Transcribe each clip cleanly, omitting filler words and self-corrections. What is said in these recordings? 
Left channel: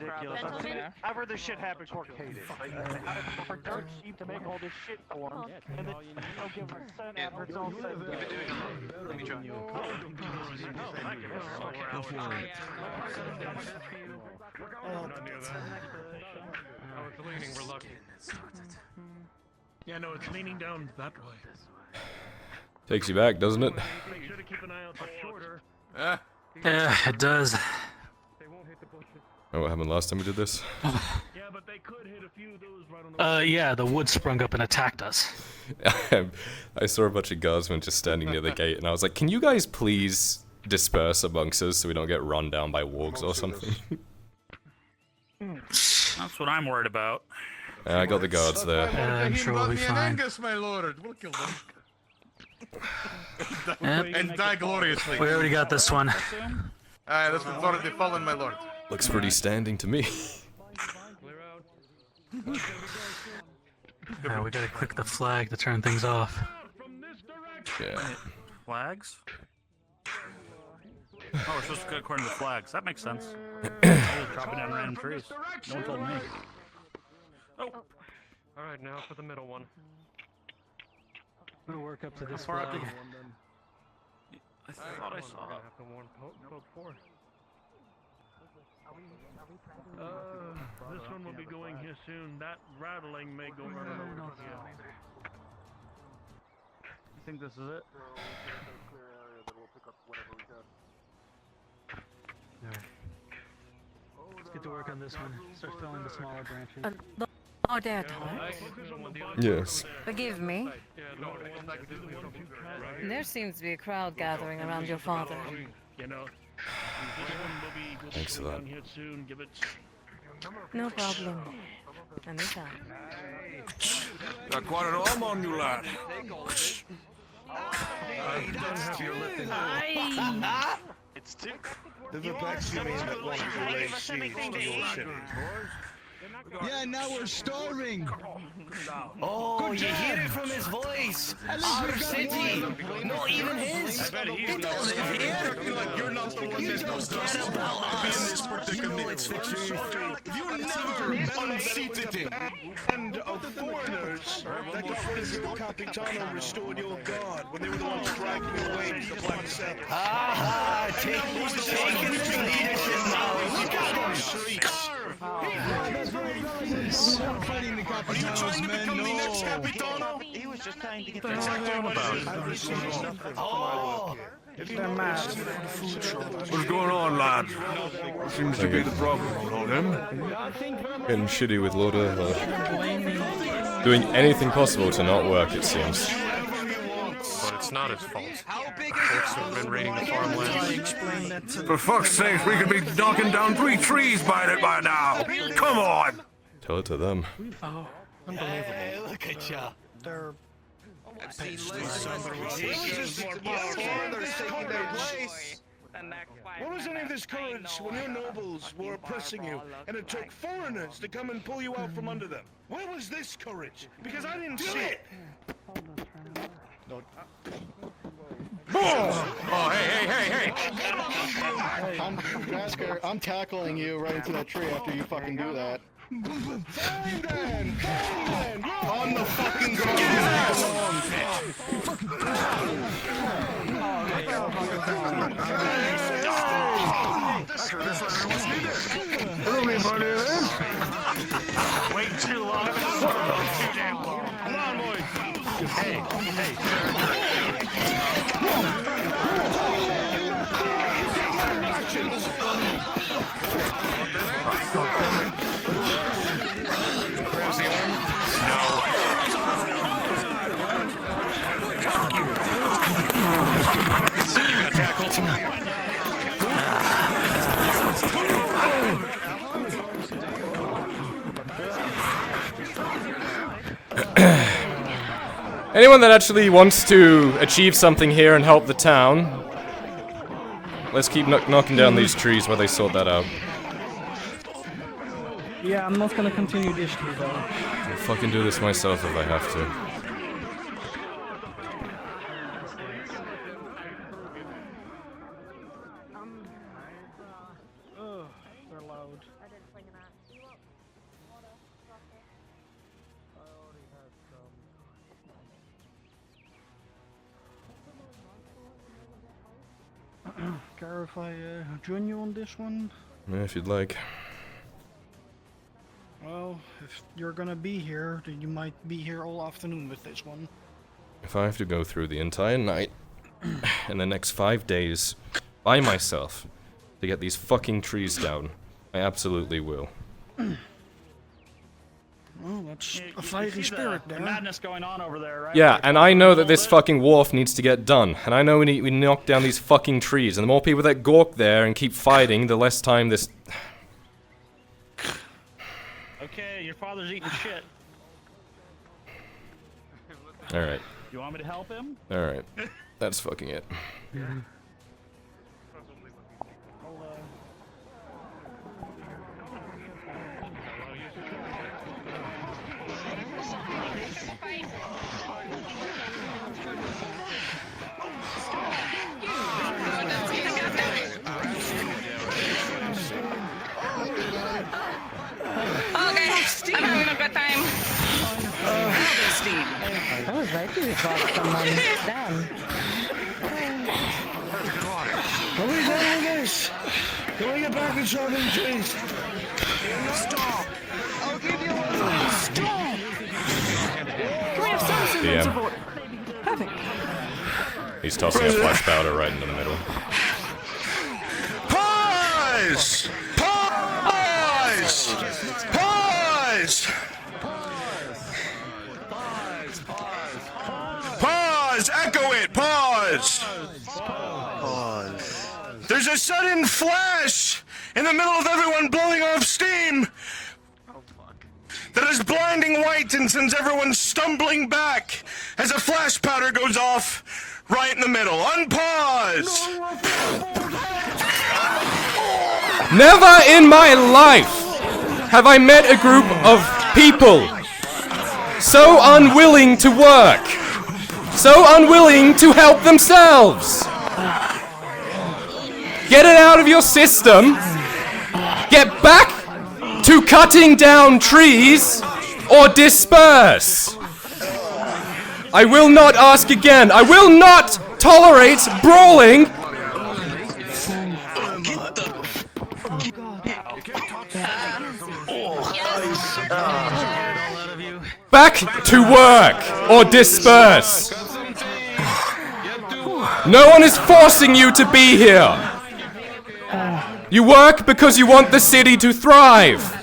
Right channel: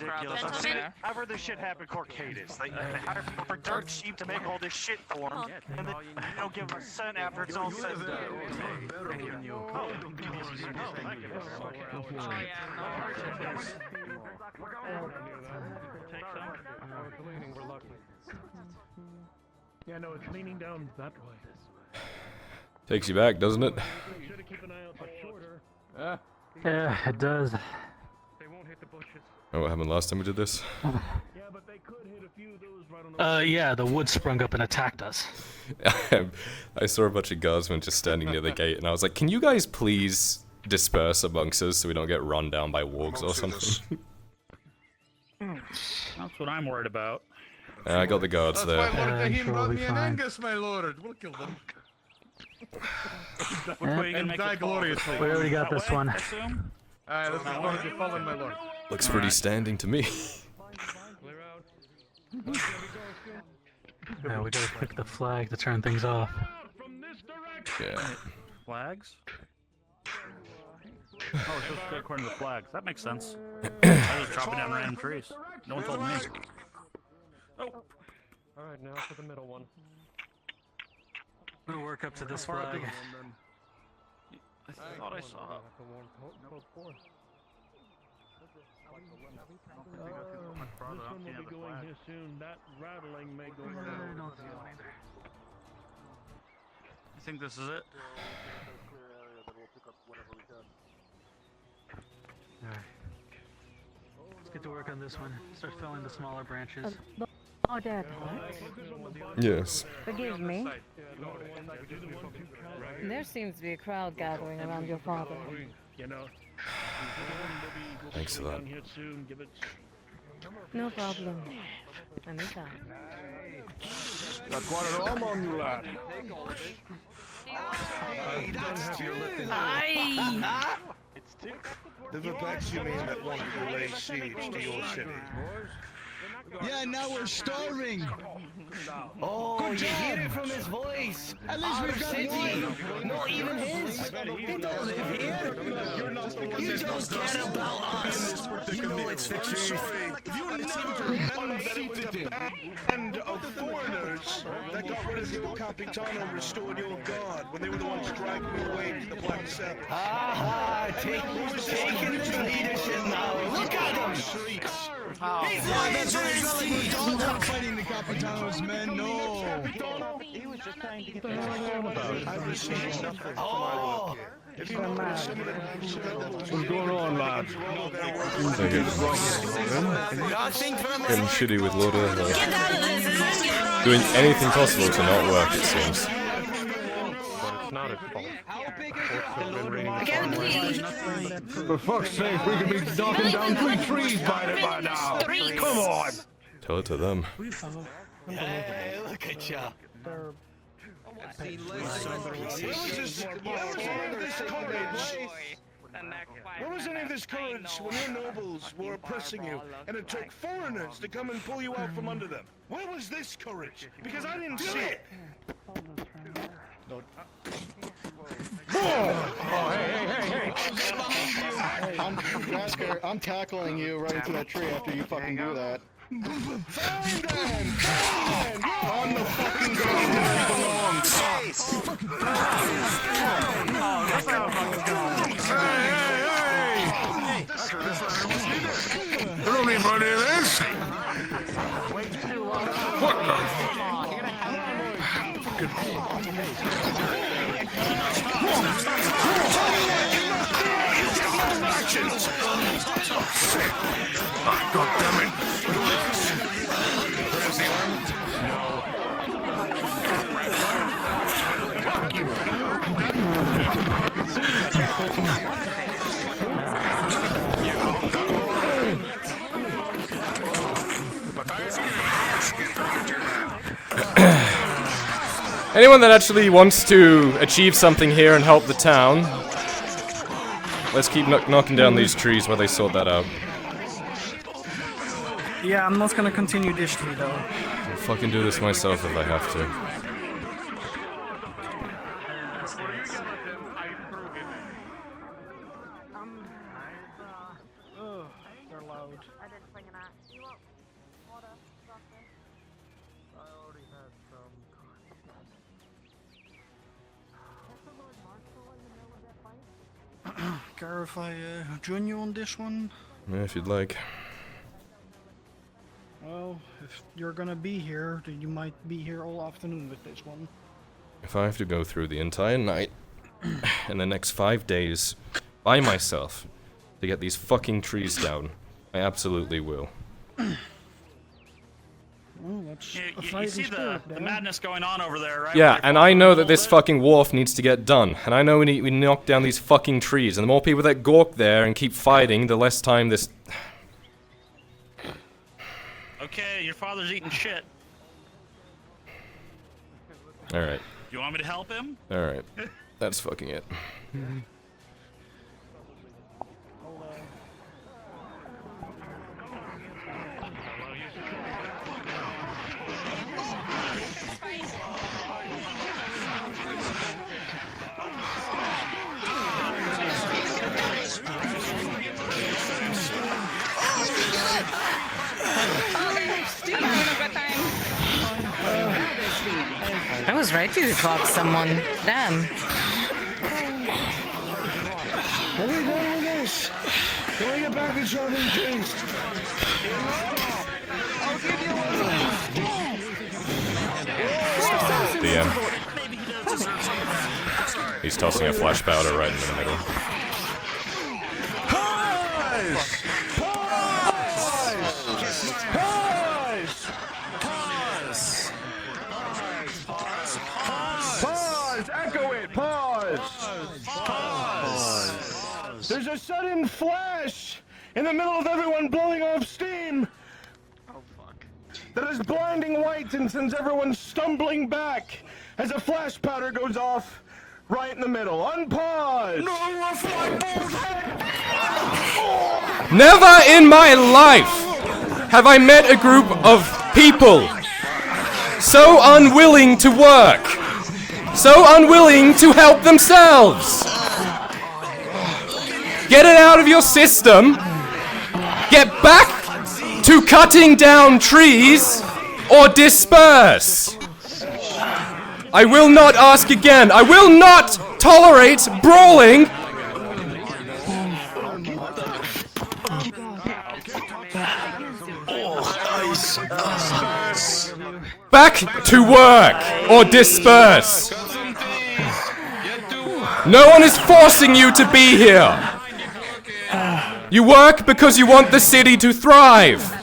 ridiculous. I've heard this shit happen for Cadis. They got it for dirt cheap to make all this shit for them, and then give them a cent after it's all said and done. Thank you very much. Yeah, no, it's leaning down that way. Takes you back, doesn't it? Yeah, it does. Oh, what happened last time we did this? Yeah, the wood sprung up and attacked us. I saw a bunch of guardsmen just standing near the gate, and I was like, can you guys please disperse amongst us so we don't get run down by wargs or something? That's what I'm worried about. I got the guards there. I'm sure we'll be fine. Angus, my lord, we'll kill them. And die gloriously. We already got this one. Alright, let's move on to the fallen, my lord. Looks pretty standing to me. We gotta click the flag to turn things off. Yeah. Flags? Oh, it's just according to the flags. That makes sense. I was dropping down random trees. No one told me. Oh. Alright, now for the middle one. We'll work up to this flag. I thought I saw it. This one will be going here soon. That rattling may go down. I think this is it. Alright. Let's get to work on this one. Start felling the smaller branches. Dad. Yes. Forgive me. There seems to be a crowd gathering around your father. Thanks for that. No problem. Anytime. Got quite an arm on you, lad. The Vipeks, you mean, that wanted to lay siege to your city? Yeah, now we're starving. Oh, good you job. hear it from his voice. At least we've got one. Not even his. Who does live here? You don't care about us. You know it's the truth. You never remember that it was a band of foreigners that got rid of your Capitano and restored your god when they were the ones dragging you away to the Black Sabbath. Ah, taking the leadership now. Look at him. Don't fighting the Capitano's men, no. He was just trying to get the I've received nothing from my work here. If you notice, some of the What's going on, lad? Seems like it's getting shitty with Lauder. Doing anything possible to not work, it seems. It's not his fault. It's been raining For fuck's sake, we could be knocking down 3 trees by now. Come on. Tell it to them. Hey, look at ya. Where was any of this courage when your nobles were oppressing you and it took foreigners to come and pull you out from under them? Where was this courage? Because I didn't see it. I'm tackling you right into that tree after you fucking do that. Find them! Find them! On the fucking ground where he belongs. Don't need money of this. Wait too long. Grabs the arm. Fuck you. Anyone that actually wants to achieve something here and help the town, let's keep knocking down these trees while they sort that out. Yeah, I'm not gonna continue this tree though. I'll fucking do this myself if I have to. They're loud. care if I join you on this one? Yeah, if you'd like. Well, if you're gonna be here, then you might be here all afternoon with this one. If I have to go through the entire night and the next 5 days by myself to get these fucking trees down, I absolutely will. Well, that's You, a you fighting see spirit, the Dan. madness going on over there, right? Yeah, Like, and I know that all this fucking wharf needs to get done, and I know we knock down these fucking trees, and the more people that gawk there and keep fighting, the less time this... Okay, your father's eating shit. Alright, You want me to help him? alright. That's fucking it. I was ready to talk to someone. Damn. What are we doing with this? Can we get back to chopping trees? DM. He's tossing a flash powder right into the middle. Pause! Pause! Pause! Pause! Echo it! Pause! There's a sudden flash in the middle of everyone blowing off steam that is blinding white and sends everyone stumbling back as a flash powder goes off right in the middle. Unpause! Never in my life have I met a group of people so unwilling to work, so unwilling to help themselves. Get it out of your system. Get back to cutting down trees or disperse. I will not ask again. I will not tolerate brawling. Back to work or disperse. No one is forcing you to be here. You work because you want the city to thrive.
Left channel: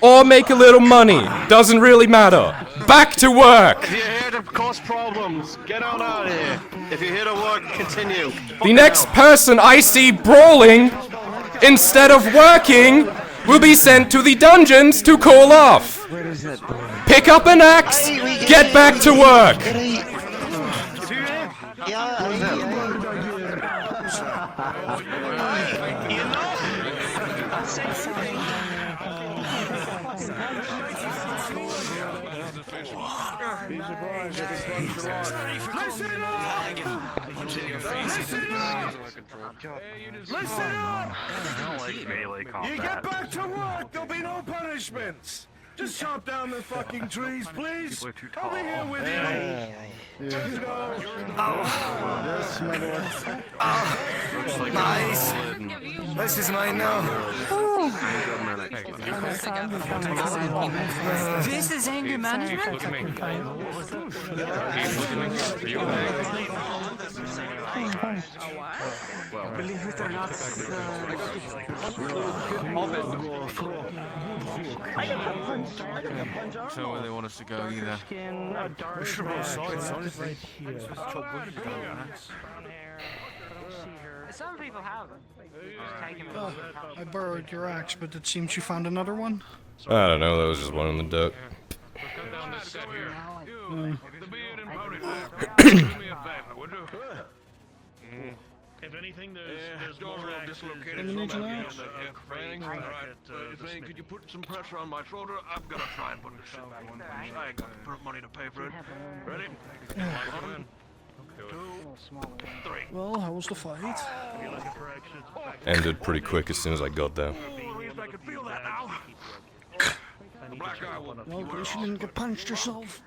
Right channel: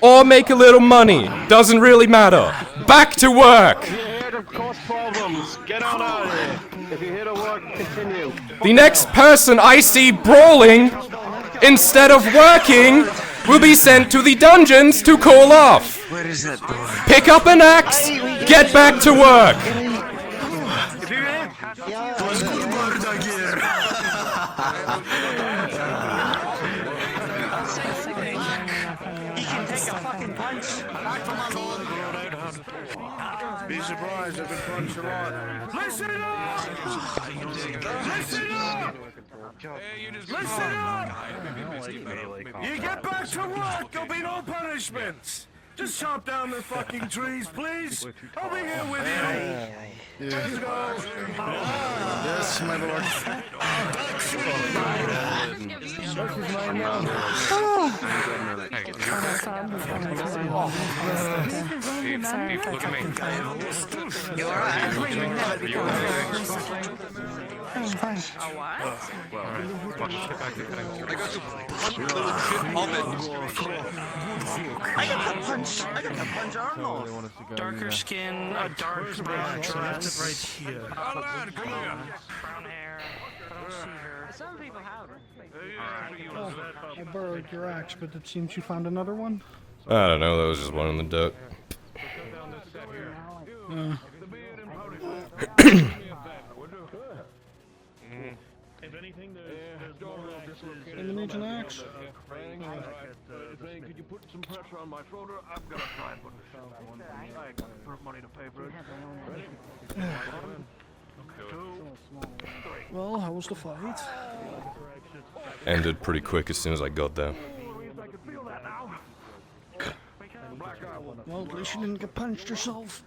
Or make a little money. Doesn't really matter. Back to work. If you're here to cause problems, get on out of here. If you're here to work, continue. The next person I see brawling instead of working will be sent to the dungeons to call off. Pick up an axe, get back to work. Be surprised if it runs a lot. Listen up! Listen up! Listen up! You get back to work, there'll be no punishments. Just chop down the fucking trees, please. I'll be here with you. Let's go. Yes, my lord. This is mine now. This is in your Sorry if I fucking fight. Look at me. Are you okay? So they want us to go. Darker skin, a dark Right here. Some people have I borrowed your axe, but it seems you found another one. I don't know, that was just one in the dirt. If anything, there's door dislocated. You need an axe? Could you put some pressure on my shoulder? I'm gonna try and put the shit back on. I ain't got money to pay for it. Ready? Well, how was the fight? Ended pretty quick as soon as I got there. Well, at least you didn't get punched yourself.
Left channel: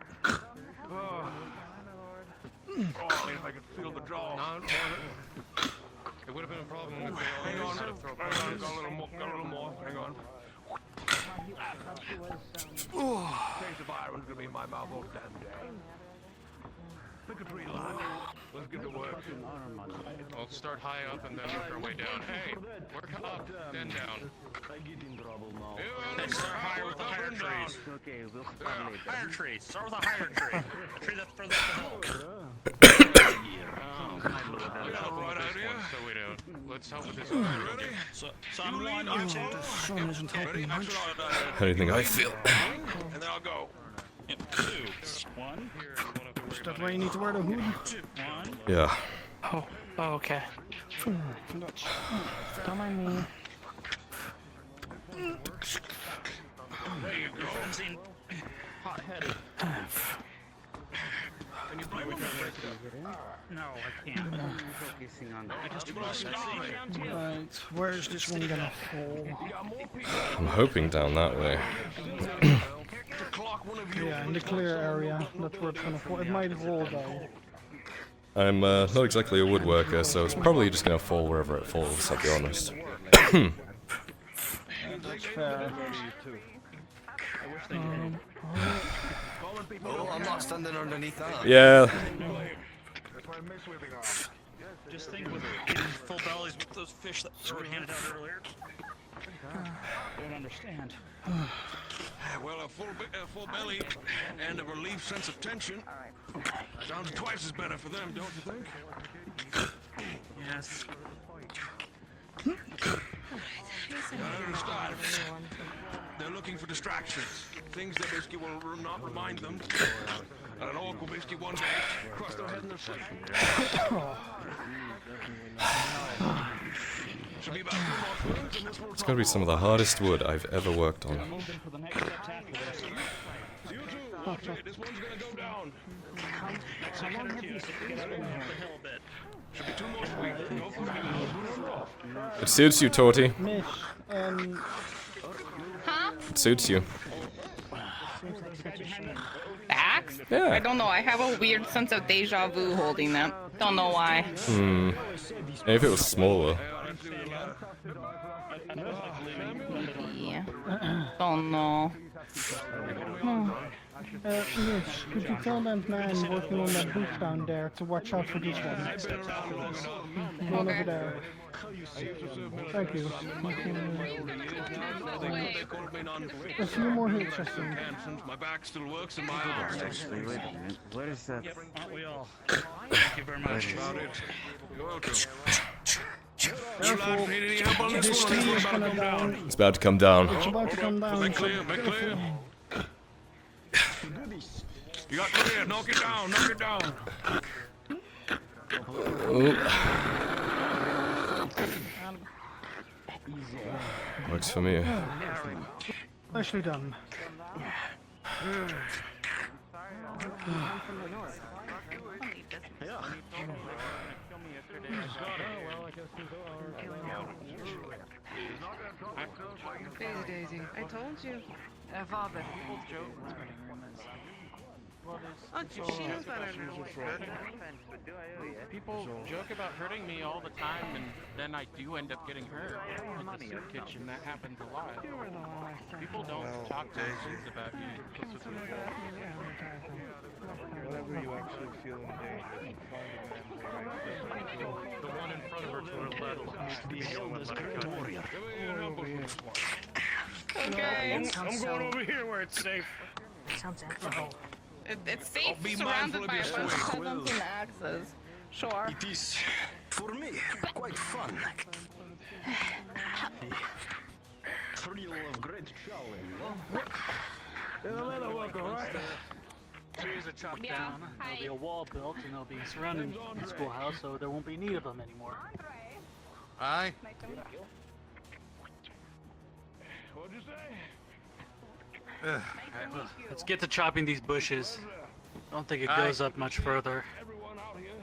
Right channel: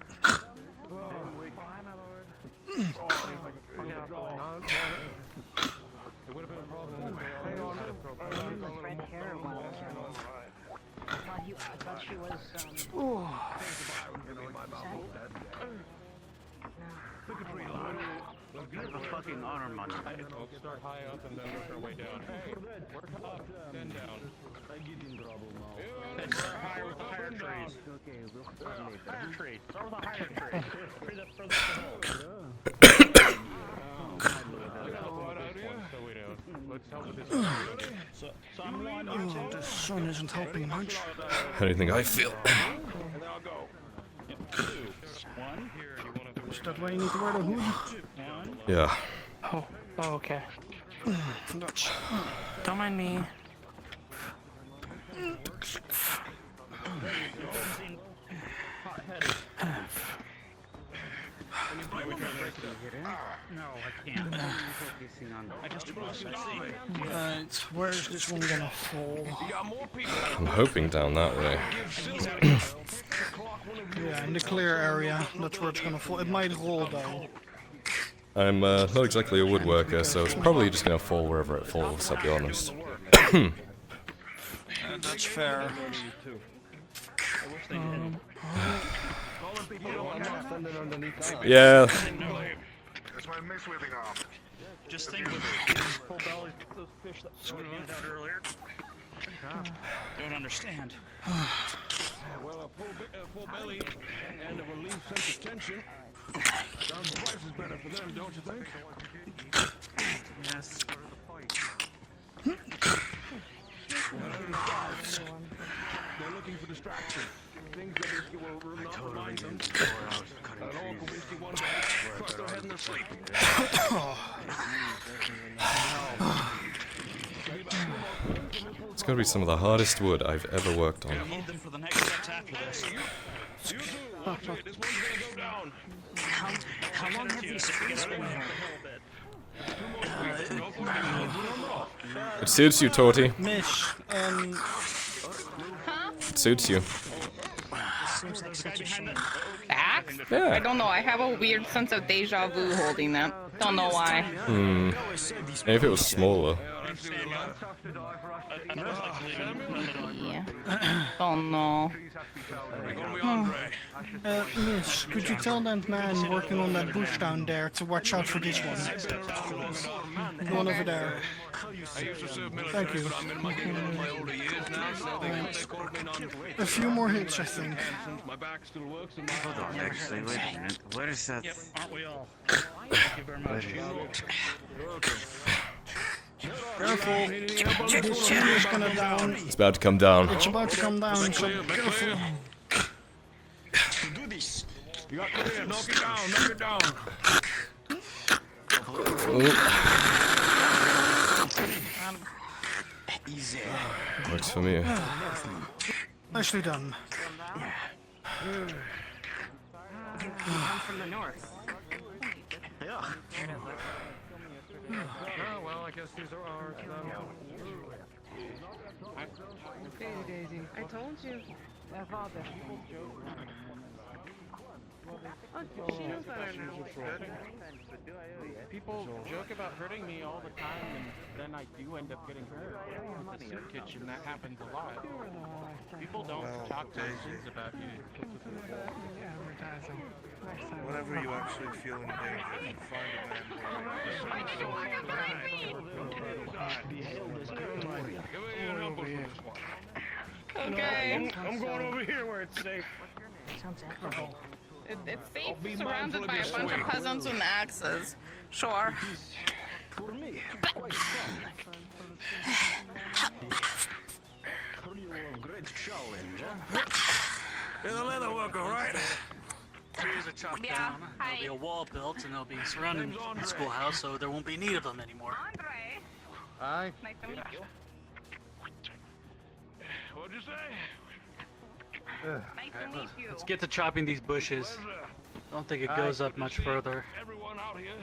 that one's gonna be my mouth all damn day. Pick a tree, lad. Let's get to work. Fucking honor money. We'll start high up and then work our way down. Hey, work up, then down. I get in trouble now. Let's start higher with the higher trees. Okay, we'll start later. Higher trees. Start with a higher tree. A tree that's further Right out of you. So we don't. Let's help with this. Ready? So I'm one or two. This sun isn't helping much. How do you think I feel? And then I'll go. One. Here, you wanna Is that why you need to wear the hood? One. Yeah. Oh, okay. Don't mind me. No, I can't. Focusing on I just see. Where's this one gonna fall? I'm hoping down that way. Yeah, in the clear area. That's where it's gonna fall. It might roll though. I'm not exactly a woodworker, so it's probably just gonna fall wherever it falls, I'll be honest. That's fair. I'm not standing underneath that. Yeah. Just think with full bellies, those fish that were handed out earlier. Don't understand. Well, a full belly and a relief sense of tension sounds twice as better for them, don't you think? Yes. I understand. They're looking for distractions. Things that Biscuit will not remind them that an Uncle Biscuit once crossed their head in their sleep. It's gotta be some of the hardest wood I've ever worked on. For the next steps after this. You two, watch it. This one's gonna go down. It suits you, Torty. Mish, It suits you. Facts? Yeah. I don't know. I have a weird sense of deja vu holding them. Don't know why. Maybe if it was smaller. Yeah. Don't know. Mish, could you tell that man working on that bush down there to watch out for this one? One over there. Thank you. A few more hits, I think. My back still works and my arms. Actually, wait a minute. What is that? Aren't we all? Thank you very much. Careful. This tree is gonna down. It's about to come down. It's about to come down. Make clear, make clear. You got clear. Knock it down, knock it down. Works for me. Nicely done. I told you. She knows better now. People joke about hurting me all the time, and then I do end up getting hurt. In the soup kitchen, that happens a lot. People don't talk nice things about you. Whatever you actually feel in danger, Okay. I'm going over here where it's safe. It's safe surrounded by a bunch of peasants with axes. Sure. It is, for me, quite fun. Thrill of great challenge. You're the leather worker, right? Trees are chopped down. There'll be a wall built, and they'll be surrounding the schoolhouse, so there won't be need of them anymore. Aye. What'd you say? Let's get to chopping these bushes. I don't think it goes up much further. Everyone out here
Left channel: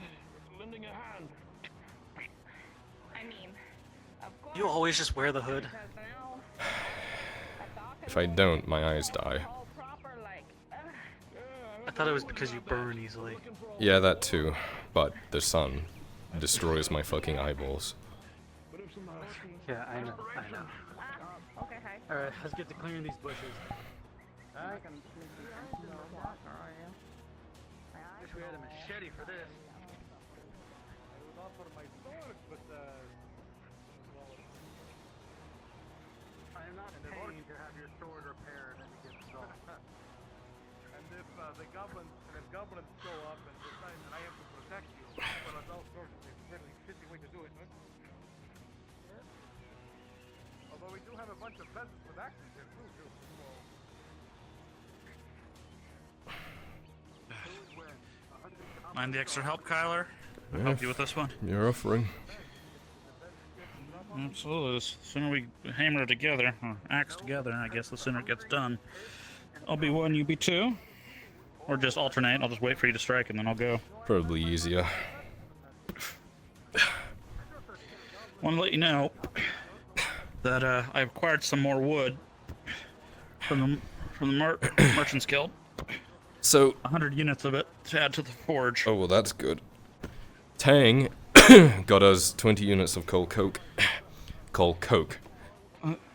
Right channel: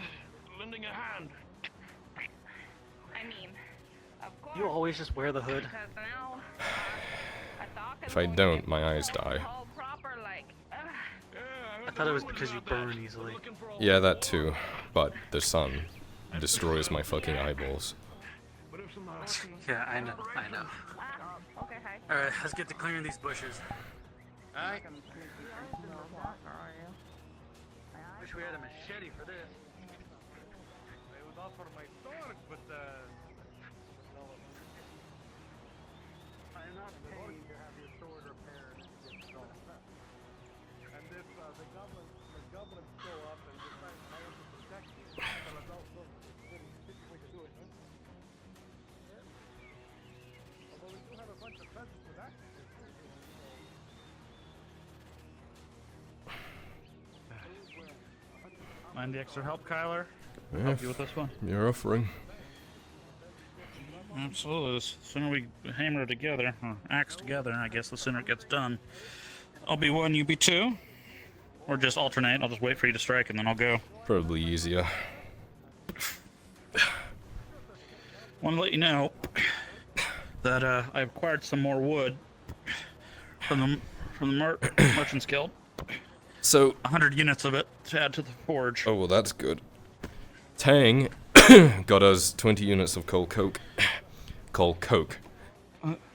lending a hand. I mean, of course. You always just wear the hood. If I don't, my eyes die. I thought it was because you burn easily. Yeah, that too. But the sun destroys my fucking eyeballs. Yeah, I know. Alright, let's get to clearing these bushes. not gonna make you guys know that, are you? Wish we had a machete for this. It was all for my sword, but I am not paying to have your sword repaired and get stolen. and if the goblins show up and decide I am to protect you, I have no sword physically to do it. Although we do have a bunch of peasants with axes there too. Mind the extra help, Kyler? Yeah, Help you with this one? you're offering. Absolutely. The sooner we hammer it together, or axe together, I guess the sooner it gets done. I'll be one, you be two. Or just alternate. I'll just wait for you to strike and then I'll go. Probably easier. Want to let you know that I acquired some more wood from the Merchant's Guild. So 100 units of it to add to the forge. oh well, that's good. Tang got us 20 units of coal coke. Coal coke.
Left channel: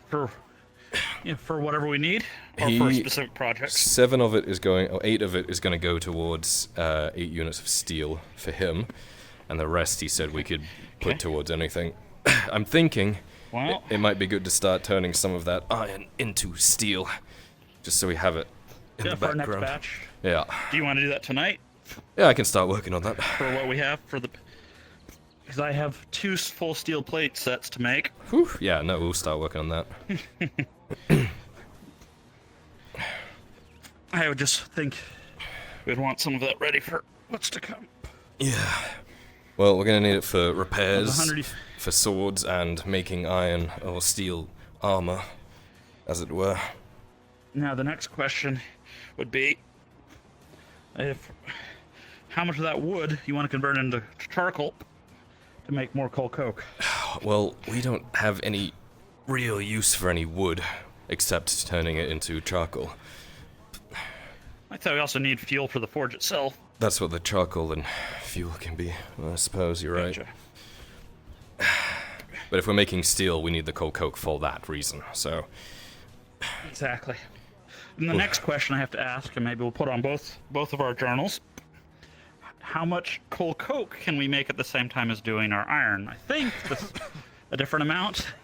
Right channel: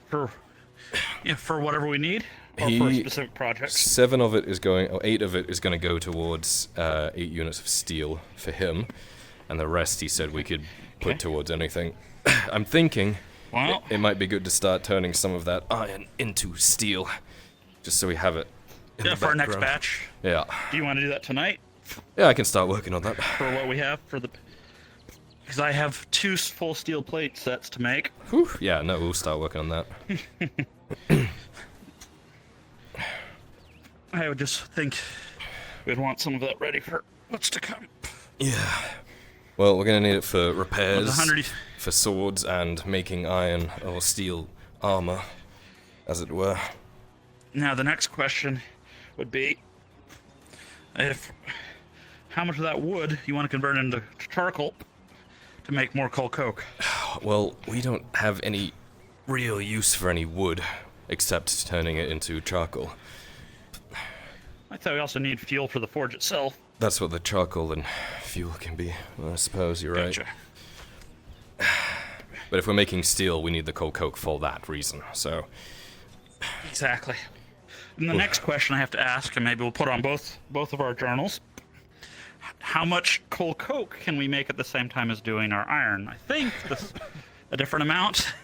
For whatever we need, or for specific projects. 7 of it is going, or 8 of it is going to go towards 8 units of steel for him, and the rest he said we could put towards anything. I'm thinking it might be good to start turning some of that iron into steel, just so we have it in the for our background. next batch. Yeah. Do you want to do that tonight? Yeah, I can start working on that. For what we have for the. Because I have 2 full steel plate sets to make. Whew. Yeah, no, we'll start working on that. I would just think we'd want some of that ready for what's to come. Yeah. Well, we're gonna need it for repairs, 100 for swords, and making iron or steel armor, as it were. Now the next question would be, how much of that wood you want to convert into charcoal to make more coal coke? Well, we don't have any real use for any wood, except turning it into charcoal. I thought we also need fuel for the forge itself. That's what the charcoal and fuel can be. Well, I suppose you're right. Gotcha. But if we're making steel, we need the coal coke for that reason, so... Exactly. And the next question I have to ask, and maybe we'll put on both of our journals, how much coal coke can we make at the same time as doing our iron? I think a different amount.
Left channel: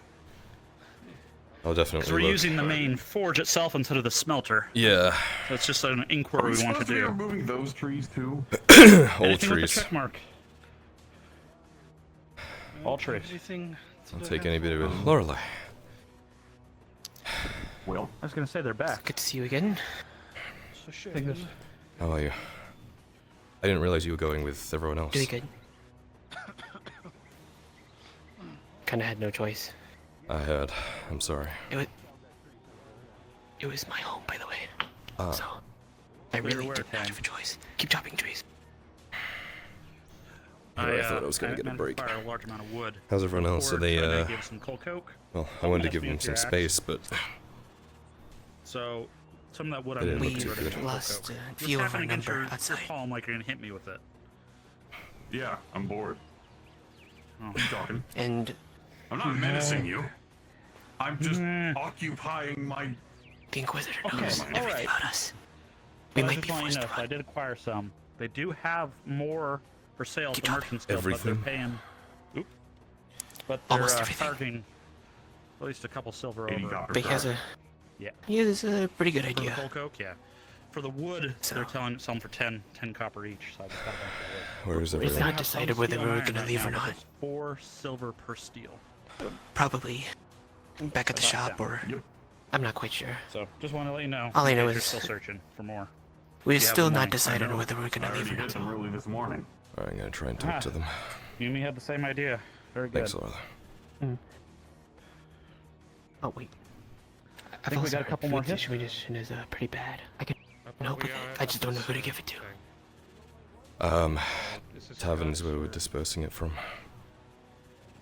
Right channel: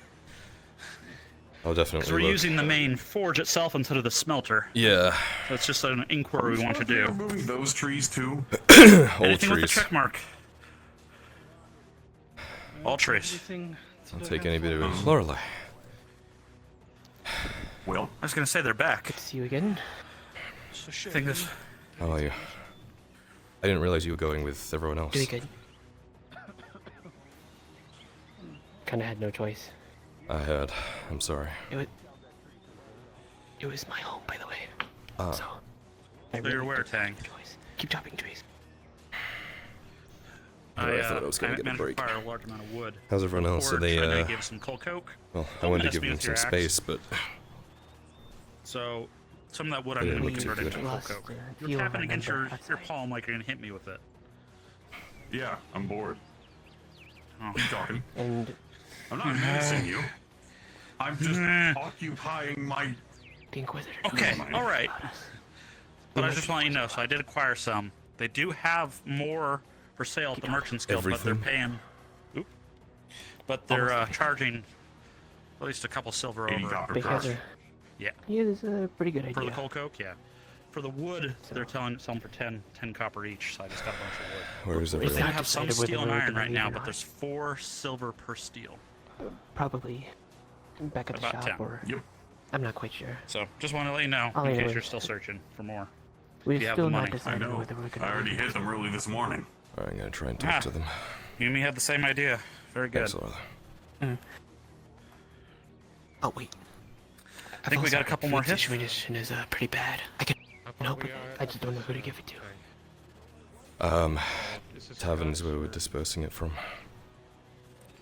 I'll definitely Because we're look. using the main forge itself instead of the smelter. Yeah. So it's just an inquiry we want to do. Removing those trees too. All trees. Check mark. All trees. I'll take any bit of it. Lorelei. Well, I was gonna say they're back. Good to see you again. I think this. How are you? I didn't realize you were going with everyone else. Doing good. Kinda had no choice. I heard. I'm sorry. It was my home, by the way. Ah. So, I really where, didn't Tang? have a choice. Keep chopping trees. I thought I was gonna get a break. Fire a large amount of wood. How's everyone else? Are they, Give some coal coke. Well, I wanted to give them some space, but So, some of that wood They didn't I'm look too converting good. to coal Lost coke. a You're few of tapping our against number your outside. palm like you're gonna hit me with it. yeah, I'm bored. Oh. Keep talking. And I'm not menacing you. I'm just occupying my. the Inquisitor Okay, knows all right. about us. But I might just be want you to know, forced so I did acquire some. They do have more for sale at the Merchant's Guild, Everything? but they're paying. Oop. But they're Almost everything. charging at least a couple silver 80 over. copper Because per. Yeah. yeah, this is a pretty good For the idea. coal coke, yeah. For the wood, they're selling for 10 copper each, so I just got a bunch of wood. where's We've everyone? not decided Some whether steel and we're iron gonna right leave now, or but not. there's 4 silver per steel. Probably back at the About shop, 10. or Yep. I'm not quite sure. So just want to let you know. All I in know case you're is- still searching for more. We've You have still the not money. I decided know. whether we're I gonna already leave or hit not. them early this morning. Alright, I'm gonna try and talk to them. You and me had the same idea. Very good. Thanks, Lorelei. Oh wait. I think we got a couple more hits. Situation is pretty bad. I can help with it. I just don't know who to give it to. Tavern's where we're dispersing it from.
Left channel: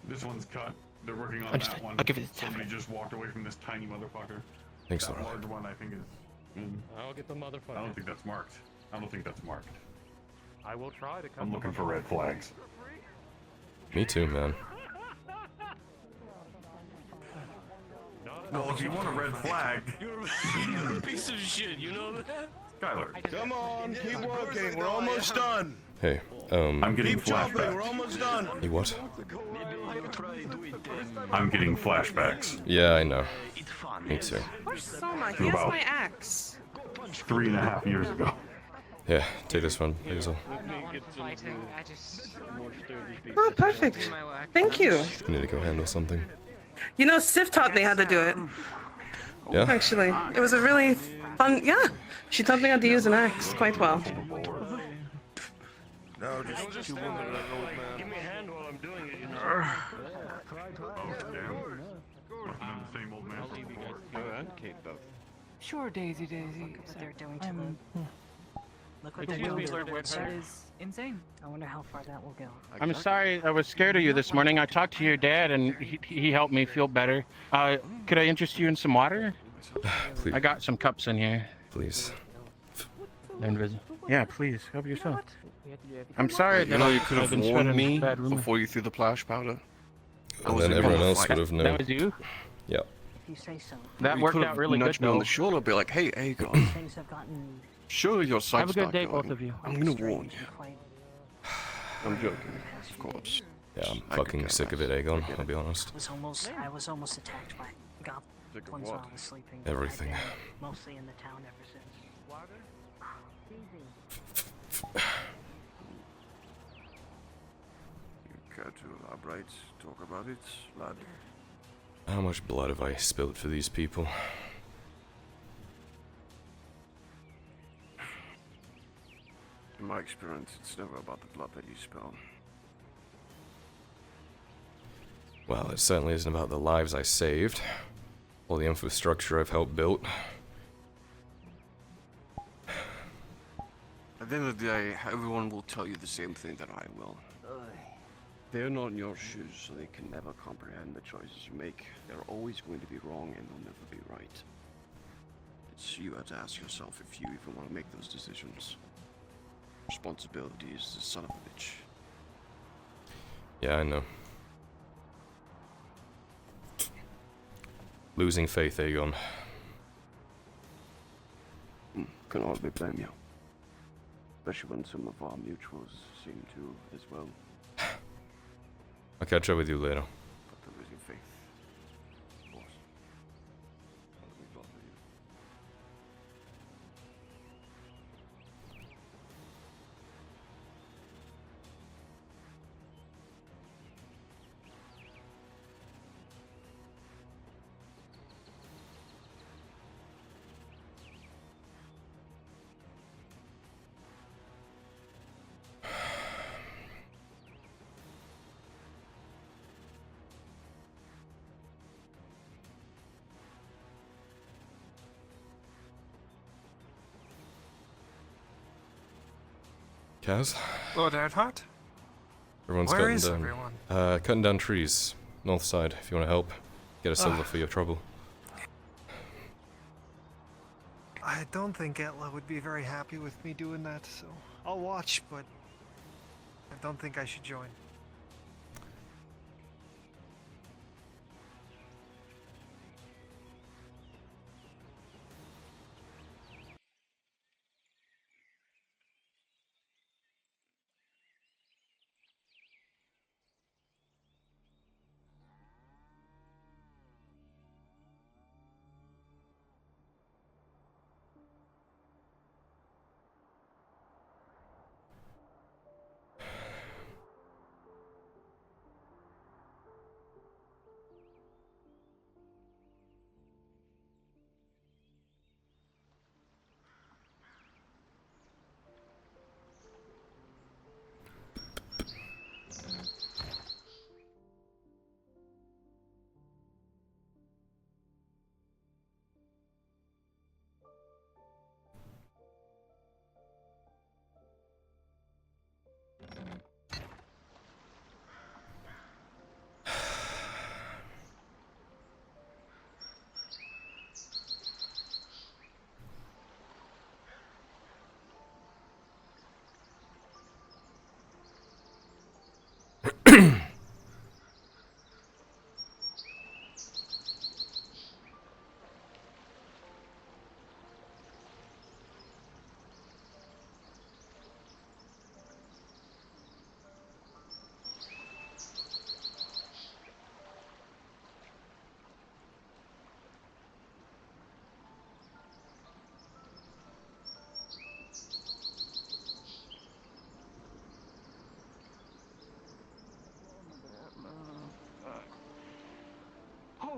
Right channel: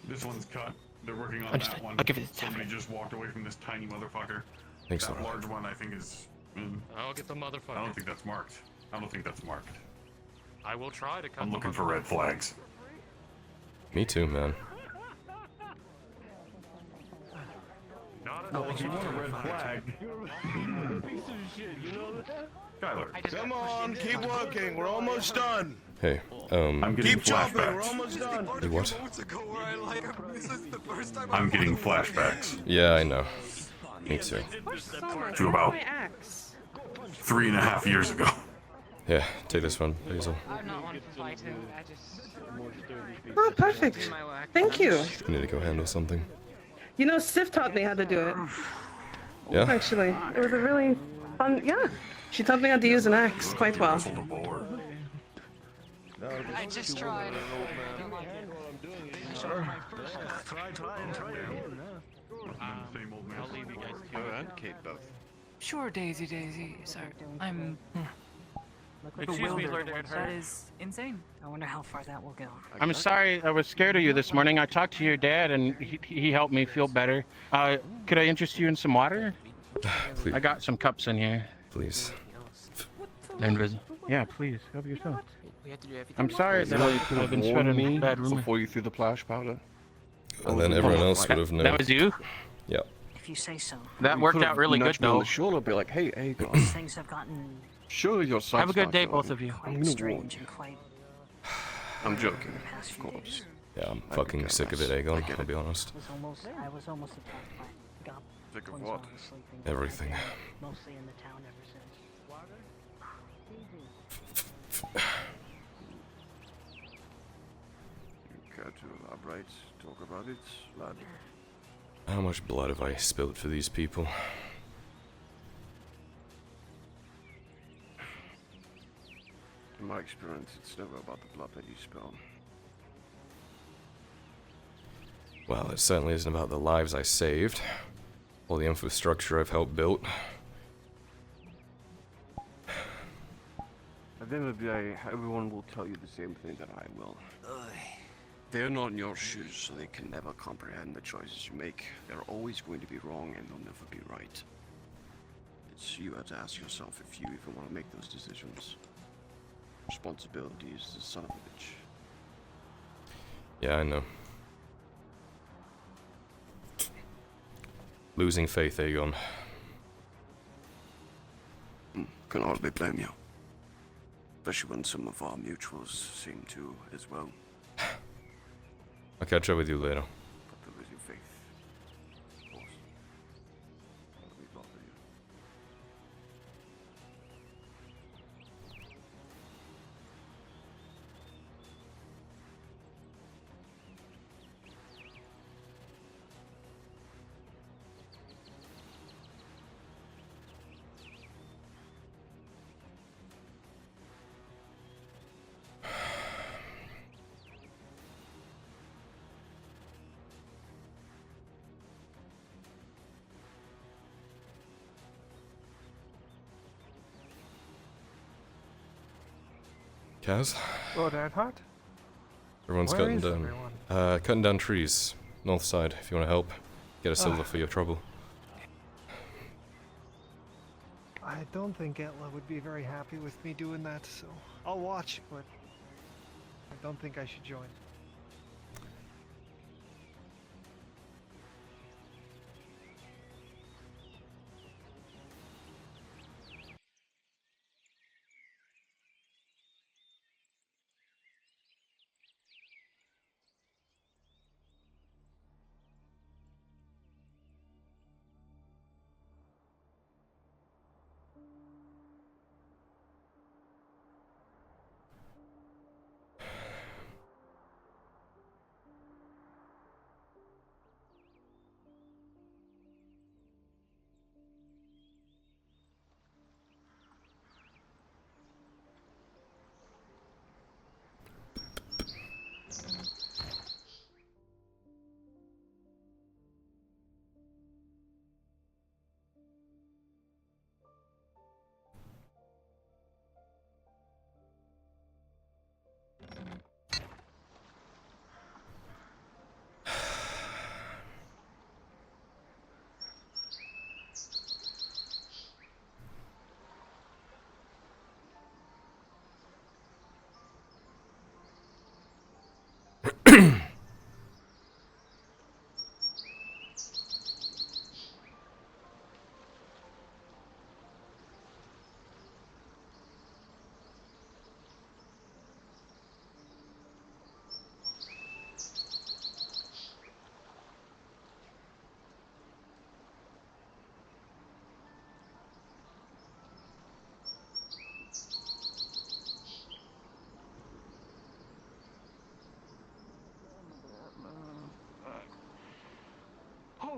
This one's cut. They're working on Understood. that one. I'll give it to Somebody Tavern. just walked away from this tiny motherfucker. Thanks, The Lorelei. large one, I think, is. I'll get the I motherfucker. don't think that's marked. I don't think that's marked. I will try to cut I'm the looking for red flags. Me too, man. Not No, you want a red flag. You're a piece of shit, you know that? Skylar. Come on, keep working. We're almost done. Hey, I'm getting keep chopping. We're almost done. Hey, what? I'm getting flashbacks. Yeah, I know. Me too. To about 3.5 years ago. Yeah, take this one, Basil. Oh, perfect. Thank you. I need to go handle something. You know, Sif taught me how to do it. Yeah? Actually, it was a really fun. Yeah, she taught me how to use an axe quite well. No, just two women and an old man. Sure, Daisy. Sorry, I'm. Excuse me, Lord Red. That is insane. I wonder how far that will go. I'm sorry, I was scared of you this morning. I talked to your dad, and he helped me feel better. Could I interest you in some water? Please. I got some cups in here. Please. Yeah, please, help yourself. I'm sorry that I've been spreading bad rumors. Before you threw the splash powder. And then everyone else would have known. That was you? Yeah. If you say so. That worked out really good, me on though. the shoulder, be like, hey, guys. Things have gotten Sure, your sight's Have a good not day, going. both of you. I'm gonna warn strange you. and quite I'm joking, of course. Yeah, I'm fucking sick of it, Aegon, I'll be honest. I was almost attacked by goblins while I was sleeping. Everything. Mostly in the town ever since. You care to elaborate, talk about it, lad? How much blood have I spilled for these people? In my experience, it's never about the blood that you spill. Well, it certainly isn't about the lives I saved, or the infrastructure I've helped build. At the end of the day, everyone will tell you the same thing that I will. They're not in your shoes, so they can never comprehend the choices you make. They're always going to be wrong, and they'll never be right. It's you have to ask yourself if you even want to make those decisions. Responsibility is the son of a bitch. Yeah, I know. Losing faith, Aegon. Can hardly blame you. Especially when some of our mutuals seem to as well. I'll catch up with you later. But to lose your faith, boss. Let me bother you. Kaz? Lord Earnhardt? Everyone's Where cutting is down. everyone? Cutting down trees. North side, if you want to help. Get a silver for your trouble. I don't think Etla would be very happy with me doing that, so I'll watch, but I don't think I should join.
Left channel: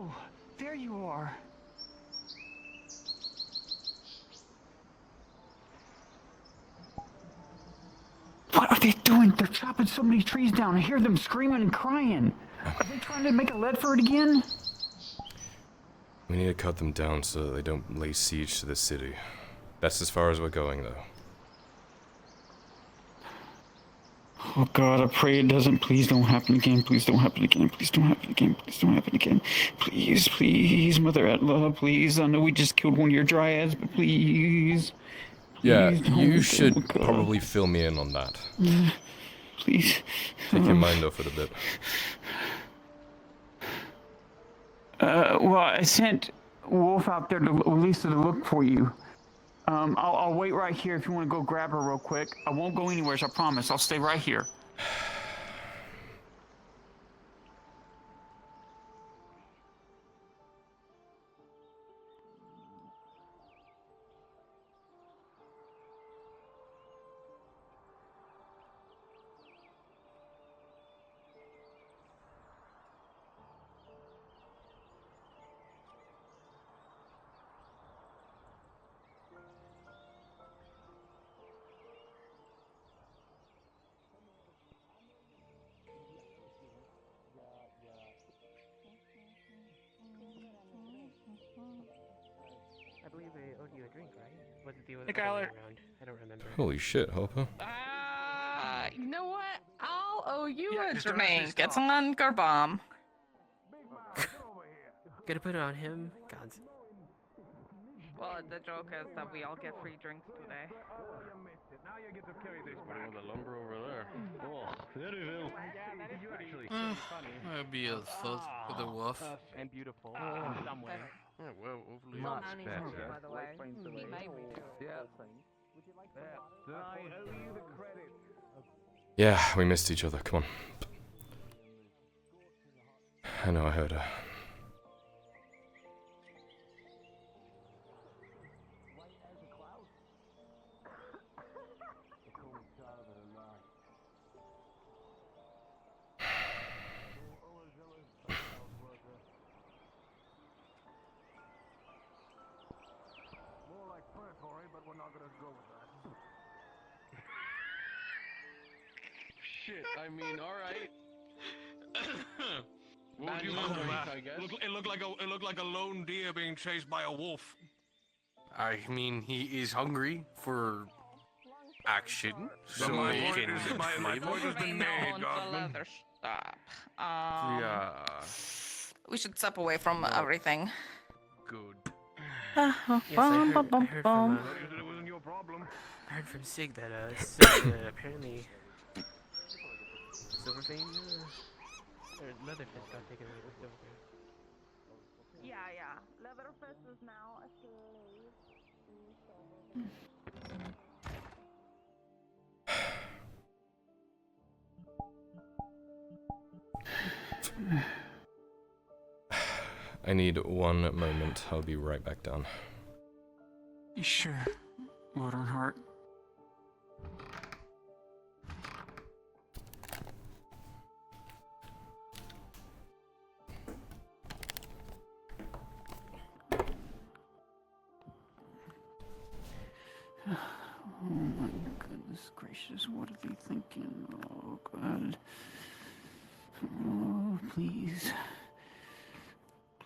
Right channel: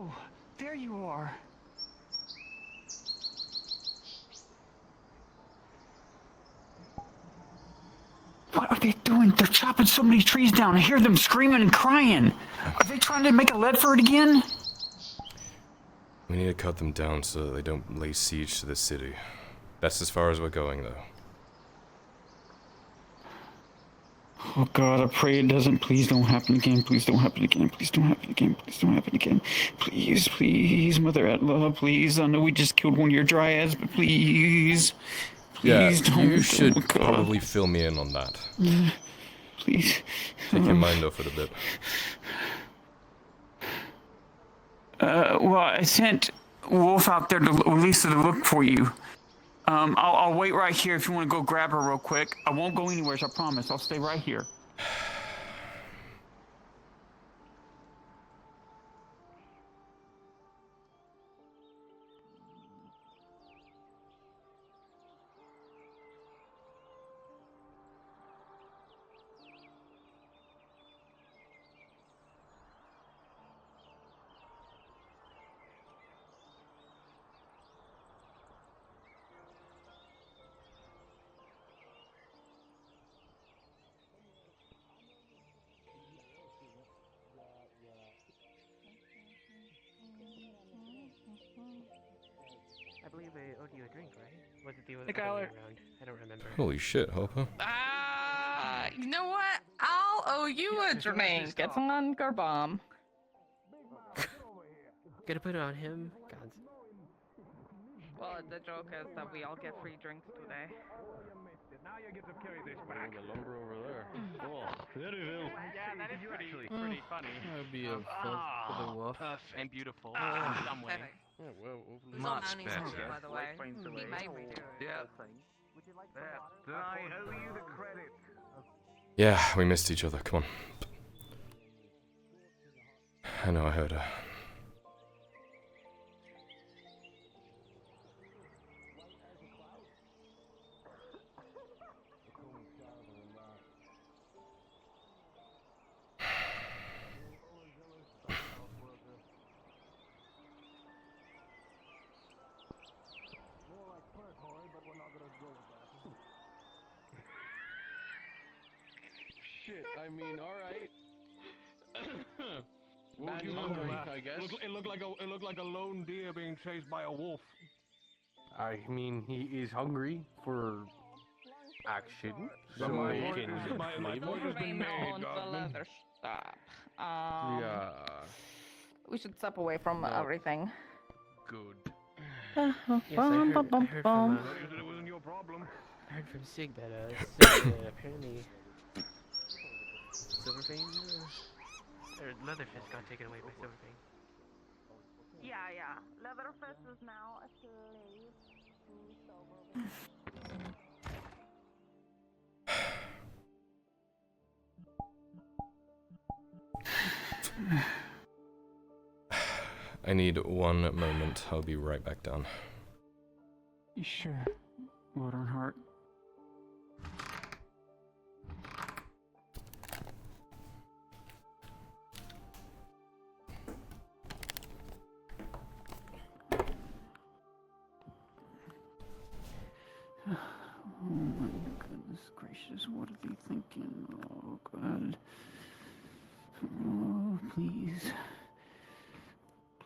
Oh, there you are. What are they doing? They're chopping so many trees down. I hear them screaming and crying. Are they trying to make a Ledford again? We need to cut them down so that they don't lay siege to the city. That's as far as we're going, though. Oh God, I pray it doesn't. Please don't happen again. Please don't happen again. Please don't happen again. Please don't happen again. Please, please, Mother Atla, please. I know we just killed one of your dryads, but please. Yeah, Please you don't. should God. probably fill me in on that. Please. Take your mind off it a bit. Well, I sent Wolf out there to Lisa to look for you. I'll wait right here if you want to go grab her real quick. I won't go anywhere, I promise. I'll stay right here. I believe they owed you a drink, right? Was it the Hey, other way Kyler. around? I don't remember. Holy shit, Hopper. You know what? I'll owe you a drink. It's an Ungar bomb. Gonna put it on him? God. Well, the joke is that we all get free drinks today. Now you get to carry this back. The lumber over there. Oh, very well. Yeah, that is pretty funny. That'd be a fuzz for the wolf. And beautiful in some way. Yeah, well, overly Much better. by the way. He made me do it. Yeah. I owe you the credit. Yeah, we missed each other. Come on. I know I heard her. More like purgatory, but we're not gonna go with that. Shit, I mean, alright. What would you call that? I guess. It looked like a lone deer being chased by a wolf. I mean, he is hungry for action, so my he point can is- my point has been made, Godwin. Stop. Yeah. We should step away from everything. Good. Yes, I heard from, It wasn't your problem. I heard from Sig that, apparently Silverfang, or Leatherface got taken away by Silverfang. Yeah. Leatherface is now a slave I need one moment. I'll be right back down. You sure? Wood on heart. Oh my goodness gracious, what are they thinking? Oh God. Oh, please.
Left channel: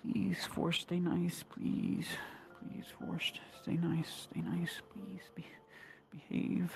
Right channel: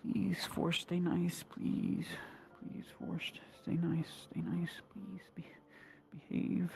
Please, Force, stay nice, please. Please, Force, stay nice, please. Behave.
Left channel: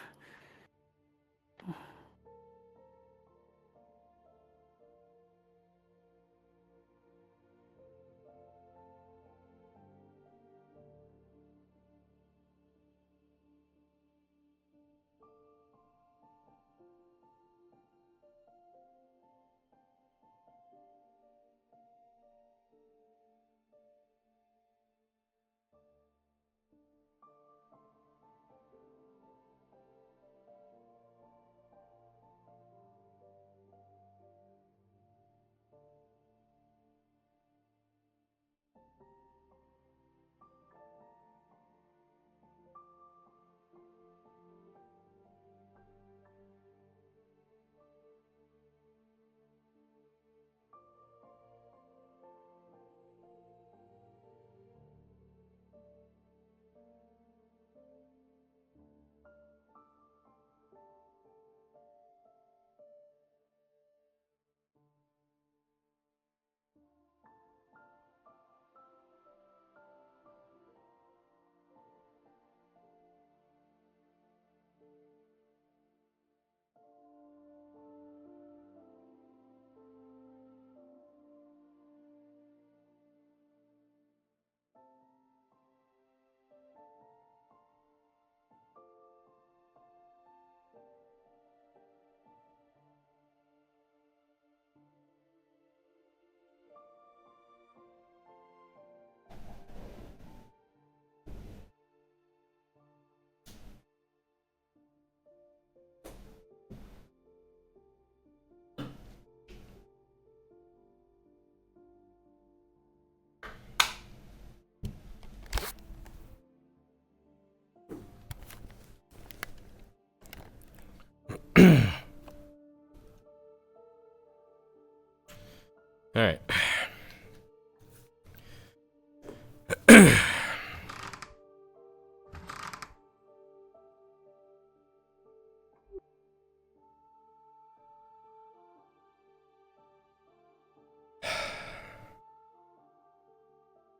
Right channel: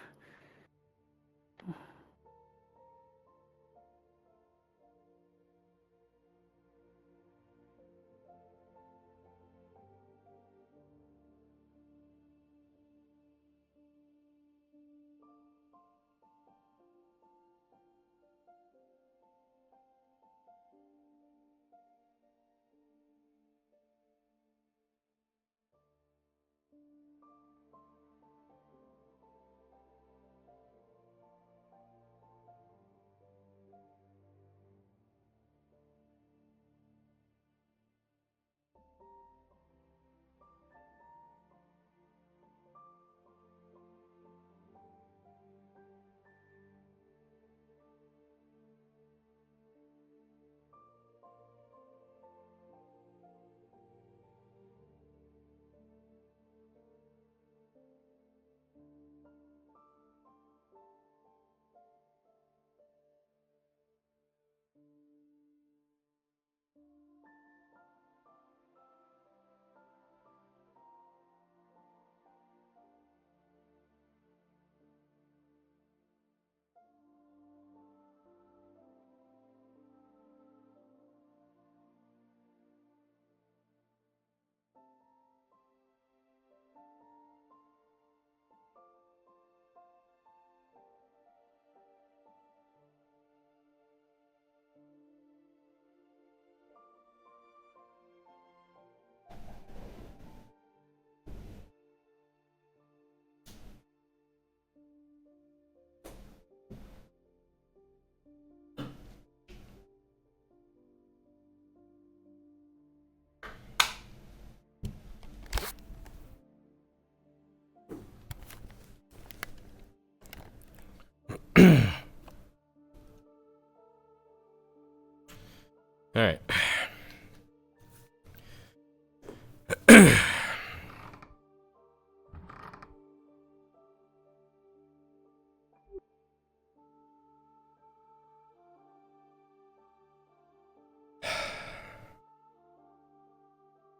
Alright.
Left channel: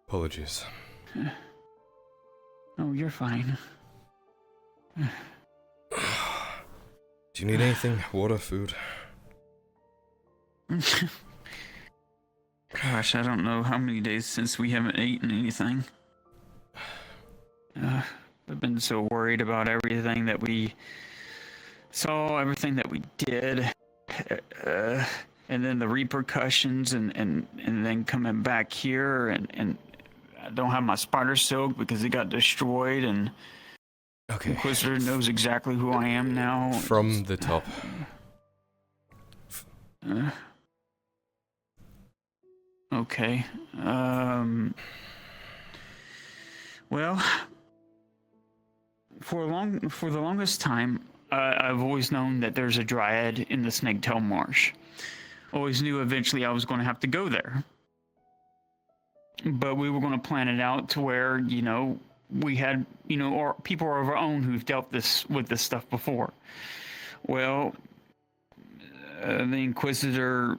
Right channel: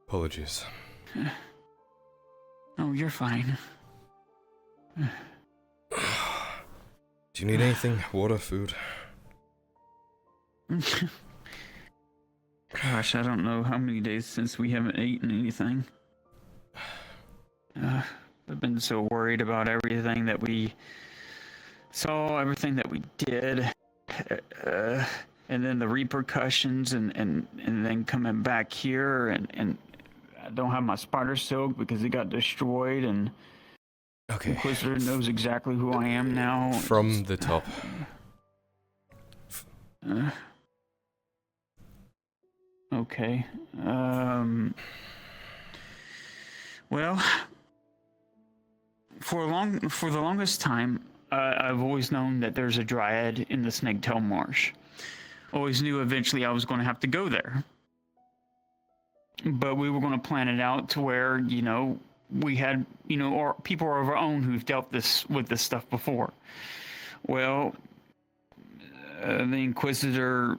Apologies. No, you're fine. Do you need anything? Water, food? Gosh, I don't know how many days since we haven't eaten anything. I've been so worried about everything that we saw, everything that we did, and then the repercussions, and then coming back here, and I don't have my spider silk because it got destroyed, and okay. Inquisitor knows exactly who I am now. From the top. Okay. Well, for the longest time, I've always known that there's a dryad in the Snaketail Marsh. Always knew eventually I was going to have to go there. But we were going to plan it out to where, you know, we had, you know, or people of our own who've dealt with this stuff before. Well, the Inquisitor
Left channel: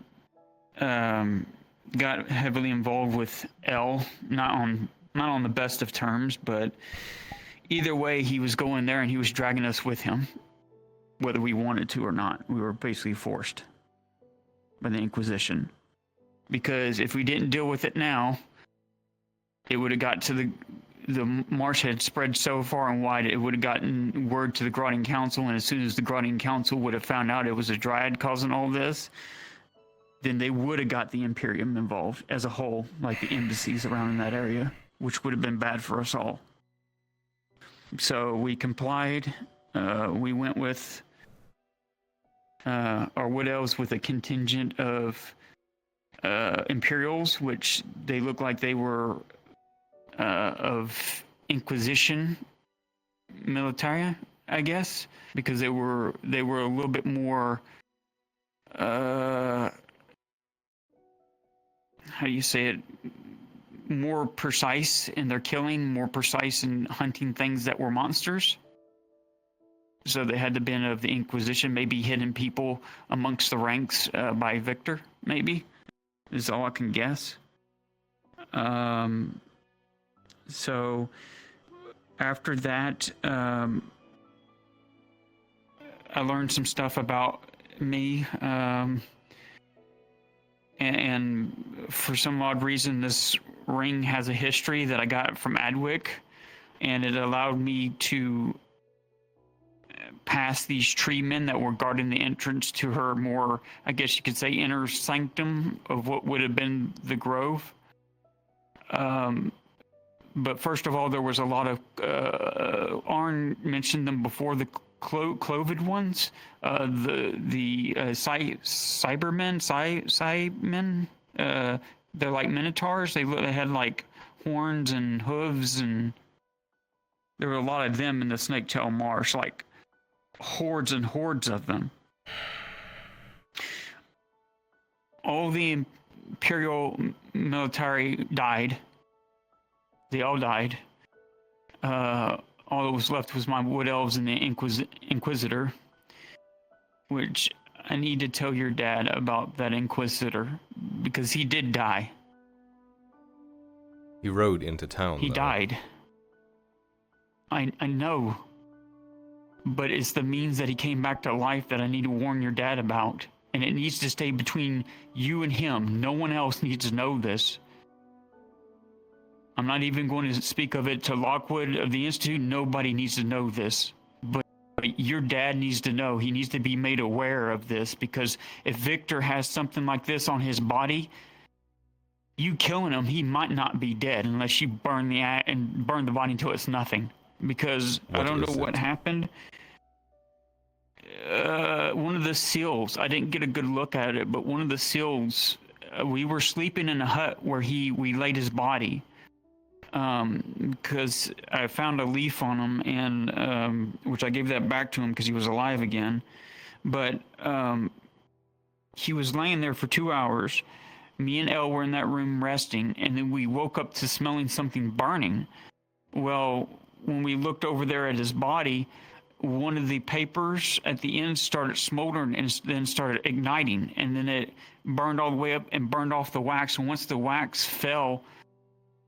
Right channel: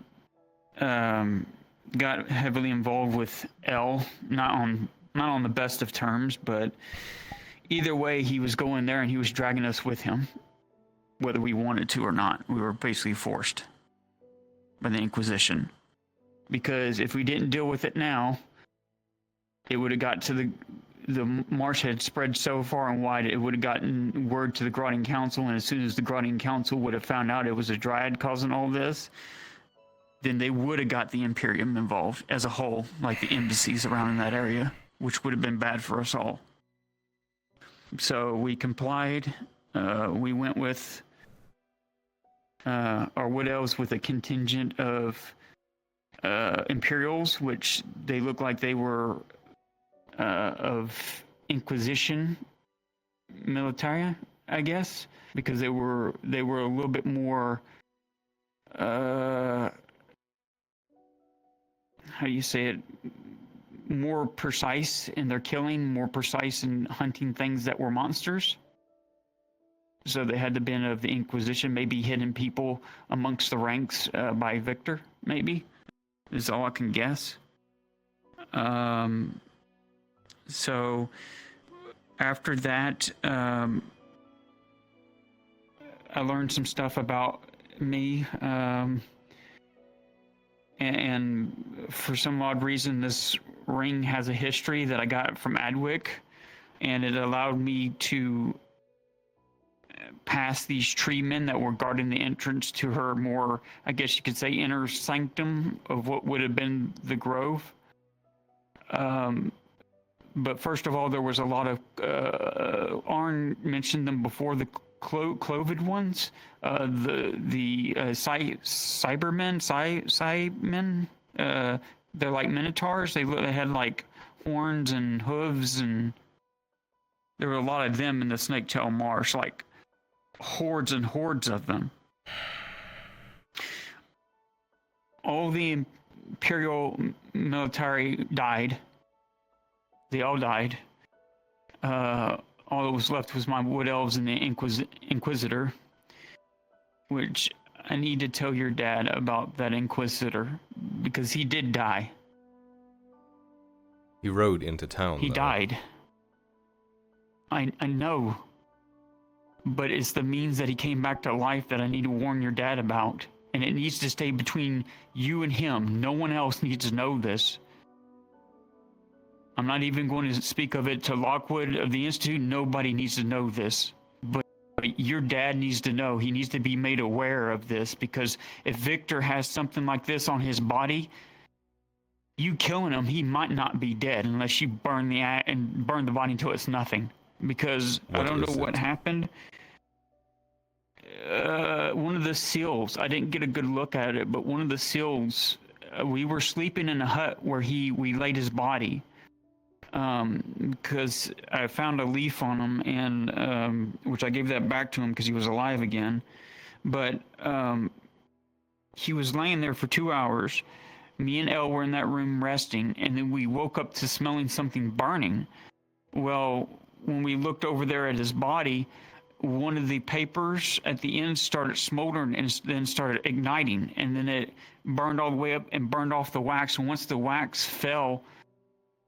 got heavily involved with L, not on the best of terms, but either way, he was going there and he was dragging us with him, whether we wanted to or not. We were basically forced by the Inquisition, because if we didn't deal with it now, it would have got to the marsh had spread so far and wide, it would have gotten word to the Gradian Council, and as soon as the Gradian Council would have found out it was a dryad causing all this, then they would have got the Imperium involved as a whole, like the embassies around in that area, which would have been bad for us all. So we complied. We went with our Wood Elves with a contingent of Imperials, which they looked like they were of Inquisition military, I guess, because they were a little bit more how do you say it, more precise in their killing, more precise in hunting things that were monsters. So they had to been of the Inquisition, maybe hidden people amongst the ranks by Victor, maybe, is all I can guess. So after that, I learned some stuff about me, and for some odd reason, this ring has a history that I got from Adwick, and it allowed me to pass these tree men that were guarding the entrance to her more, I guess you could say, inner sanctum of what would have been the grove. But first of all, there was a lot of, Arn mentioned them before, the clovid ones, the Cybermen, they're like minotaurs. They had like horns and hooves, and there were a lot of them in the Snaketail Marsh, like hordes and hordes of them. All the Imperial military died. They all died. All that was left was my Wood Elves and the Inquisitor, which I need to tell your dad about that Inquisitor, because he did die. He rode into town, He died. I know. But it's the means that he came back to life that I need to warn your dad about. And it needs to stay between you and him. No one else needs to know this. I'm not even going to speak of it to Lockwood of the Institute. Nobody needs to know this. But your dad needs to know. He needs to be made aware of this, because if Victor has something like this on his body, you killing him, he might not be dead unless you burn the body until it's nothing. Because I don't know what happened. One of the seals, I didn't get a good look at it, but one of the seals, we were sleeping in a hut where we laid his body. Because I found a leaf on him, and which I gave that back to him because he was alive again. but he was laying there for 2 hours. Me and Elle were in that room resting, and then we woke up to smelling something burning. Well, when we looked over there at his body, one of the papers at the end started smoldering and then started igniting, and then it burned all the way up and burned off the wax. And once the wax fell,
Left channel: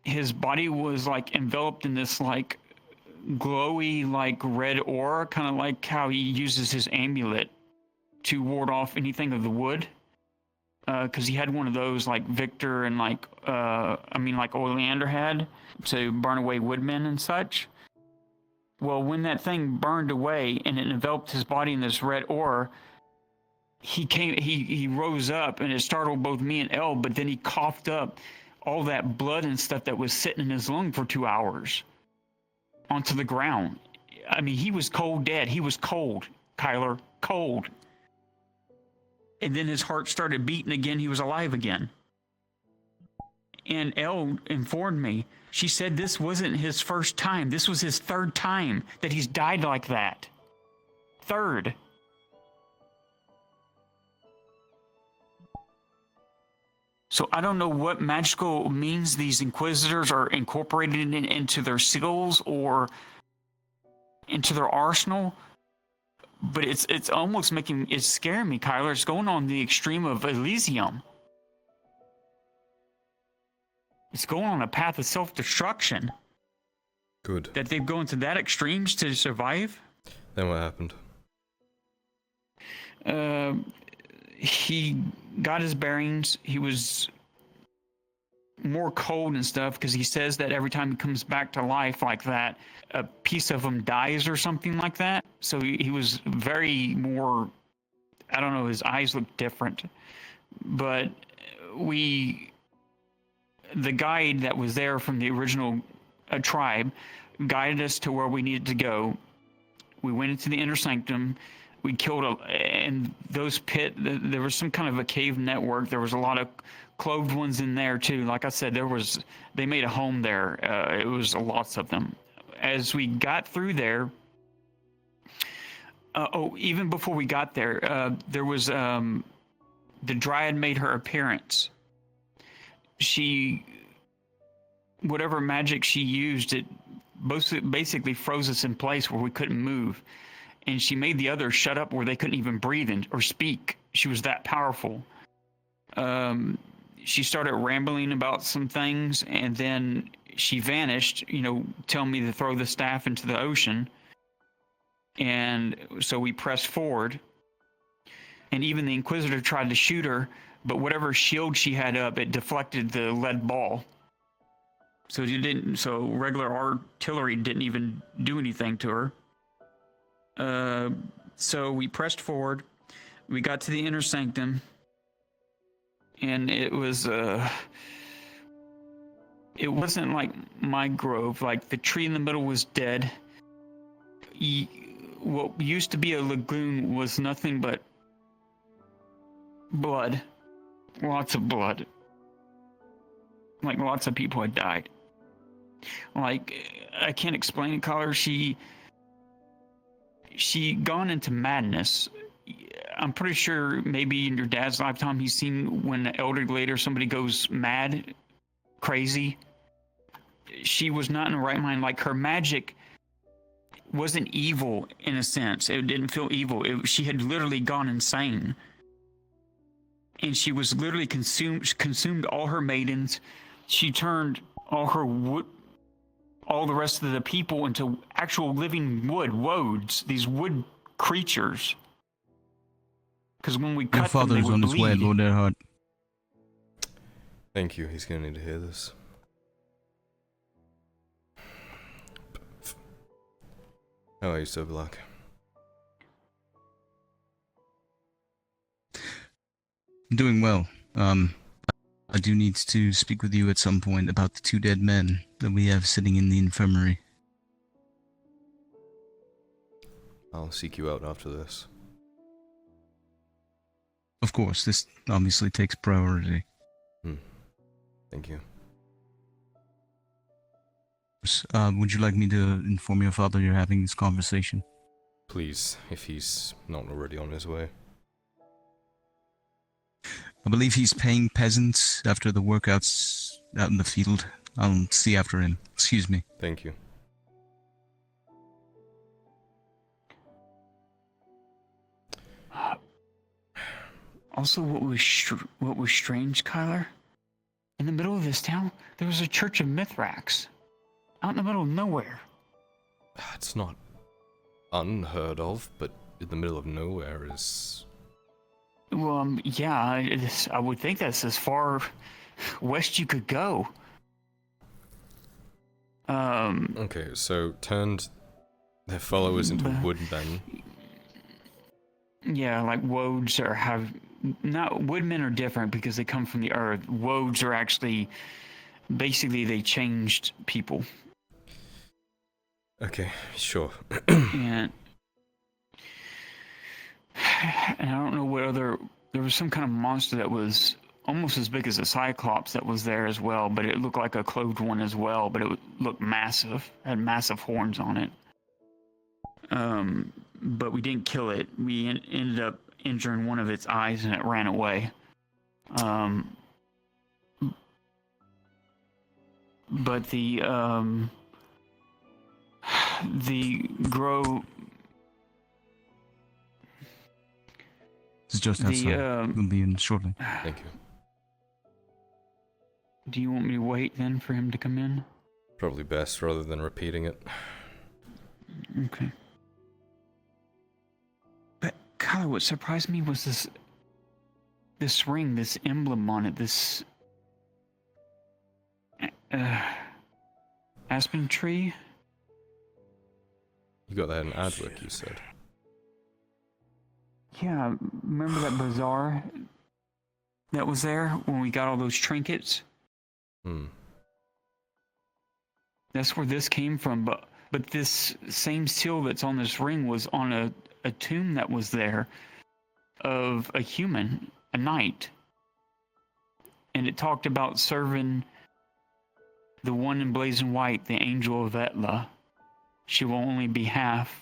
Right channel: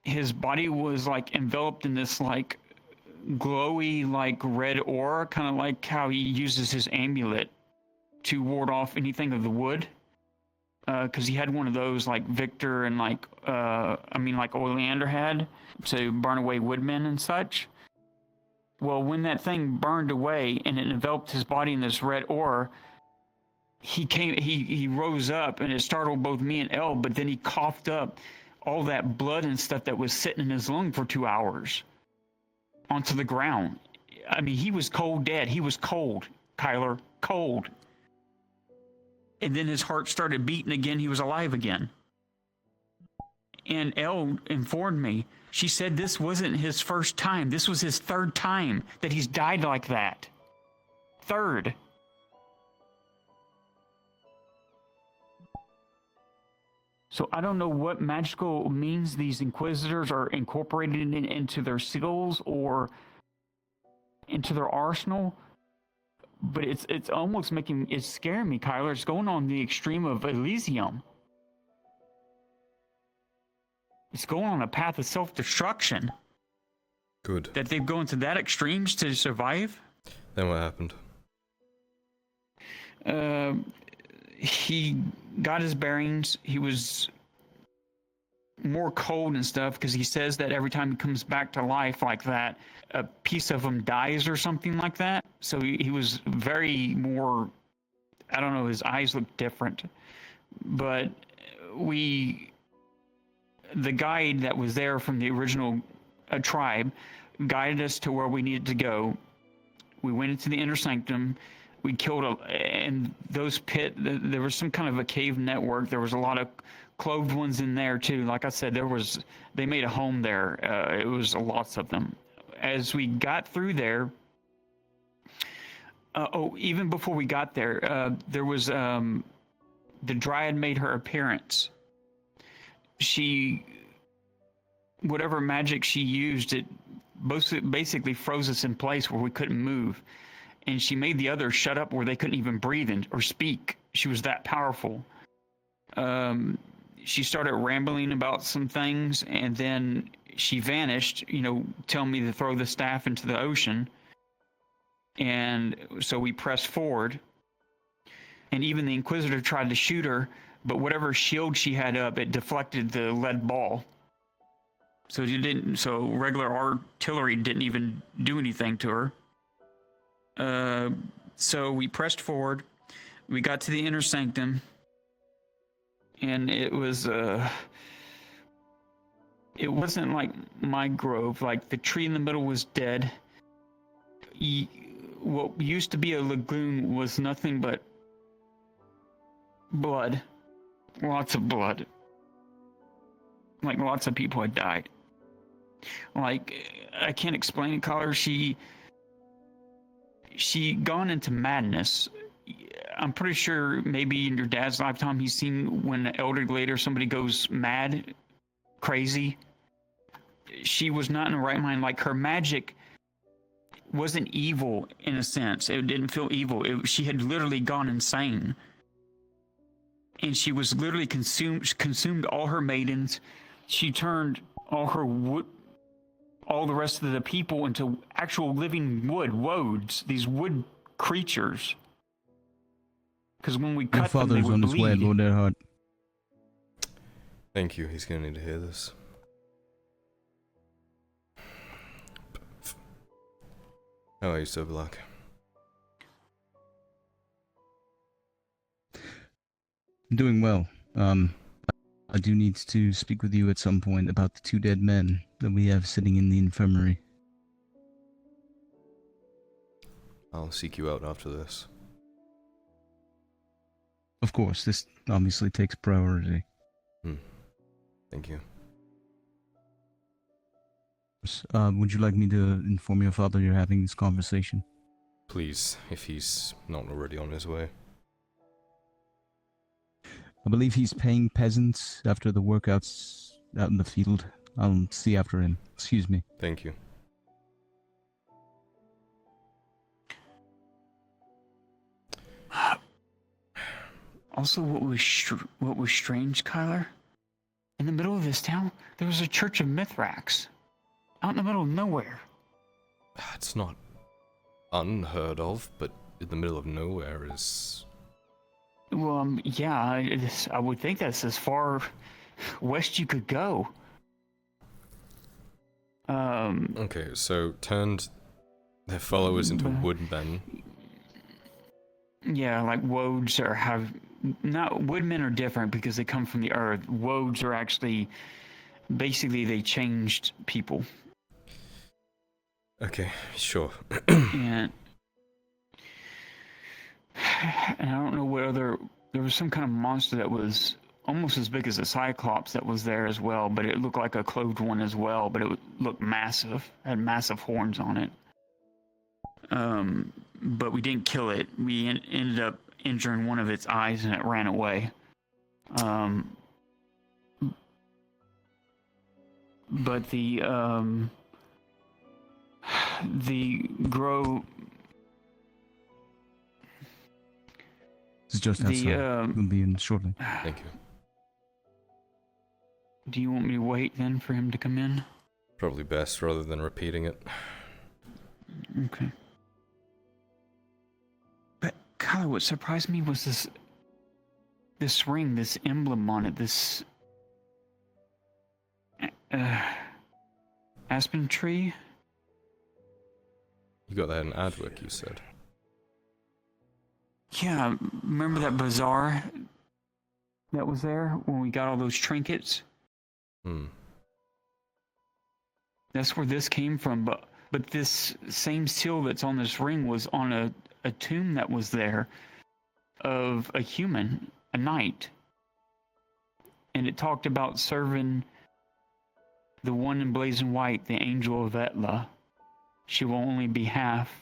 his body was like enveloped in this like glowy like red aura, kind of like how he uses his amulet to ward off anything of the wood, because he had one of those like Victor and like Oleander had to burn away woodmen and such. Well, when that thing burned away and it enveloped his body in this red aura, he rose up, and it startled both me and Elle, but then he coughed up all that blood and stuff that was sitting in his lung for 2 hours onto the ground. I mean, he was cold dead. He was cold, Kyler, cold. And then his heart started beating again. He was alive again. And Elle informed me. She said this wasn't his first time. This was his third time that he's died like that. Third. So I don't know what magical means these Inquisitors are incorporated into their seals or into their arsenal, but it's almost it's scaring me, Kyler. It's going on the extreme of Elysium. It's going on a path of self-destruction. Good. That they've gone to that extremes to survive. Then what happened? He got his bearings. He was more cold and stuff because he says that every time he comes back to life like that, a piece of him dies or something like that. So he was very more, I don't know, his eyes looked different. But the guide that was there from the original tribe guided us to where we needed to go. We went into the inner sanctum. We killed and those there was some kind of a cave network. There was a lot of clothed ones in there too. Like I said, they made a home there. It was lots of them. As we got through there, even before we got there, there was the Dryad made her appearance. Whatever magic she used, it basically froze us in place where we couldn't move. And she made the others shut up where they couldn't even breathe or speak. She was that powerful. She started rambling about some things, and then she vanished, telling me to throw the staff into the ocean. And so we pressed forward. And even the Inquisitor tried to shoot her, but whatever shield she had up, it deflected the lead ball. So regular artillery didn't even do anything to her. So we pressed forward. We got to the inner sanctum, and it wasn't like my grove. Like the tree in the middle was dead. What used to be a lagoon was nothing but blood. Lots of blood. Like lots of people had died. Like, I can't explain it, Collar. She gone into madness. I'm pretty sure maybe in your dad's lifetime he's seen when the elder glade or somebody goes mad, crazy. She was not in the right mind. Like, her magic wasn't evil in a sense. It didn't feel evil. She had literally gone insane. And she was literally consumed all her maidens. She turned all the rest of the people into actual living woads, these wood creatures. Because when we cut them, they would on his way, Lord Earhart. Thank you. He's gonna need to hear this. How are you, Sir Black? I'm doing well. I do need to speak with you at some point about the 2 dead men that we have sitting in the infirmary. I'll seek you out after this. Of course, this obviously takes priority. Thank you. Would you like me to inform your father you're having this conversation? Please, if he's not already on his way. I believe he's paying peasants after the workouts out in the field. I'll see after him. Excuse me. Thank you. Also, what was strange, Kyler? In the middle of this town, there was a church of Mithrax. Out in the middle of nowhere. It's not unheard of, but in the middle of nowhere is... Well, yeah, I would think that's as far west you could go. Okay, so turned their followers into woodmen. Yeah, like woads woodmen are different because they come from the earth. Woads are actually, basically they changed people. Okay, sure. and I don't know what other, there was some kind of monster that was almost as big as a cyclops that was there as well, but it looked like a clothed one as well, but it looked massive, had massive horns on it. But we didn't kill it. We ended up injuring one of its eyes and it ran away. But the grow... It's just outside. We'll be in shortly. Thank you. Do you want me to wait then for him to come in? Probably best rather than repeating it. Okay. But Kyler, what surprised me was this ring, this emblem on it, this aspen tree. You got that in Adwick, you said. Yeah, remember that bazaar that was there when we got all those trinkets? That's where this came from, but this same seal that's on this ring was on a tomb that was there of a human, a knight. And it talked about serving the one in blazing white, the angel of Etla. She will only be half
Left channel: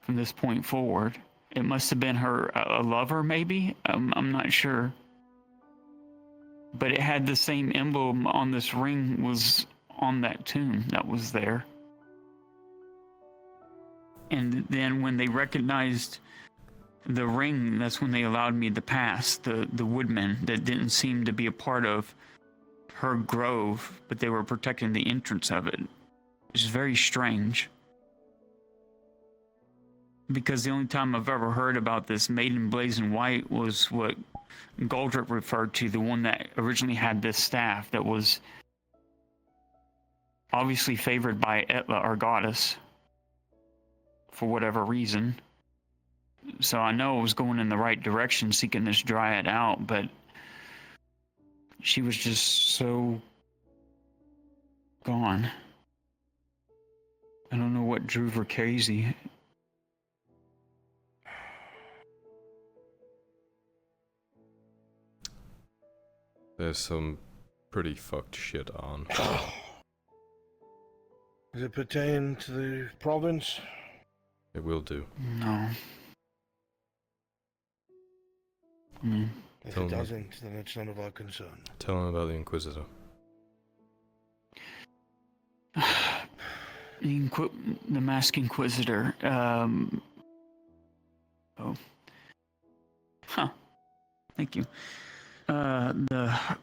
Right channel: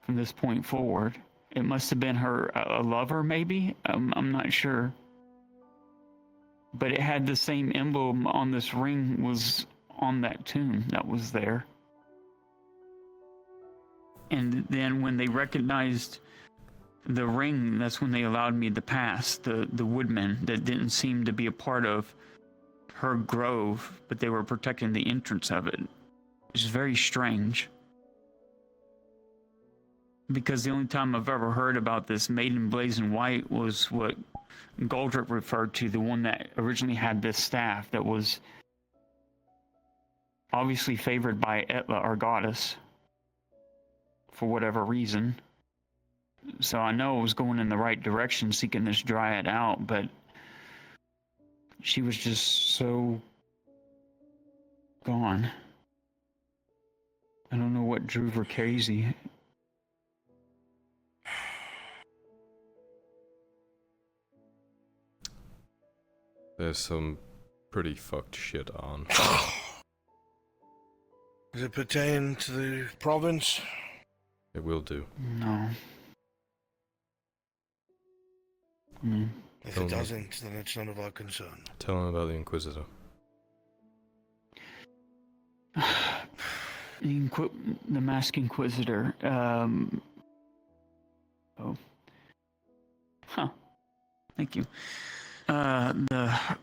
from this point forward. It must have been her a lover, maybe? I'm not sure. But it had the same emblem on this ring was on that tomb that was there. And then when they recognized the ring, that's when they allowed me to pass, the woodmen that didn't seem to be a part of her grove, but they were protecting the entrance of it. Which is very strange. Because the only time I've ever heard about this maiden blazing white was what Goldrick referred to, the one that originally had this staff that was obviously favored by Etla, our goddess, for whatever reason. So I know I was going in the right direction seeking this dryad out, but she was just so gone. I don't know what drove her crazy. There's some pretty fucked shit on. Does it pertain to the province? It will do. No. If it doesn't, then it's none of our concern. Tell him about the Inquisitor. The Masked Inquisitor. Thank you. The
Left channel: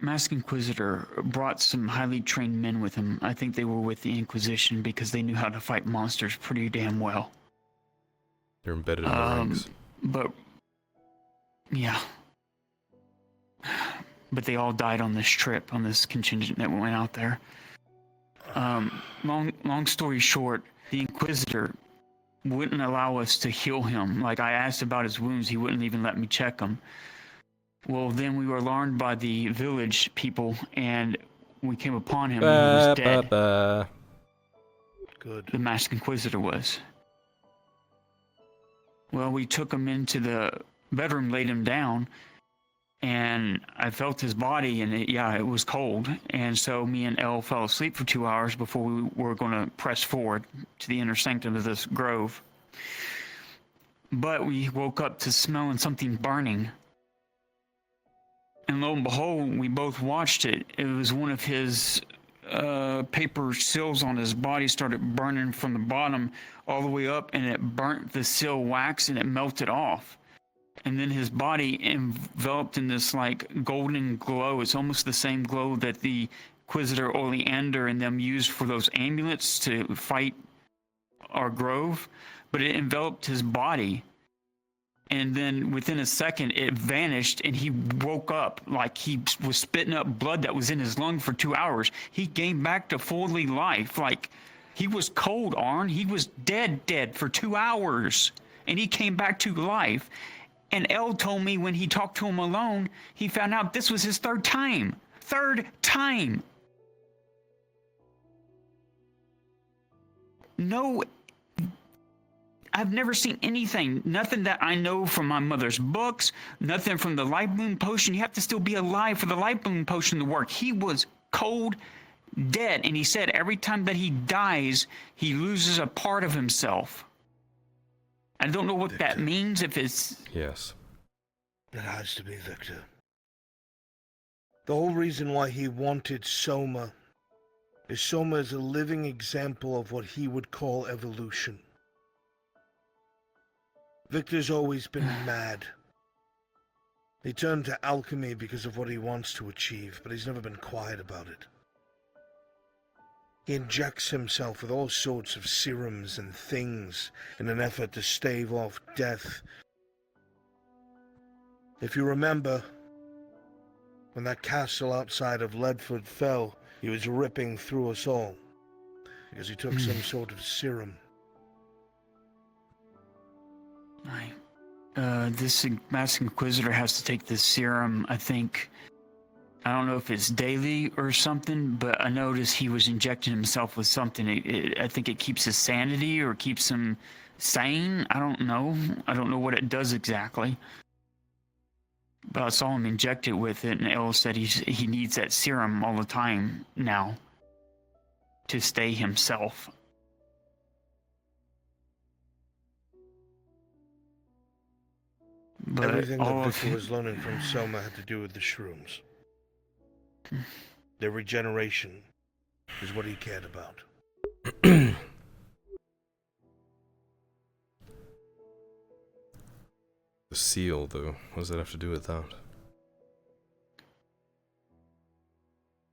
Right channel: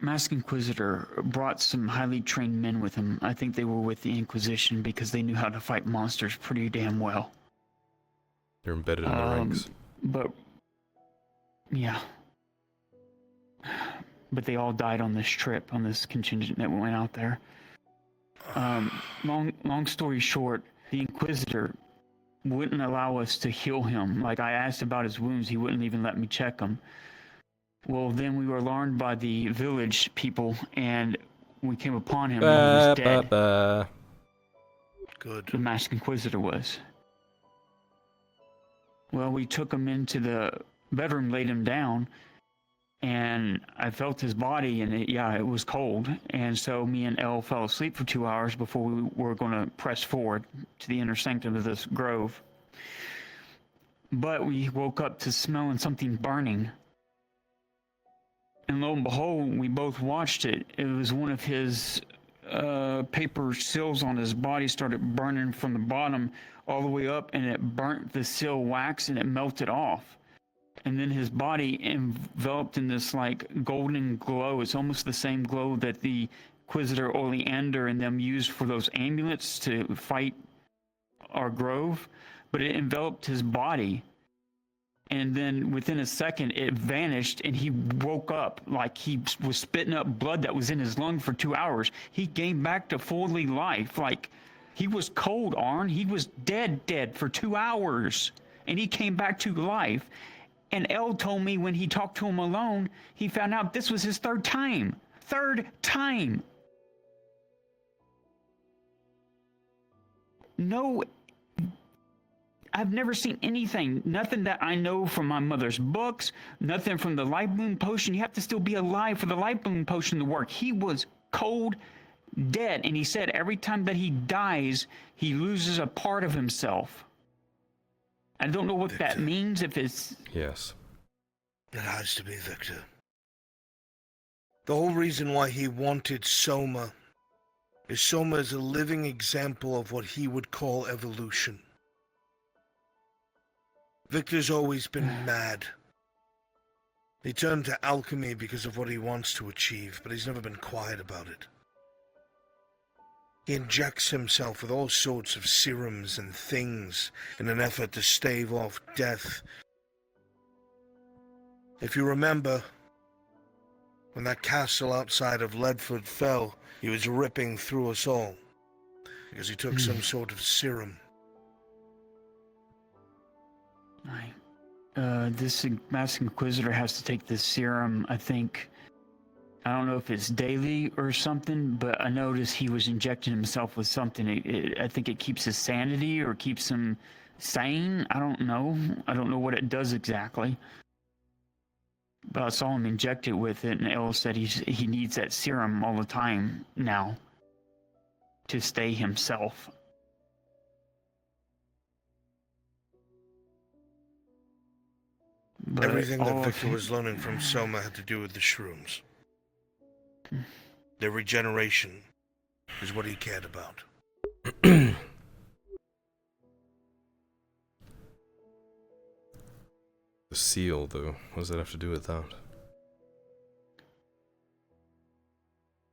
Masked Inquisitor brought some highly trained men with him. I think they were with the Inquisition because they knew how to fight monsters pretty damn well. They're embedded in the ranks. But, yeah. But they all died on this trip, on this contingent that went out there. Long story short, the Inquisitor wouldn't allow us to heal him. Like, I asked about his wounds, he wouldn't even let me check them. Well, then we were alarmed by the village people, and we came upon him, and he was dead. Good. The Masked Inquisitor was. Well, we took him into the bedroom, laid him down, and I felt his body, and it was cold. And so me and Elle fell asleep for 2 hours before we were going to press forward to the inner sanctum of this grove. But we woke up to smelling something burning. And lo and behold, we both watched it. It was one of his paper seals on his body started burning from the bottom all the way up, and it burnt the seal wax and it melted off. And then his body enveloped in this like golden glow. It's almost the same glow that the Inquisitor Oleander and them used for those amulets to fight our grove, but it enveloped his body. And then within a second, it vanished, and he woke up like he was spitting up blood that was in his lung for 2 hours. He came back to fully life. Like, he was cold, Arn. He was dead for 2 hours, and he came back to life. And Elle told me when he talked to him alone, he found out this was his third time. Third time. No, I've never seen anything, nothing that I know from my mother's books, nothing from the light bloom potion. You have to still be alive for the light bloom potion to work. He was cold, dead, and he said every time that he dies, he loses a part of himself. I don't know what Victor. that means, if it's... Yes. It has to be Victor. The whole reason why he wanted Soma is Soma is a living example of what he would call evolution. Victor's always been mad. He turned to alchemy because of what he wants to achieve, but he's never been quiet about it. He injects himself with all sorts of serums and things in an effort to stave off death. If you remember, when that castle outside of Ledford fell, he was ripping through us all because he took some sort of serum. This Master Inquisitor has to take this serum, I think. I don't know if it's daily or something, but I noticed he was injecting himself with something. I think it keeps his sanity or keeps him sane. I don't know. I don't know what it does exactly. But I saw him inject it with it, and Elle said he needs that serum all the time now to stay himself. But everything that Victor was learning from Soma had to do with the shrooms. Their regeneration is what he cared about. The seal, though, what does that have to do with that?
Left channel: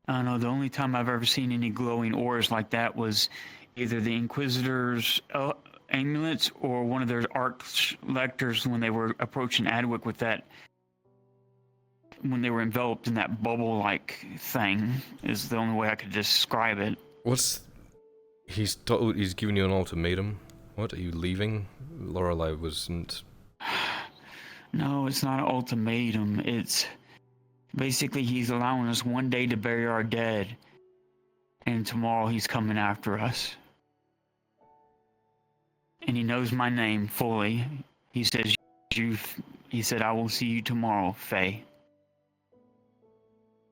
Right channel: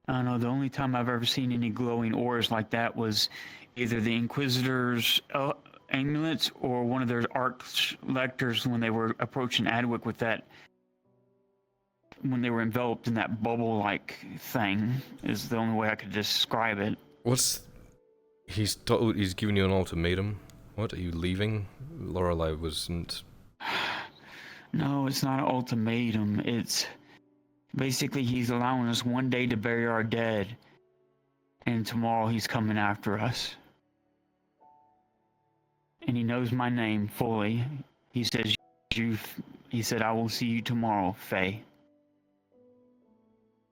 I don't know, the only time I've ever seen any glowing ores like that was either the Inquisitor's amulets or one of their arch-lectors when they were approaching Adwick with that, when they were enveloped in that bubble-like thing, is the only way I could describe it. He's giving you an ultimatum? What, are you leaving? Lorelei wasn't... No, it's not an ultimatum. It's basically he's allowing us one day to bury our dead, and tomorrow he's coming after us. And he knows my name fully. He says, he said, I will see you tomorrow, Faye.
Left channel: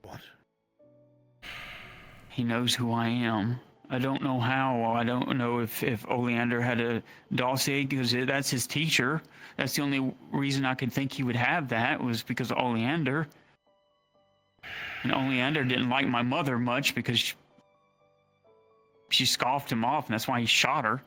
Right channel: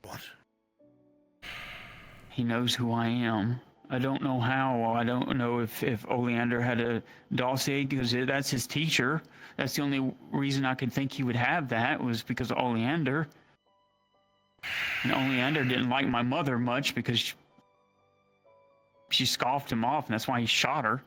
What? He knows who I am. I don't know how. I don't know if Oleander had a dossier, because that's his teacher. That's the only reason I could think he would have that, was because of Oleander. And Oleander didn't like my mother much because she scoffed him off, and that's why he shot her.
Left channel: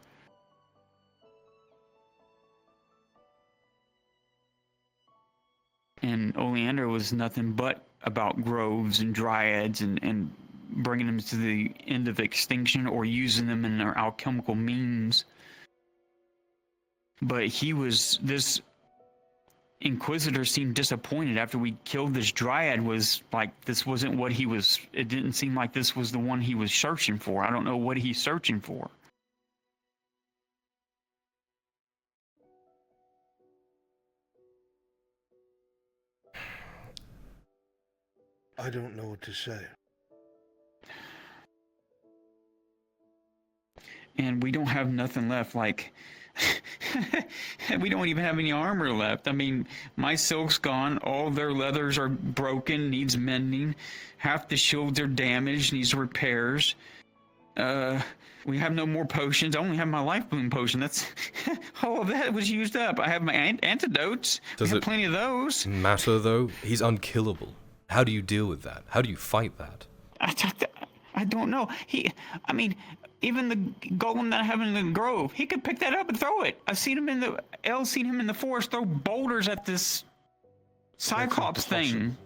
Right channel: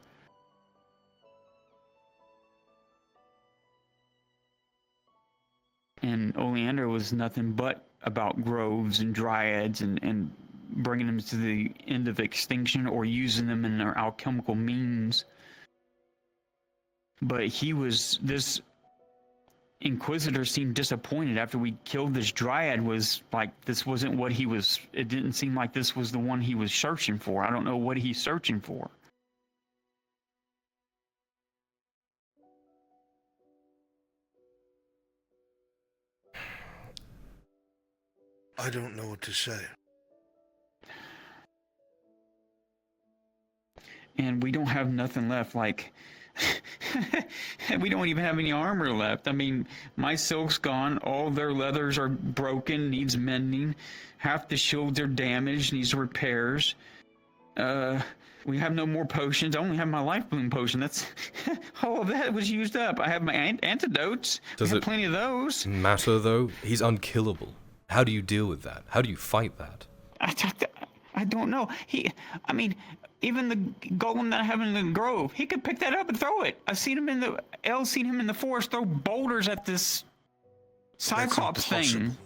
And Oleander was nothing but about groves and dryads and bringing them to the end of extinction or using them in their alchemical means. But this Inquisitor seemed disappointed after we killed this dryad. Was like, this wasn't what he was, it didn't seem like this was the one he was searching for. I don't know what he's searching for. I don't know what to say. And we don't have nothing left. Like, We don't even have any armor left. I mean, my silk's gone. All their leathers are broken, needs mending. Half the shields are damaged, needs repairs. We have no more potions. I only have my life bloom potion. That's all of that was used up. I have my antidotes. Does I it have plenty of those. matter though? He's unkillable. How do you deal with that? How do you fight that? I don't know. I mean, even the golem that I have in the grove, he could pick that up and throw it. I've seen him seen him in the forest throw boulders at this Cyclops thing.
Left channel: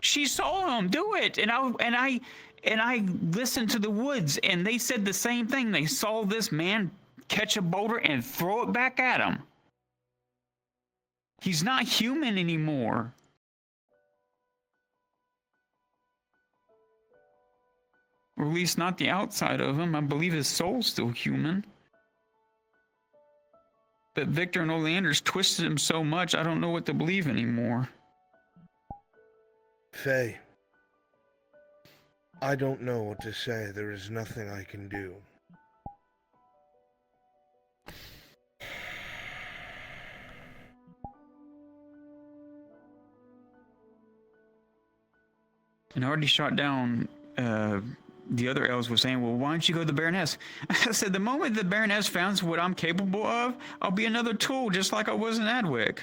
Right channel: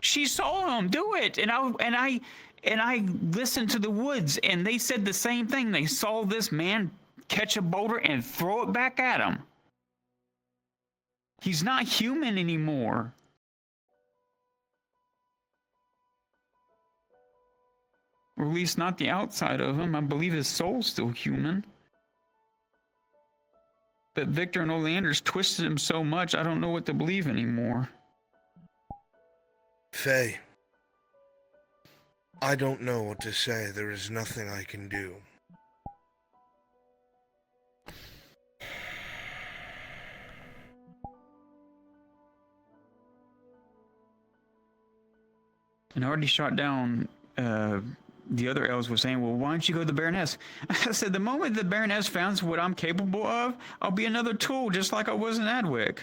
She saw him do it, and I listened to the woods, and they said the same thing. They saw this man catch a boulder and throw it back at him. He's not human anymore. Or at least not the outside of him. I believe his soul's still human. But Victor and Oleander's twisted him so much, I don't know what to believe anymore. Faye, I don't know what to say. There is nothing I can do. And I already shot down, the other elves were saying, well, why don't you go to the Baroness? I said, the moment the Baroness finds what I'm capable of, I'll be another tool just like I was in Adwick.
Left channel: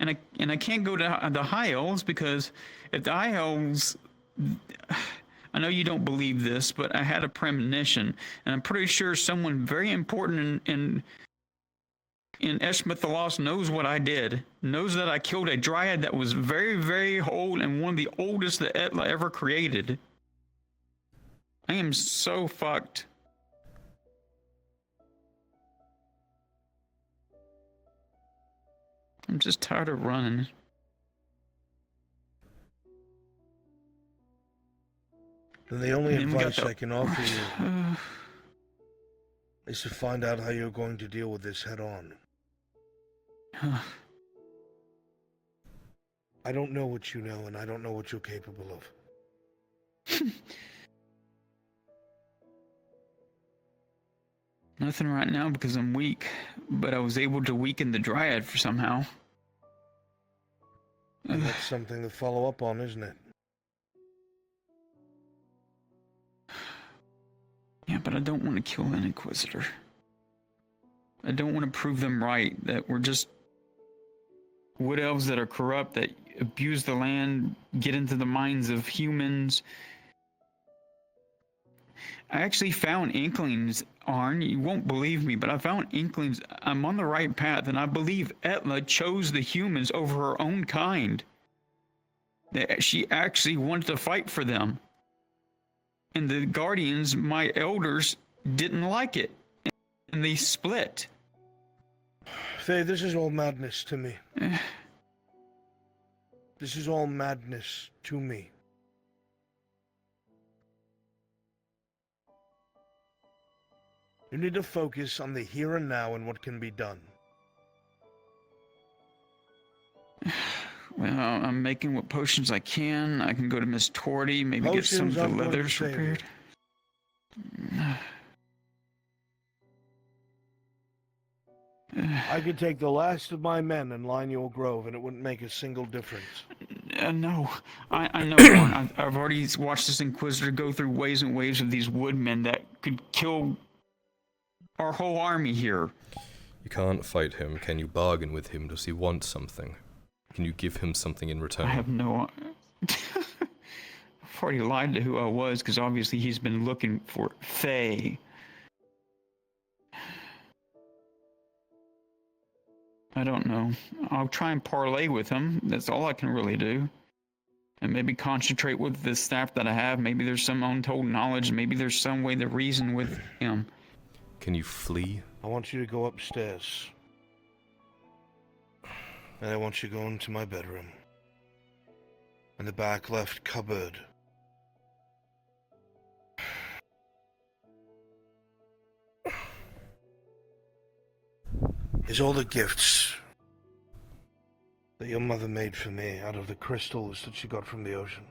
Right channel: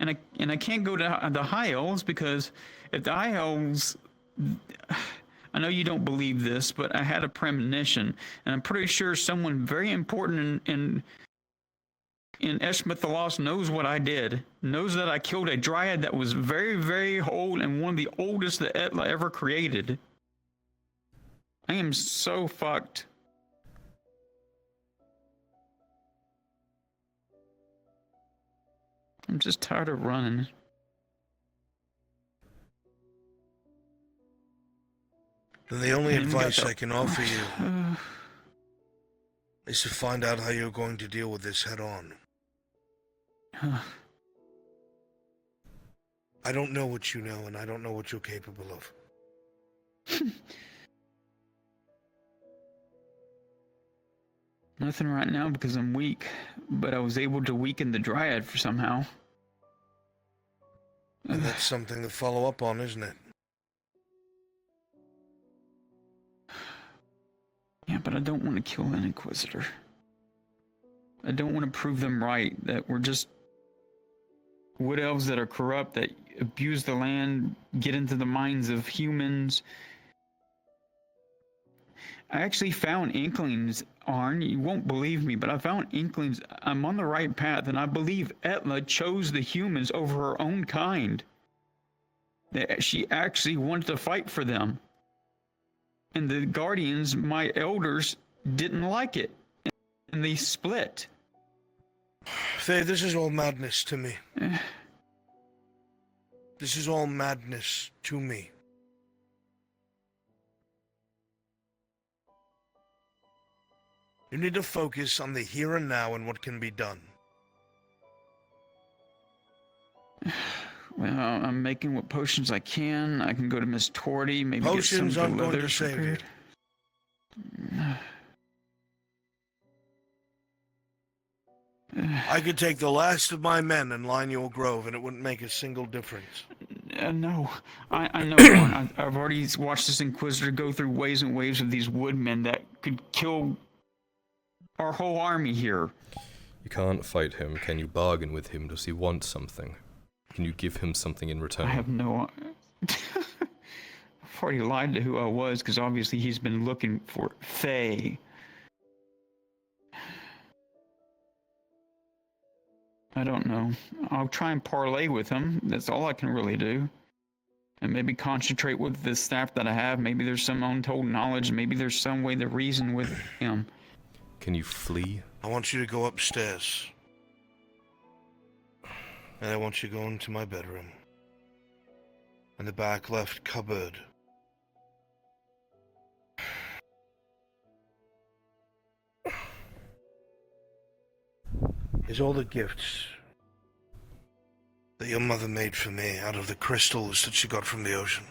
And I can't go to the High Elves because if the High Elves, I know you don't believe this, but I had a premonition, and I'm pretty sure someone very important in Eshmith the Lost knows what I did, knows that I killed a dryad that was very, very old and one of the oldest that Etla ever created. I am so fucked. I'm just tired of running. Then the only advice I can offer you is to find out how you're going to deal with this head on. I don't know what you know, and I don't know what you're capable of. Nothing right now because I'm weak, but I was able to weaken the dryad for somehow. And that's something to follow up on, isn't it? Yeah, but I don't want to kill an Inquisitor. I don't want to prove them right, that we're just wood elves that are corrupt, that abuse the land, get into the minds of humans. I actually found inklings, Arn. You won't believe me, but I found inklings. I'm on the right path, and I believe Etla chose the humans over her own kind. That she actually wanted to fight for them. And the Guardians, my elders, didn't like it. And they split. Faye, this is all madness to me. This is all madness to me. You need to focus on the here and now and what can be done. Well, I'm making what potions I can. I can go to Miss Torty, maybe Potions get some of the aren't going to leathers save prepared. I could take the last of my men and line your grove, and it wouldn't make a single difference. No, I know. Ron. I've already watched this Inquisitor go through waves and waves of these woodmen that could kill our whole army here. You can't fight him. Can you bargain with him? Does he want something? Can you give him something in return? I have no... I've already lied to who I was, because obviously he's been looking for Faye. I don't know. I'll try and parlay with him. That's all I can really do. And maybe concentrate with the staff that I have. Maybe there's some untold knowledge. Maybe there's some way to reason with him. Can you flee? I want you to go upstairs. And I want you to go into my bedroom. In the back left cupboard. Is all the gifts that your mother made for me out of the crystals that she got from the ocean.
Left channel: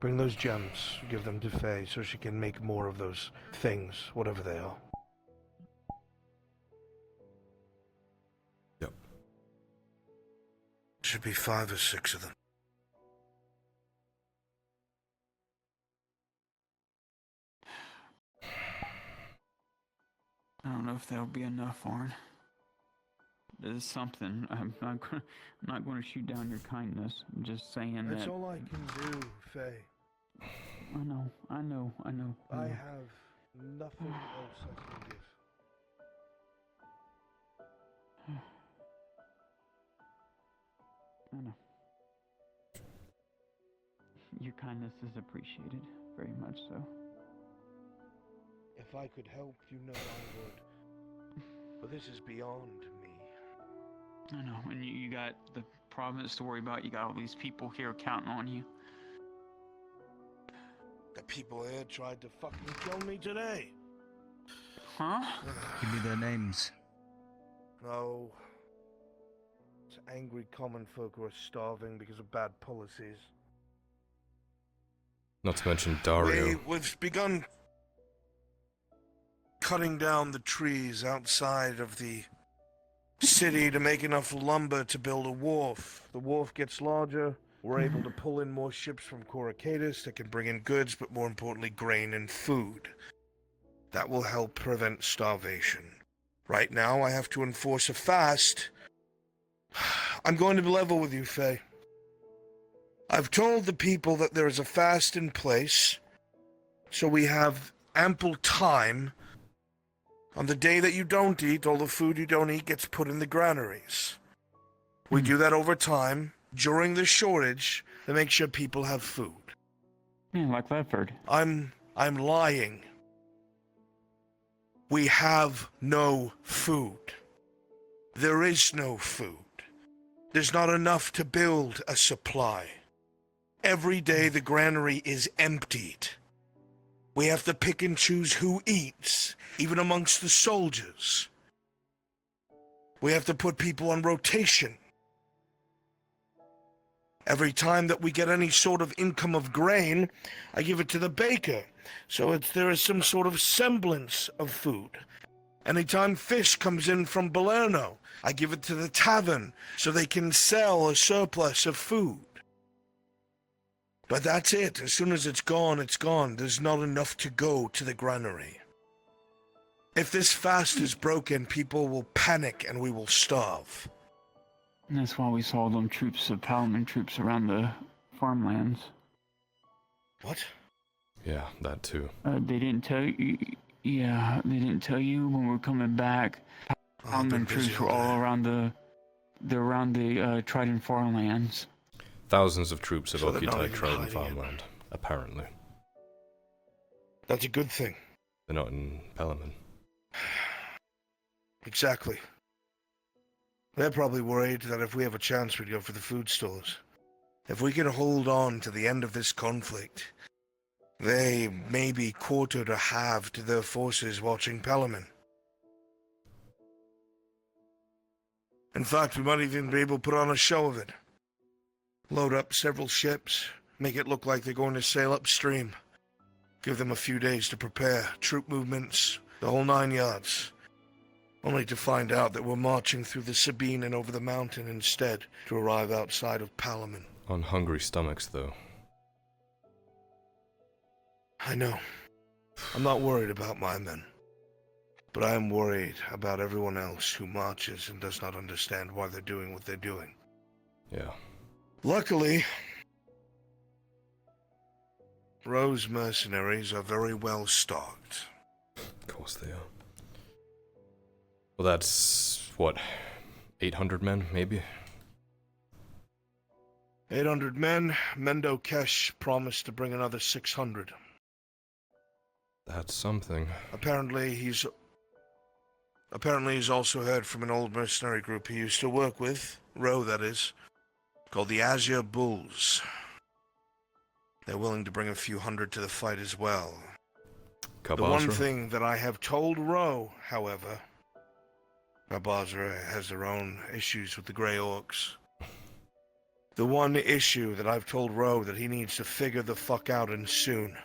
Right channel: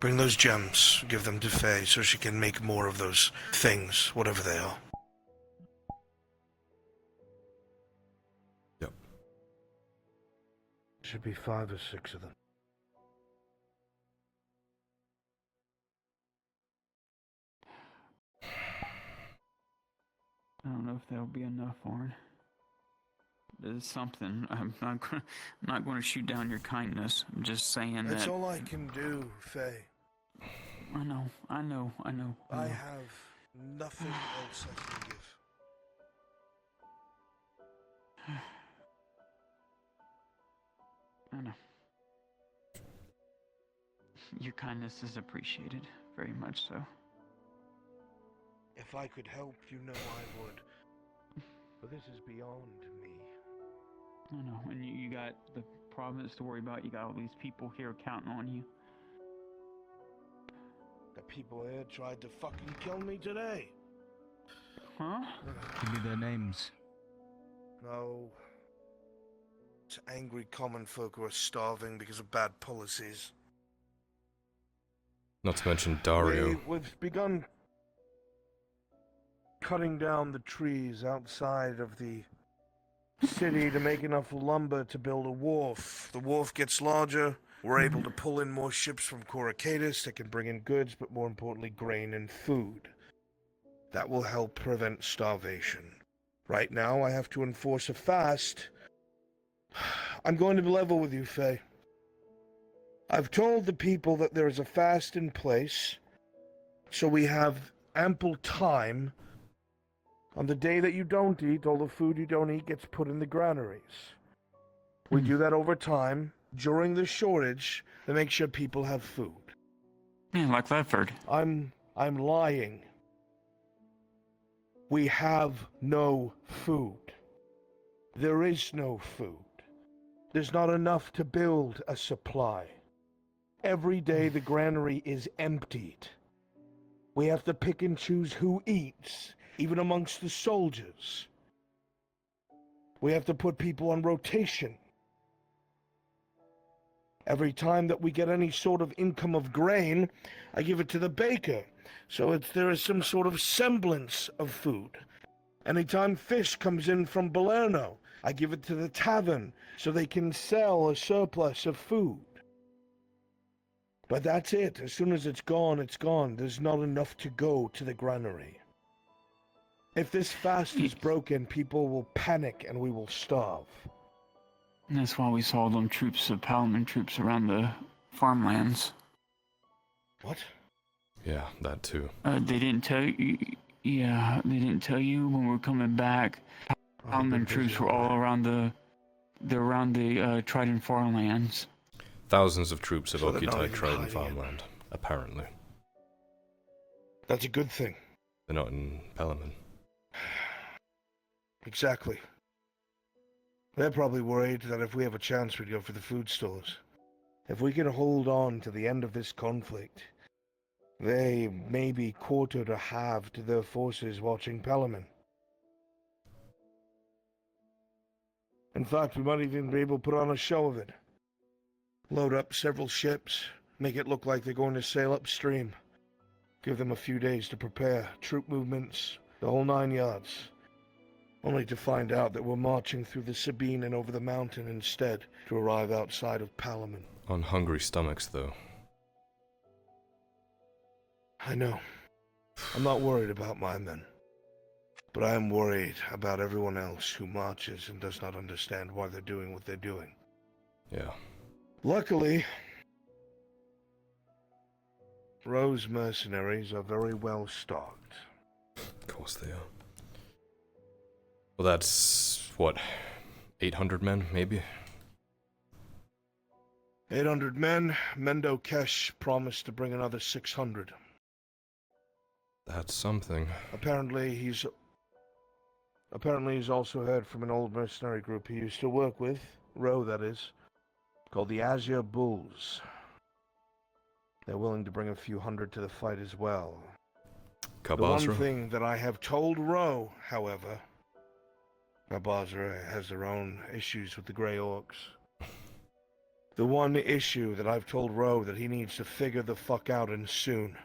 Bring those gems, give them to Faye so she can make more of those things, whatever they are. Yep. Should be 5 or 6 of them. I don't know if that'll be enough, Warren. There's something. I'm not going to shoot down your kindness. I'm just saying That's that. all I can do, Faye. I know. I have nothing else I can give. I know. Your kindness is appreciated, very much so. If I could help, you know I would. But this is beyond me. I know, and you got the province to worry about. You got all these people here counting on you. The people here tried to fucking kill me today. Huh? Give me their names. No. It's angry common folk who are starving because of bad policies. Not to mention Dario. We've begun cutting down the trees outside of the city to make enough lumber to build a wharf. The wharf gets larger. We're able to pull in more ships from Coracadus that can bring in goods, but more importantly, grain and food. That will help prevent starvation. Right now, I have to enforce a fast. I'm going to be level with you, Faye. I've told the people that there is a fast in place, so we have ample time. On the day that you don't eat, all the food you don't eat gets put in the granaries. We do that over time, during the shortage, to make sure people have food. Yeah, like Ledford. I'm lying. We have no food. There is no food. There's not enough to build a supply. Every day the granary is emptied. We have to pick and choose who eats, even amongst the soldiers. We have to put people on rotation. Every time that we get any sort of income of grain, I give it to the baker, so there is some sort of semblance of food. Anytime fish comes in from Balerno, I give it to the tavern, so they can sell a surplus of food. But that's it. As soon as it's gone, it's gone. There's not enough to go to the granary. If this fast is broken, people will panic and we will starve. And that's why we saw them troops of Paladin troops around the farmlands. What? Yeah, that too. They didn't tell you. Yeah, they didn't tell you when we were coming back. Paladin troops were all around the Trident farmlands. Thousands of troops have occupied Trident farmland, apparently. That's a good thing. They're not in Pelaman. Exactly. They're probably worried that if we have a chance, we'd go for the food stores. If we can hold on to the end of this conflict, they may be quartered or halved to their forces watching Pelaman. In fact, we might even be able to put on a show of it. Load up several ships, make it look like they're going to sail upstream. Give them a few days to prepare, troop movements, the whole 9 yards. Only to find out that we're marching through the Sabine and over the mountain instead, to arrive outside of Palaman. On hungry stomachs, though. I know. I'm not worried about my men. But I am worried about everyone else who marches and does not understand why they're doing what they're doing. Yeah. Luckily, Rose mercenaries are very well stocked. Of course they are. Well, that's, what, 800 men, maybe? 800 men. Mendo Kesh promised to bring another 600. That's something. Apparently he's also heard from an old mercenary group he used to work with, Ro that is, called the Azure Bulls. They're willing to bring a few hundred to the fight as well. Kabazra? The one thing that I have told Ro, however, Kabazra has their own issues with the Grey Orcs. The one issue that I've told Roe that he needs to figure the fuck out, and soon,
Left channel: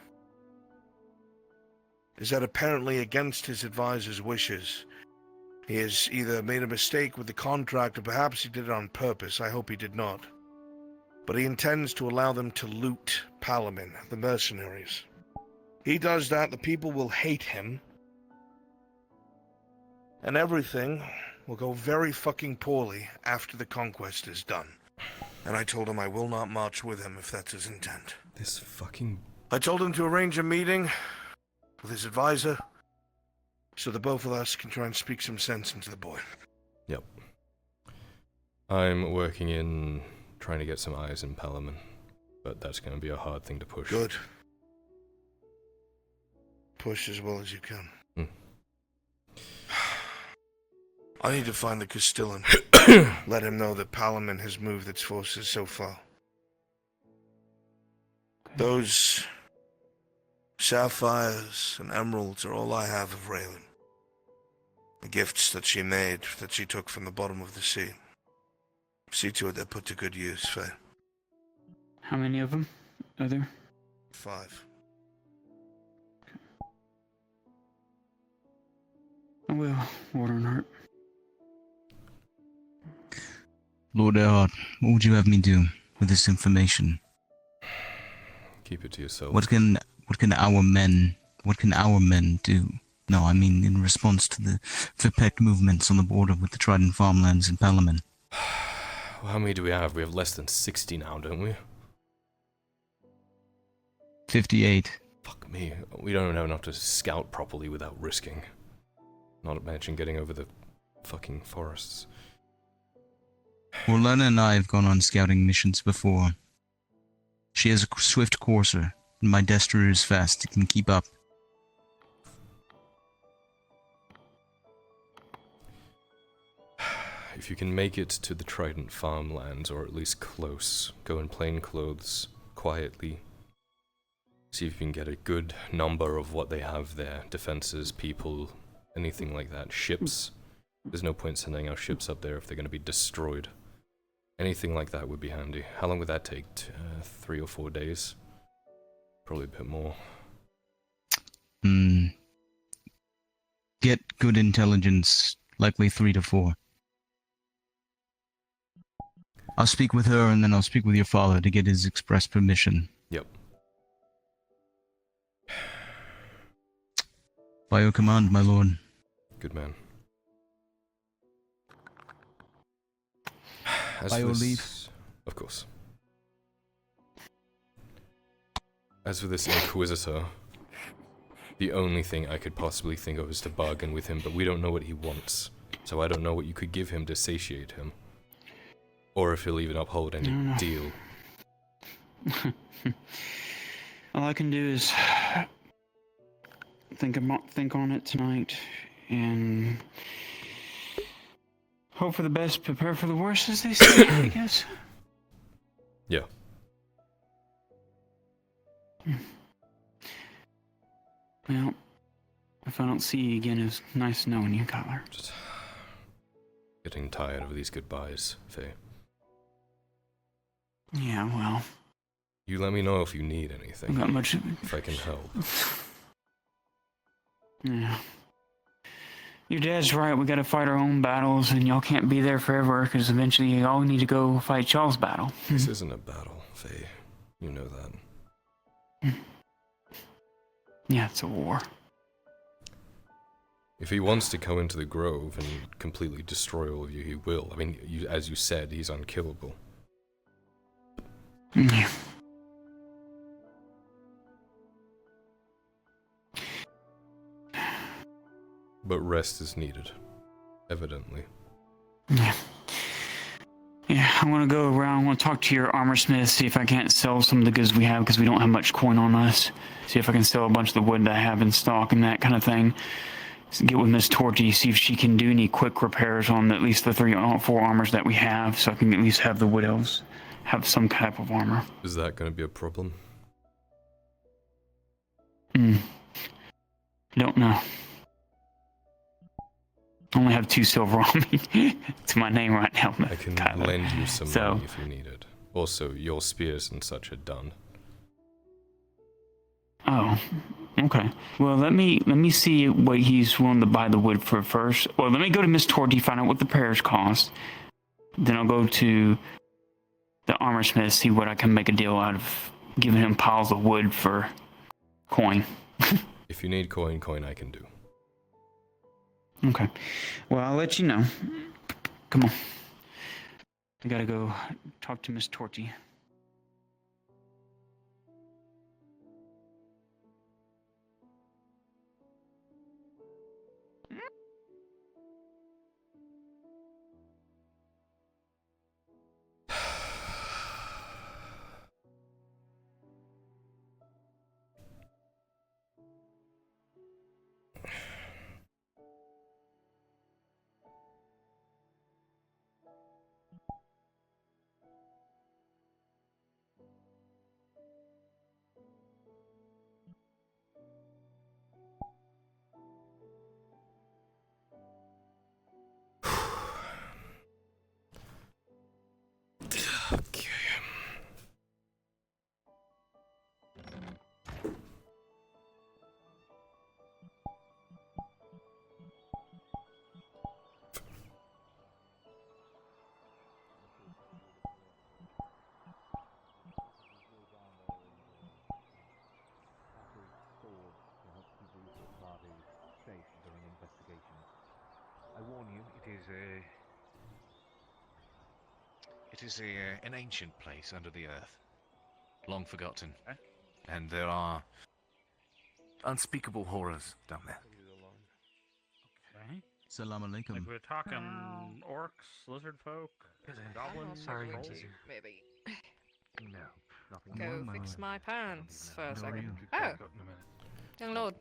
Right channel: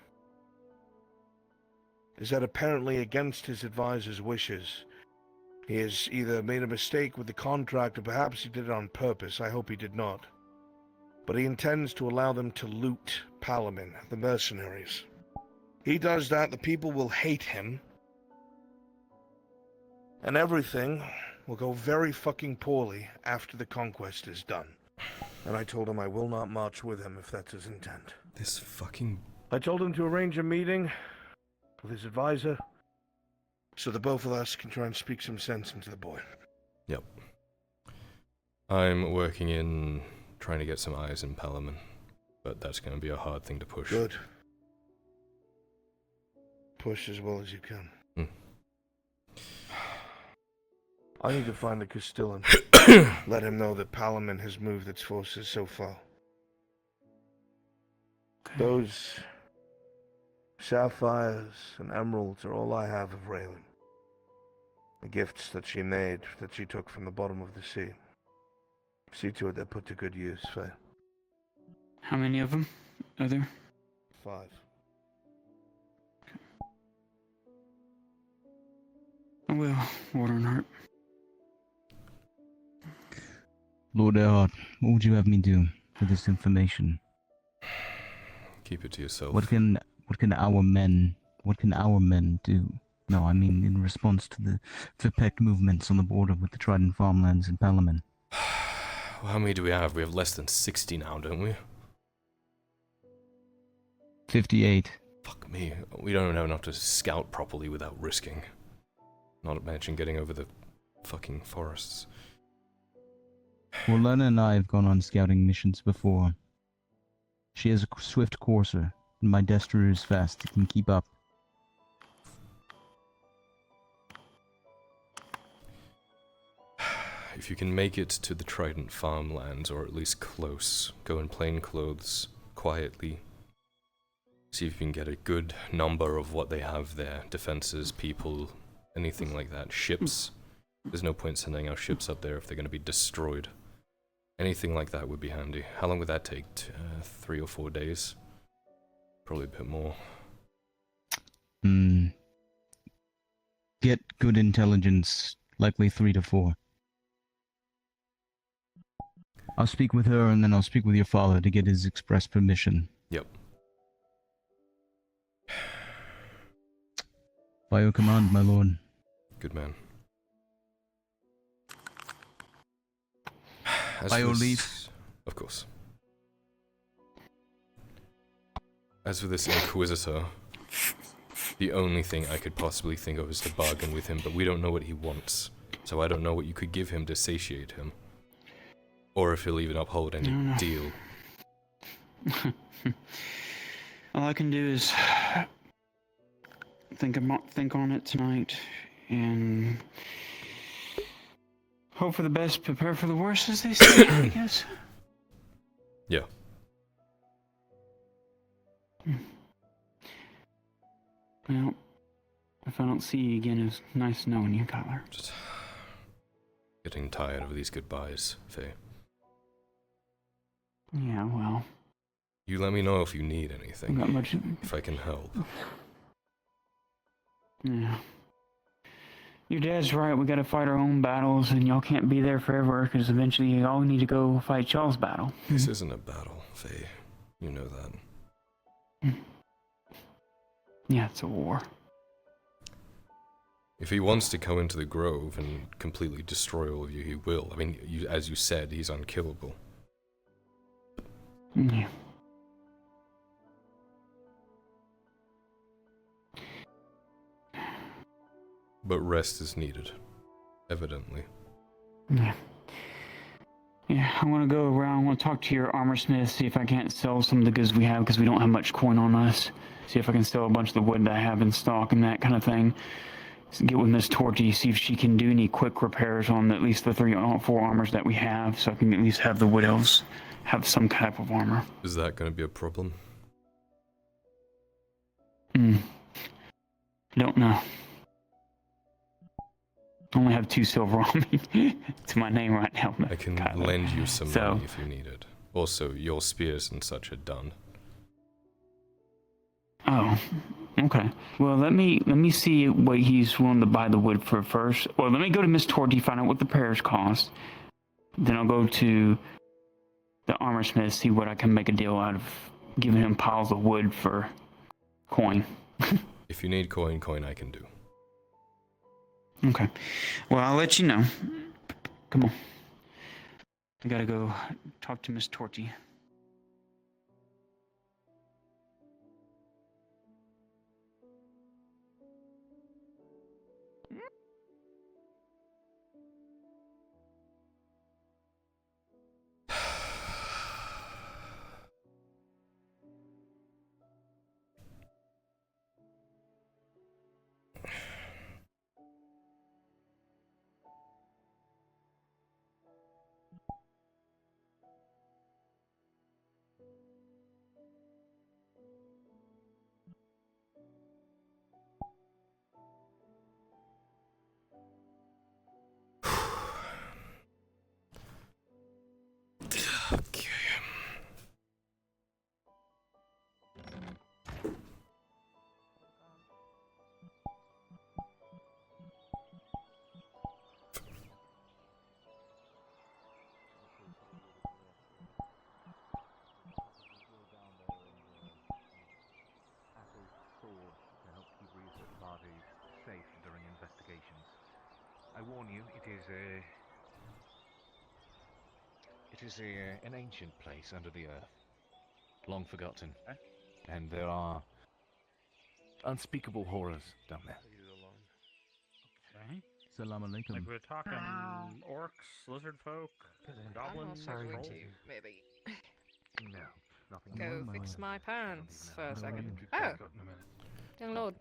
is that apparently against his advisor's wishes, he has either made a mistake with the contract or perhaps he did it on purpose. I hope he did not. But he intends to allow them to loot Palamin, the mercenaries. He does that, the people will hate him, and everything will go very fucking poorly after the conquest is done. And I told him I will not march with him if that's his intent. This fucking... I told him to arrange a meeting with his advisor so that both of us can try and speak some sense into the boy. Yep. I'm working in trying to get some eyes in Palamin, but that's going to be a hard thing to push. Good. Push as well as you can. I need to find the Castellan. Let him know that Palamin has moved its forces so far. Those sapphires and emeralds are all I have of Raylan. The gifts that she made, that she took from the bottom of the sea. See to it they're put to good use, Faye. How many of them are there? 5. I will, Waterheart. Lord Erhard, what would you have me do with this information? Keep it to yourself. What can our men do? No, I mean in response to the Vipec movements on the border with the Trident farmlands in Palamin. Well, how many do we have? We have less than 60 now, don't we? 58. Fuck me. We don't have enough to scout properly without risking. Not to mention getting over the fucking forests. Well, Lena and I have gone on scouting missions before. She has a swift courser, and my Destro is fast. It can keep up. If you can make it to the Trident farmlands, or at least close, go in plain clothes, quietly. See if you can get a good number of what they have there. Defenses, people, anything like that. Ships. There's no point sending our ships up there if they're going to be destroyed. Anything like that would be handy. How long would that take? 3 or 4 days? Probably a bit more. Get good intelligence, likely 3 to 4. I'll speak with her, and then I'll speak with your father to get his express permission. Yep. By your command, my lord. Good man. By your leave. Of course. As for this Inquisitor, the only thing I could possibly think of is to bargain with him, but we don't know what he wants. So I don't know what you could give him to satiate him. Or if he'll even uphold any deal. All I can do is think on it tonight, and hope for the best, prepare for the worst, as they say, I guess. Yeah. Well, if I don't see you again, it's nice knowing you, Kyler. Just getting tired of these goodbyes, Faye. Yeah, well. You let me know if you need anything. Not much. If I can help. Yeah. Your dad's right, we gotta fight our own battles, and y'all can't be there forever, because eventually y'all need to go fight y'all's battle. This isn't a battle, Faye. You know that. Yeah, it's a war. If he wants to go into the Grove and completely destroy all of you, he will. I mean, as you said, he's unkillable. Yeah. But rest is needed. Evidently. Yeah. Yeah, I'm gonna go around, I'm gonna talk to your armor smith, see if I can't sell some of the goods we have, because we don't have much coin on us. See if I can sell a bunch of the wood that I have in stock and that kind of thing. So get with Miss Torty, see if she can do any quick repairs on at least the 3 or 4 armors that we have, so I can at least have the wood elves have some type of armor. Is that going to be a problem? Don't know. I only have 2 silver on me. It's my name right now. I can lend you some money if you need it. Also, your spears and such are done. Oh, okay. Well, let me see what he's willing to buy the wood for first. Well, let me go to Miss Torty, find out what the repairs cost. Then I'll go to the armor smith, see what I can make a deal out of giving him piles of wood for coin. If you need coin, I can do. Okay. Well, I'll let you know. Come on. I gotta go talk to Miss Torty. Okay. To help keep research parties safe during investigations. I warn you, it is an ancient place under the earth, long forgotten, and there are unspeakable horrors down there. Okay. Salam alaikum. Like we're talking orcs, lizard folk, goblins, trolls. Maybe. No, nothing. Go fix my pants for a second. Oh, young lord.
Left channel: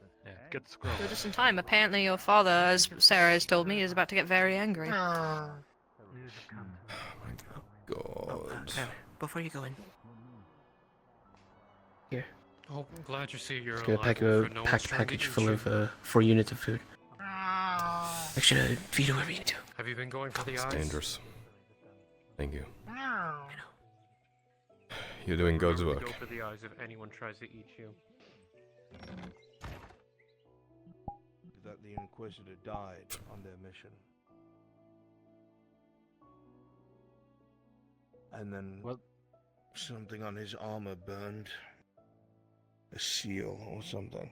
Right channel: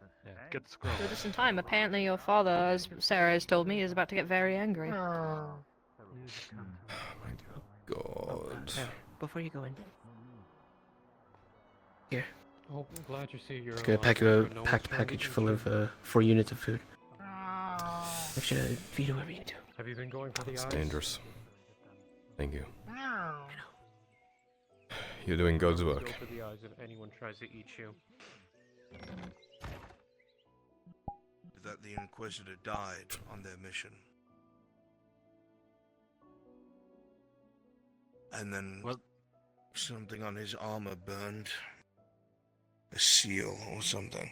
Get the scroll. Do this in time. Apparently your father, as Sarah has told me, is about to get very angry. God. Before you go in. Here. Oh, I'm glad you see you're Just gonna pack a packed package full of 4 units of food. Make sure to feed whoever you do. Have you been going for the It's eyes? dangerous. Thank you. You're doing God's work. Go for the eyes if anyone tries to eat you. That the Inquisitor died on their mission. And then something on his armor burned. A seal or something.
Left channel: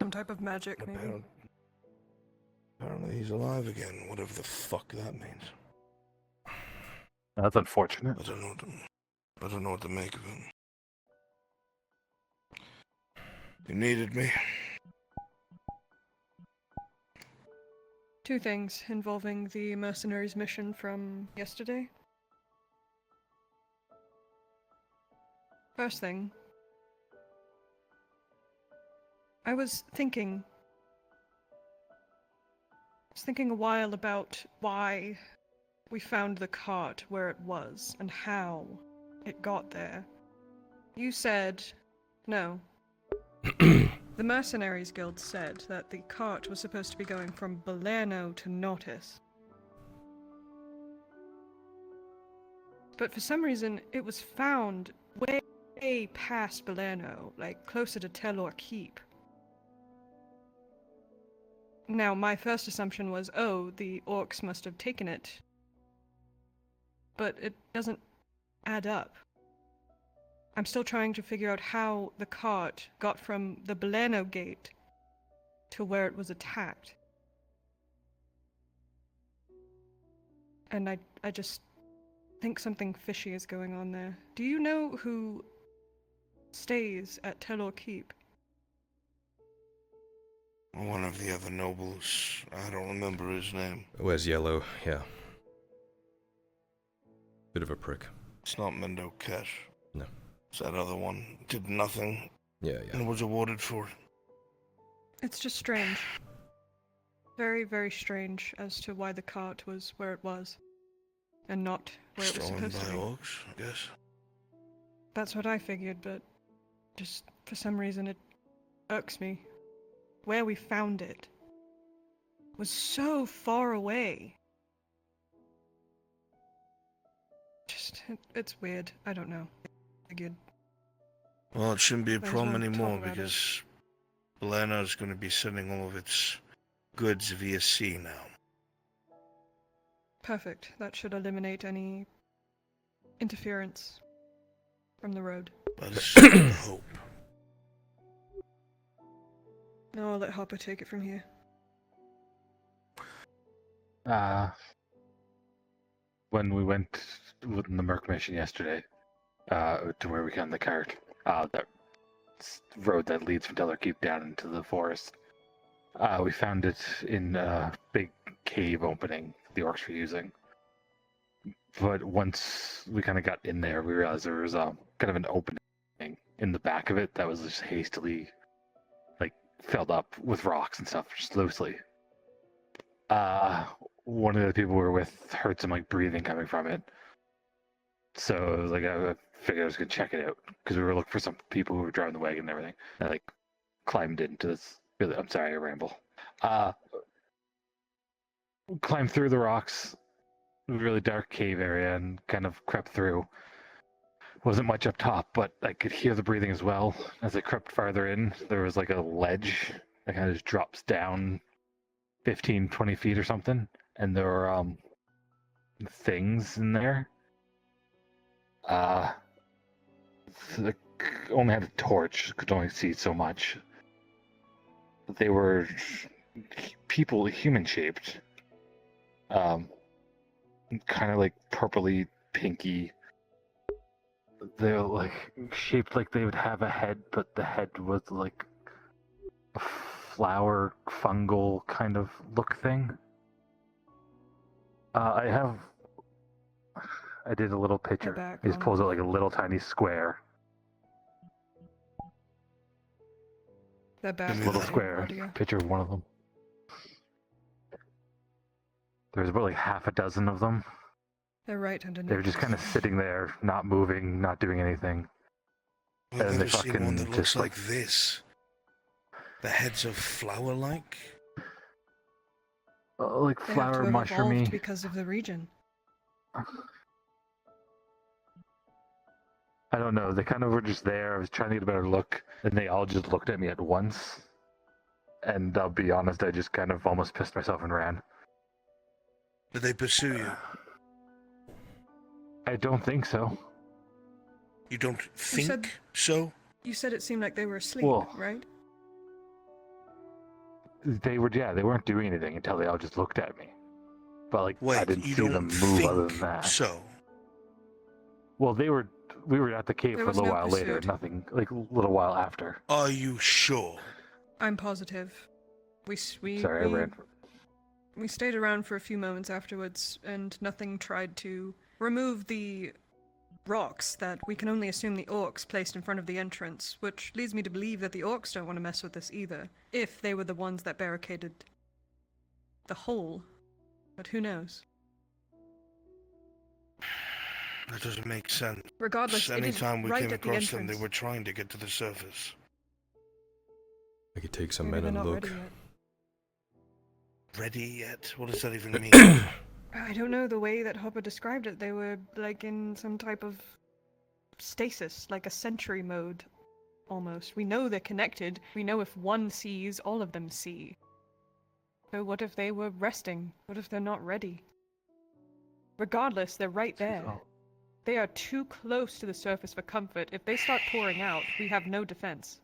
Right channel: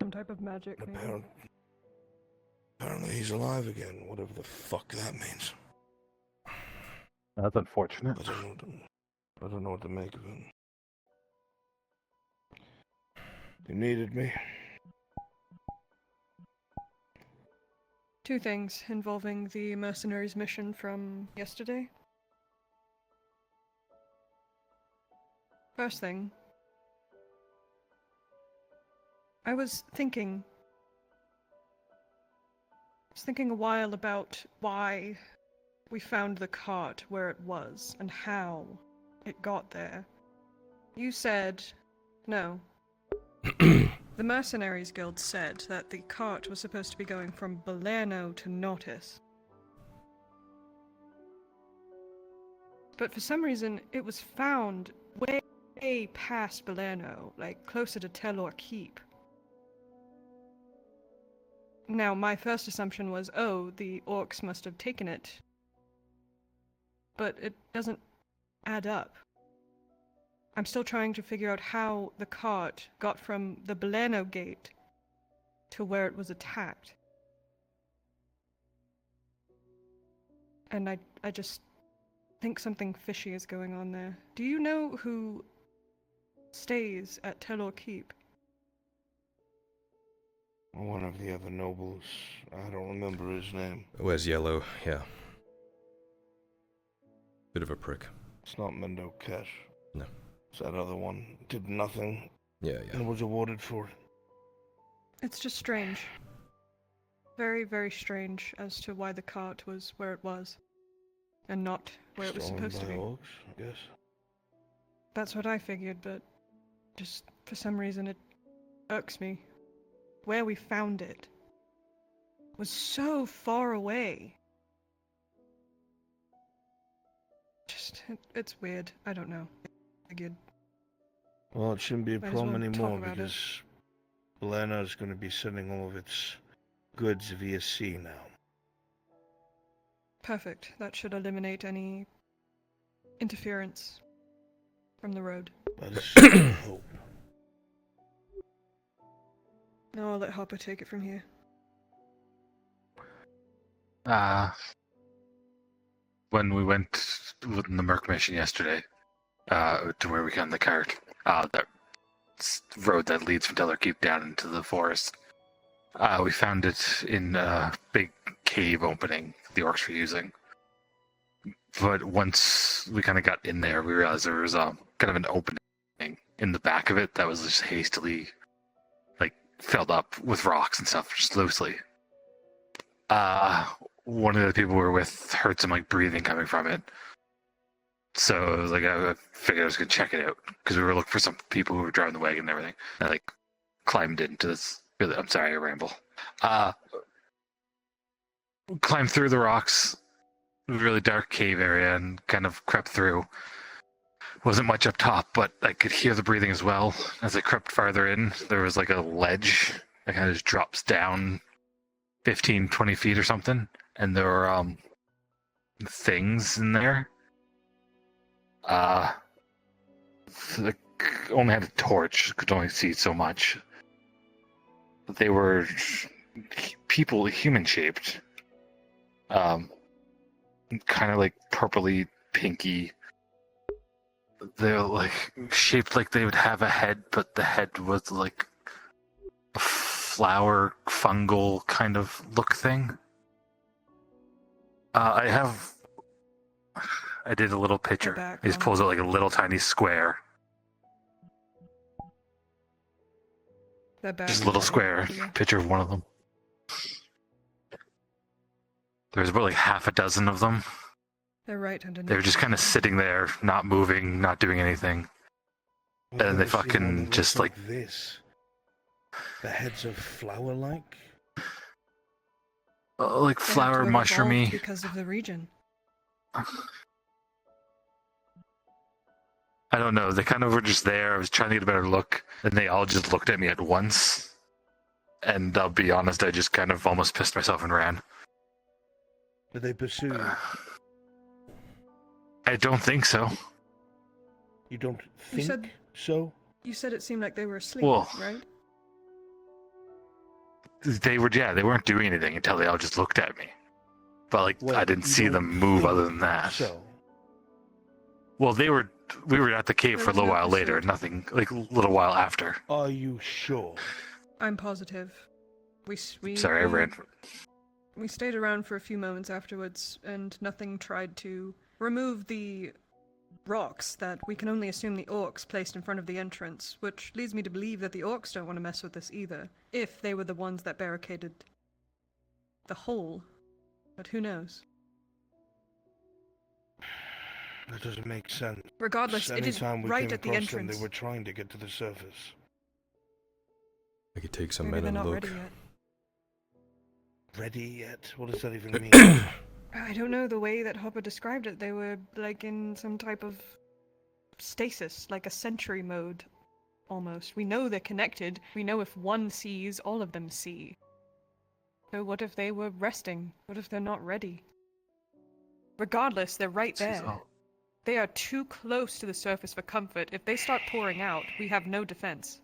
Some type of magic, maybe. Apparently he's alive again, whatever the fuck that means. That's unfortunate. I don't know what to make of it. You needed me. 2 things involving the mercenaries mission from yesterday. First thing, I was thinking a while about why we found the cart where it was and how it got there. You said no. The Mercenaries Guild said that the cart was supposed to be going from Belerno to Nautis. But for some reason, it was found way past Belerno, like closer to Telor Keep. Now, my first assumption was, oh, the orcs must have taken it. But it doesn't add up. I'm still trying to figure out how the cart got from the Belerno gate to where it was attacked. And I just think something fishy is going on there. Do you know who stays at Telor Keep? One of the other nobles. I don't remember his name. Wears yellow, yeah. Bit of a prick. It's not Mendo Kesh. No. It's that other one. Did nothing. Yeah. And was awarded for it. It's just strange. Very, very strange as to why the cart was where it was. And not where it was supposed to be. Orcs, I guess. That's what I figured, but just for some reason it irks me. Where we found it was so far away. Just It's weird. I don't know. I get. Well, it shouldn't be a Might as problem well talk anymore about it. because Belana is going to be sending all of its goods via sea now. Perfect. That should eliminate any interference from the road. That is hope. Now I'll let Hopper take it from here. When we went with the Merc mission yesterday, to where we got in the cart, that road that leads from Dellerkeep down into the forest, we found it in a big cave opening the orcs were using. But once we kind of got in there, we realized there was kind of an opening in the back of it that was just hastily, filled up with rocks and stuff, just loosely. One of the people we were with heard some breathing coming from it. So it was I figured I was gonna check it out because we were looking for some people who were driving the wagon and everything. And I climbed into this. Really, I'm sorry, I ramble. Climbed through the rocks, really dark cave area, and kind of crept through. Wasn't much up top, but I could hear the breathing as well. As I crept farther in, there was a ledge that kind of just drops down 15, 20 feet or something. And there were things in there. Only had a torch, could only see so much. They were people, human-shaped. Kind of purpley, pinky. They're shaped like they would have a head, but the head was a flower, fungal kind of look thing. I did a little picture. He just pulls out a little tiny square. Just a little square picture of one of them. There's about half a dozen of them. They're right underneath. They were just kind of sitting there, not moving, not doing anything. And they fucking just like this. The heads of flower-like? Flower, They have to have mushroomy. evolved because of the region. I don't know. They kind of were just there. I was trying to get a better look, and they all just looked at me at once. And I'll be honest, I just kind of almost pissed myself and ran. Did they pursue you? I don't think so. You don't think so? You said it seemed like they were asleep, Well, right? They weren't doing anything until they all just looked at me. But I didn't see them move other than that. So? Well, we were at the cave There for a was little no while later, pursuit. nothing, a little while after. Are you sure? I'm positive. Sorry, I ran. We stayed around for a few moments afterwards, and nothing tried to remove the rocks that we can only assume the orcs placed in front of the entrance, which leads me to believe that the orcs don't want to mess with this either, if they were the ones that barricaded the hole. But who knows? That doesn't make sense. Regardless, it is Anytime we right came at the across them, entrance. they were trying to get to the surface. I could take some Maybe men they're and not look. ready yet. Ready yet? What does that even mean? I don't know the way that Hopper described it. They were in some type of stasis, like a sentry mode, almost. We know they're connected. We know if one sees, all of them see. So what if they were resting? What if they're not ready? Regardless, they're right there. They are too close to the surface for comfort. If they start pouring out, we have no defense.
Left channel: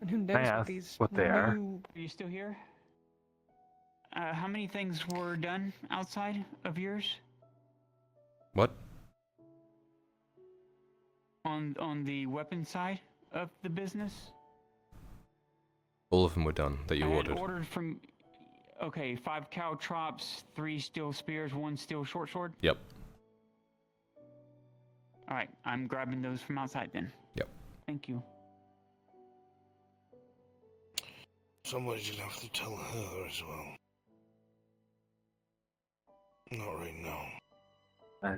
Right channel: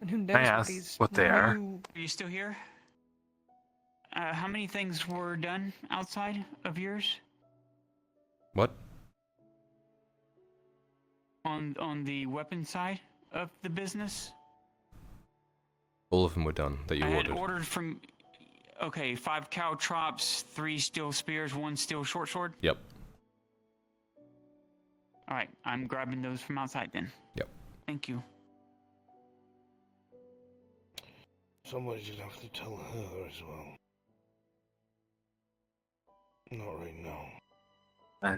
And who knows what these what they are. new... Are you still here? How many things were done outside of yours? What? On the weapon side of the business? All of them were done that you I had ordered. ordered from... Okay, 5 caltrops, 3 steel spears, 1 steel short sword? Yep. Alright, I'm grabbing those from outside then. Yep. Thank you. Somebody's gonna have to tell her as well. Not right now. I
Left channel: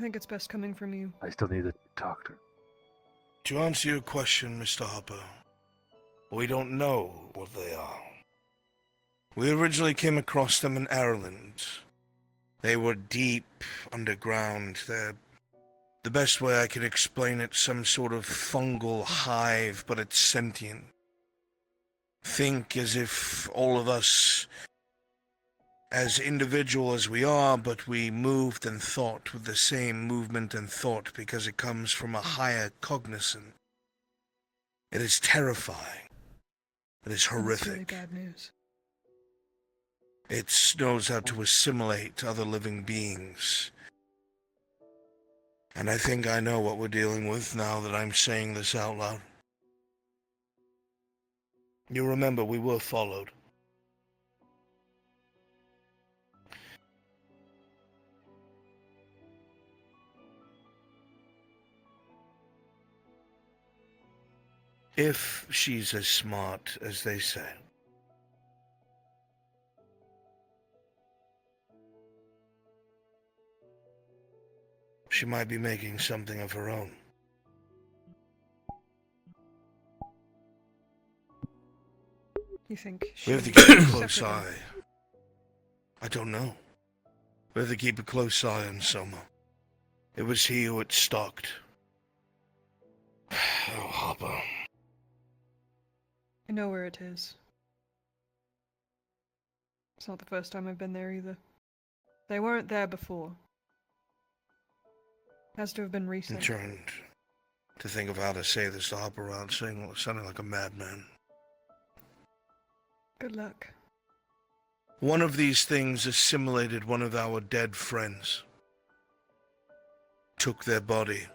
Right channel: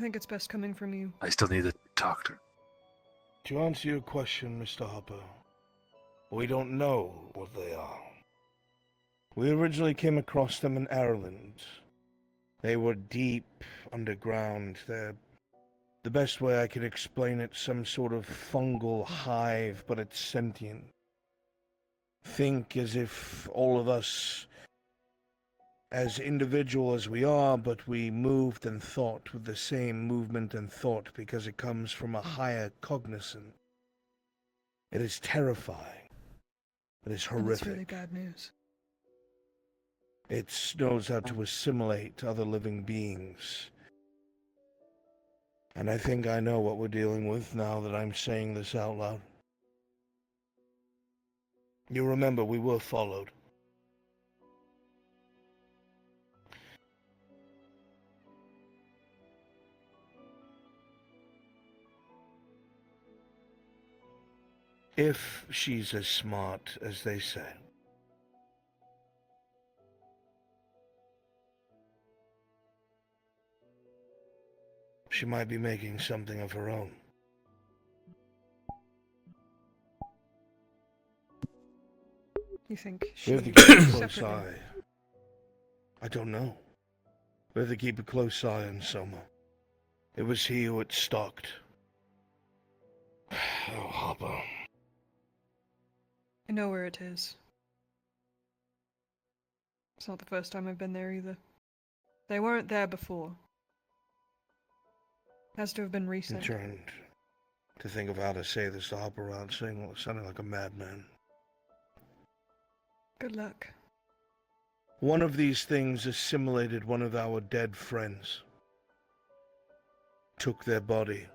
think it's best coming from you. I still need to talk to her. To answer your question, Mr. Hopper, we don't know what they are. We originally came across them in Ireland. They were deep underground. They're, the best way I could explain it, some sort of fungal hive, but it's sentient. Think as if all of us, as individual as we are, but we moved and thought with the same movement and thought because it comes from a higher cognizance. It is terrifying. It is horrific. That's really bad news. It knows how to assimilate other living beings. And I think I know what we're dealing with now that I'm saying this out loud. You remember we were followed. If she's as smart as they say. She might be making something of her own. You think We have to she- keep a close separate eye. I don't know. We have to keep a close eye on Soma. It was he who had stalked. Oh, Hopper. I know where it is. It's not the first time I've been there either. They weren't there before. Has to have been I'm recent. trying to think of how to say this to Hopper without sounding like a madman. Good luck. One of these things assimilated one of our dead friends. Took their body.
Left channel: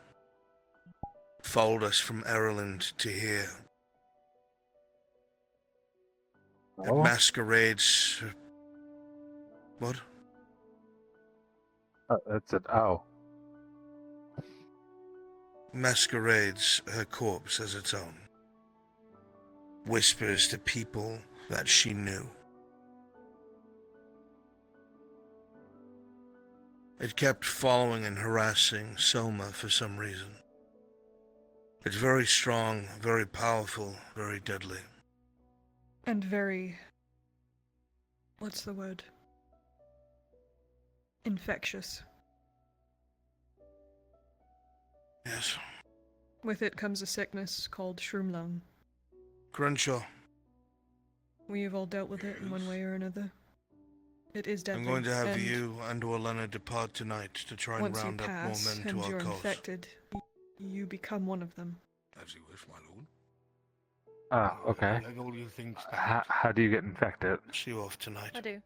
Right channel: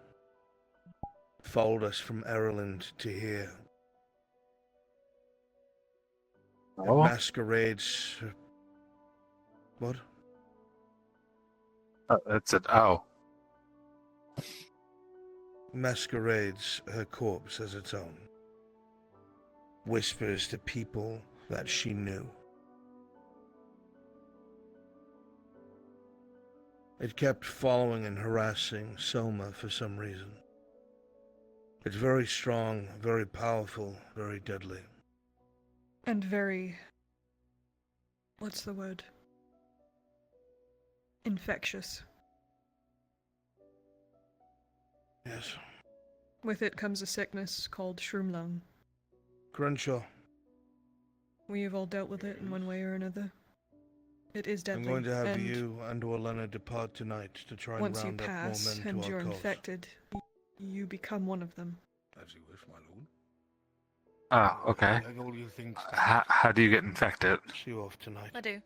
Followed us from Ireland to here. It Oh. masquerades... What? That's it. Oh. Masquerades her corpse as its own. Whispers to people that she knew. It kept following and harassing Soma for some reason. It's very strong, very powerful, very deadly. And very... what's the word? Infectious. Yes. With it comes a sickness called shroom lung. Crenshaw, We've all dealt with it in one way or another. It is deadly. I'm going to have and you and Orlena depart tonight to try and once you round up more pass men and to you're our cause. infected, you become one of them. Ah, okay. How do you get infected? See you off tonight. I do.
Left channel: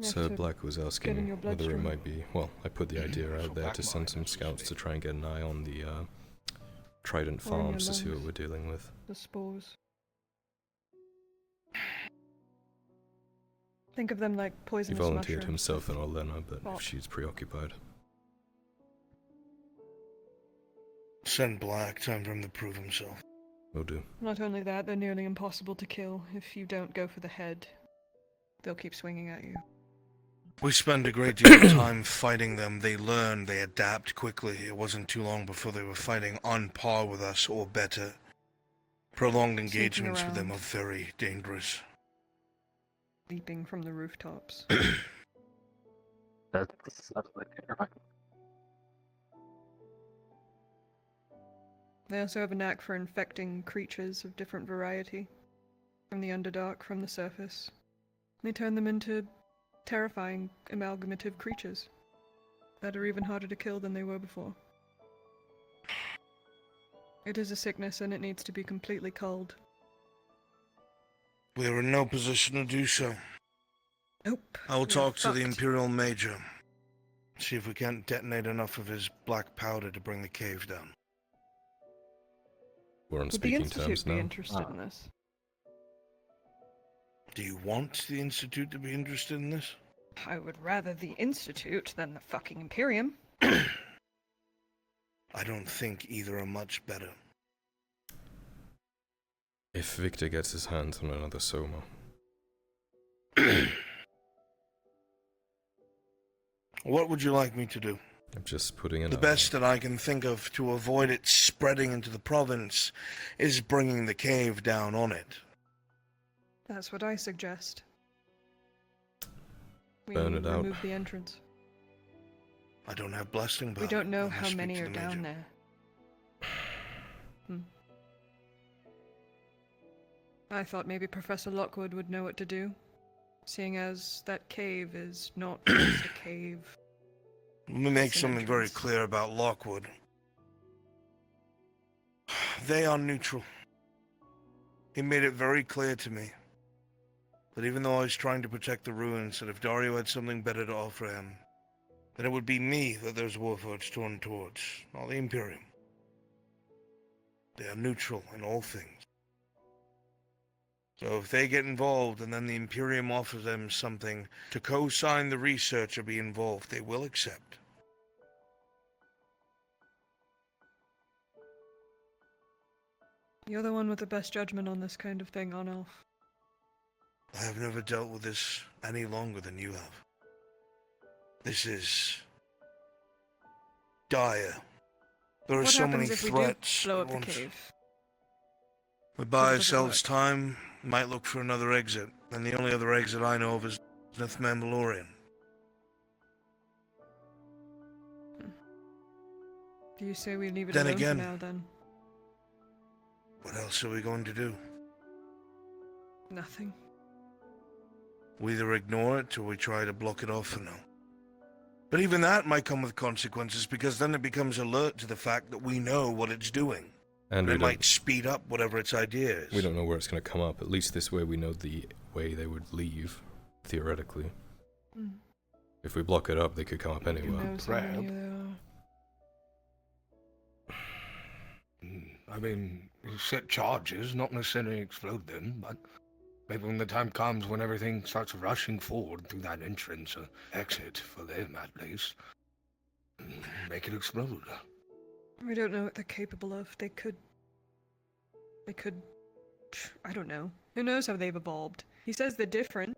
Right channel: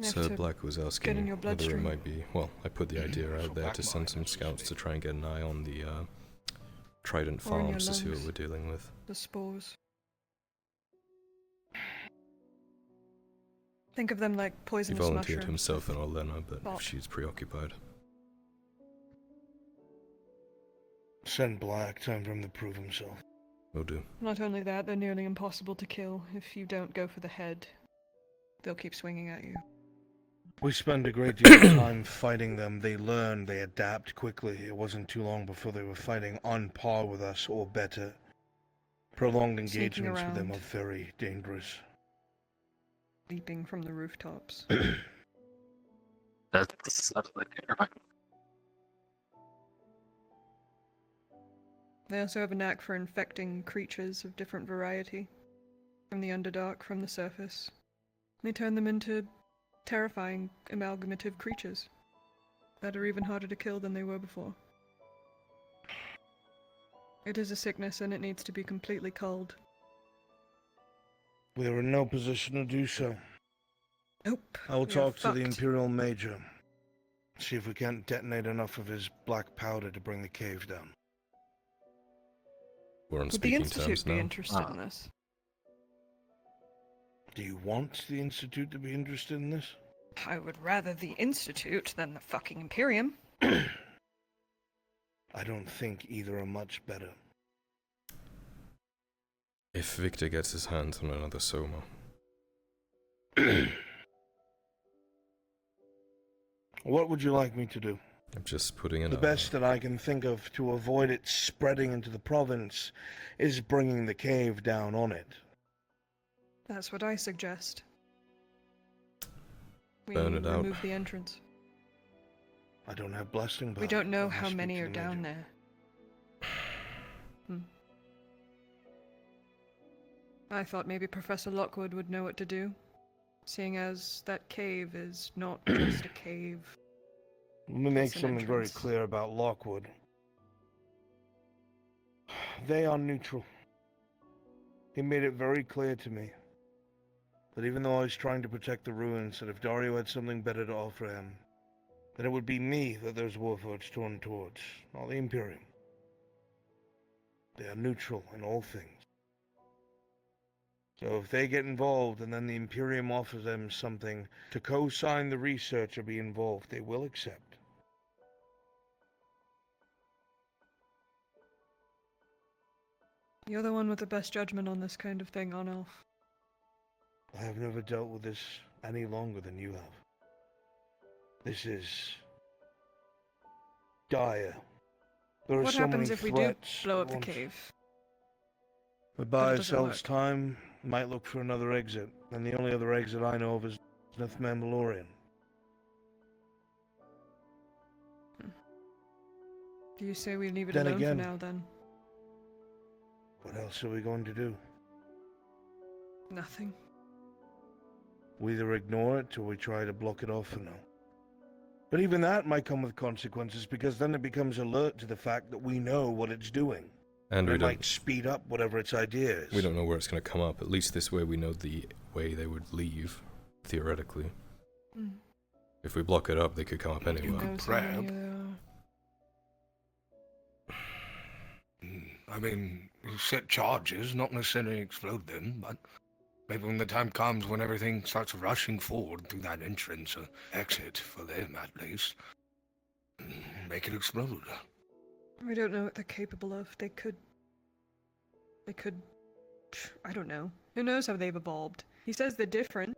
Sir Black was get in asking your whether it bloodstream. might be... Well, I put the idea out there to send some scouts to try and get an eye on the Trident Or in your farms to see what lungs. we're dealing with. The spores. Think of them like He poisonous volunteered mushrooms. himself and Orlena, but Oh. if she's preoccupied... Send Black, time for him to prove himself. Will do. Not only that, they're nearly impossible to kill. If you don't go for the head, they'll keep swinging at you. We spend a great deal of time fighting them. They learn, they adapt quickly. It wasn't too long before they were fighting on par with us or better. Prolonged Sneaking engagements with them around. are very dangerous. Leaping from the rooftops. That's like They also have a knack for infecting creatures of different variety. From the Underdark, from the surface. They turn them into terrifying, amalgamative creatures. That are even harder to kill than they were before. It is a sickness and it needs to be completely culled. We are in no position to do so. Nope. I will we are talk to the fucked. Imperial Major. See if we can't detonate enough of his black powder to bring the cave down. We're on Would the speaking Institute terms be now. interested in this? Do you want the Institute to be interested in this? I would rather the Institute than the fucking Imperium. I don't think either are much better. If Victor gets his hands on another Soma, What would you like me to do? I'm just putting in The a... best that I can think of to avoid it spreading into the province is bringing the cave down on it. That's what I suggest. We Burn it out. remove the entrance. I don't have blasting powder. We don't know I must how speak many to are the down major. there. I thought maybe Professor Lockwood would know what to do, seeing as that cave is not just a cave. Let me make It's an something very entrance. clear about Lockwood. They are neutral. He made it very clear to me that even though I was trying to protect the ruins, that if Dario had something better to offer him, then it would be me that those warforged torn towards, not the Imperium. They are neutral in all things. So if they get involved and then the Imperium offers them something to co-sign the research or be involved, they will accept. You're the one with the best judgment on this kind of thing, Arnulf. I have never dealt with this any longer than you have. This is dire. There are What so happens many if we do threats blow at up the once. cave? We But buy it doesn't ourselves work. time, might look for another exit, and the only other exit I know of is North Mandalorian. Do you say we leave it Then alone again- for now, then? What else are we going to do? Nothing. We either ignore it or we try to block it off for now. But even that might come with consequences, because then it becomes alert to the fact that we know what it's doing. And we it don't. might speed up whatever its idea is. We don't know where it's going to come up. At least this way we know the way they would leave, theoretically. Mm. If we block it up, they could come up Who anywhere. knows how many there are? I mean, you set charges, not necessarily explode them, but maybe when the time comes when everything starts rushing forward through that entrance or exit, for them at least, make it explode. We don't know what they're capable of. They could... I don't know. Who knows how they've evolved? He says they're different.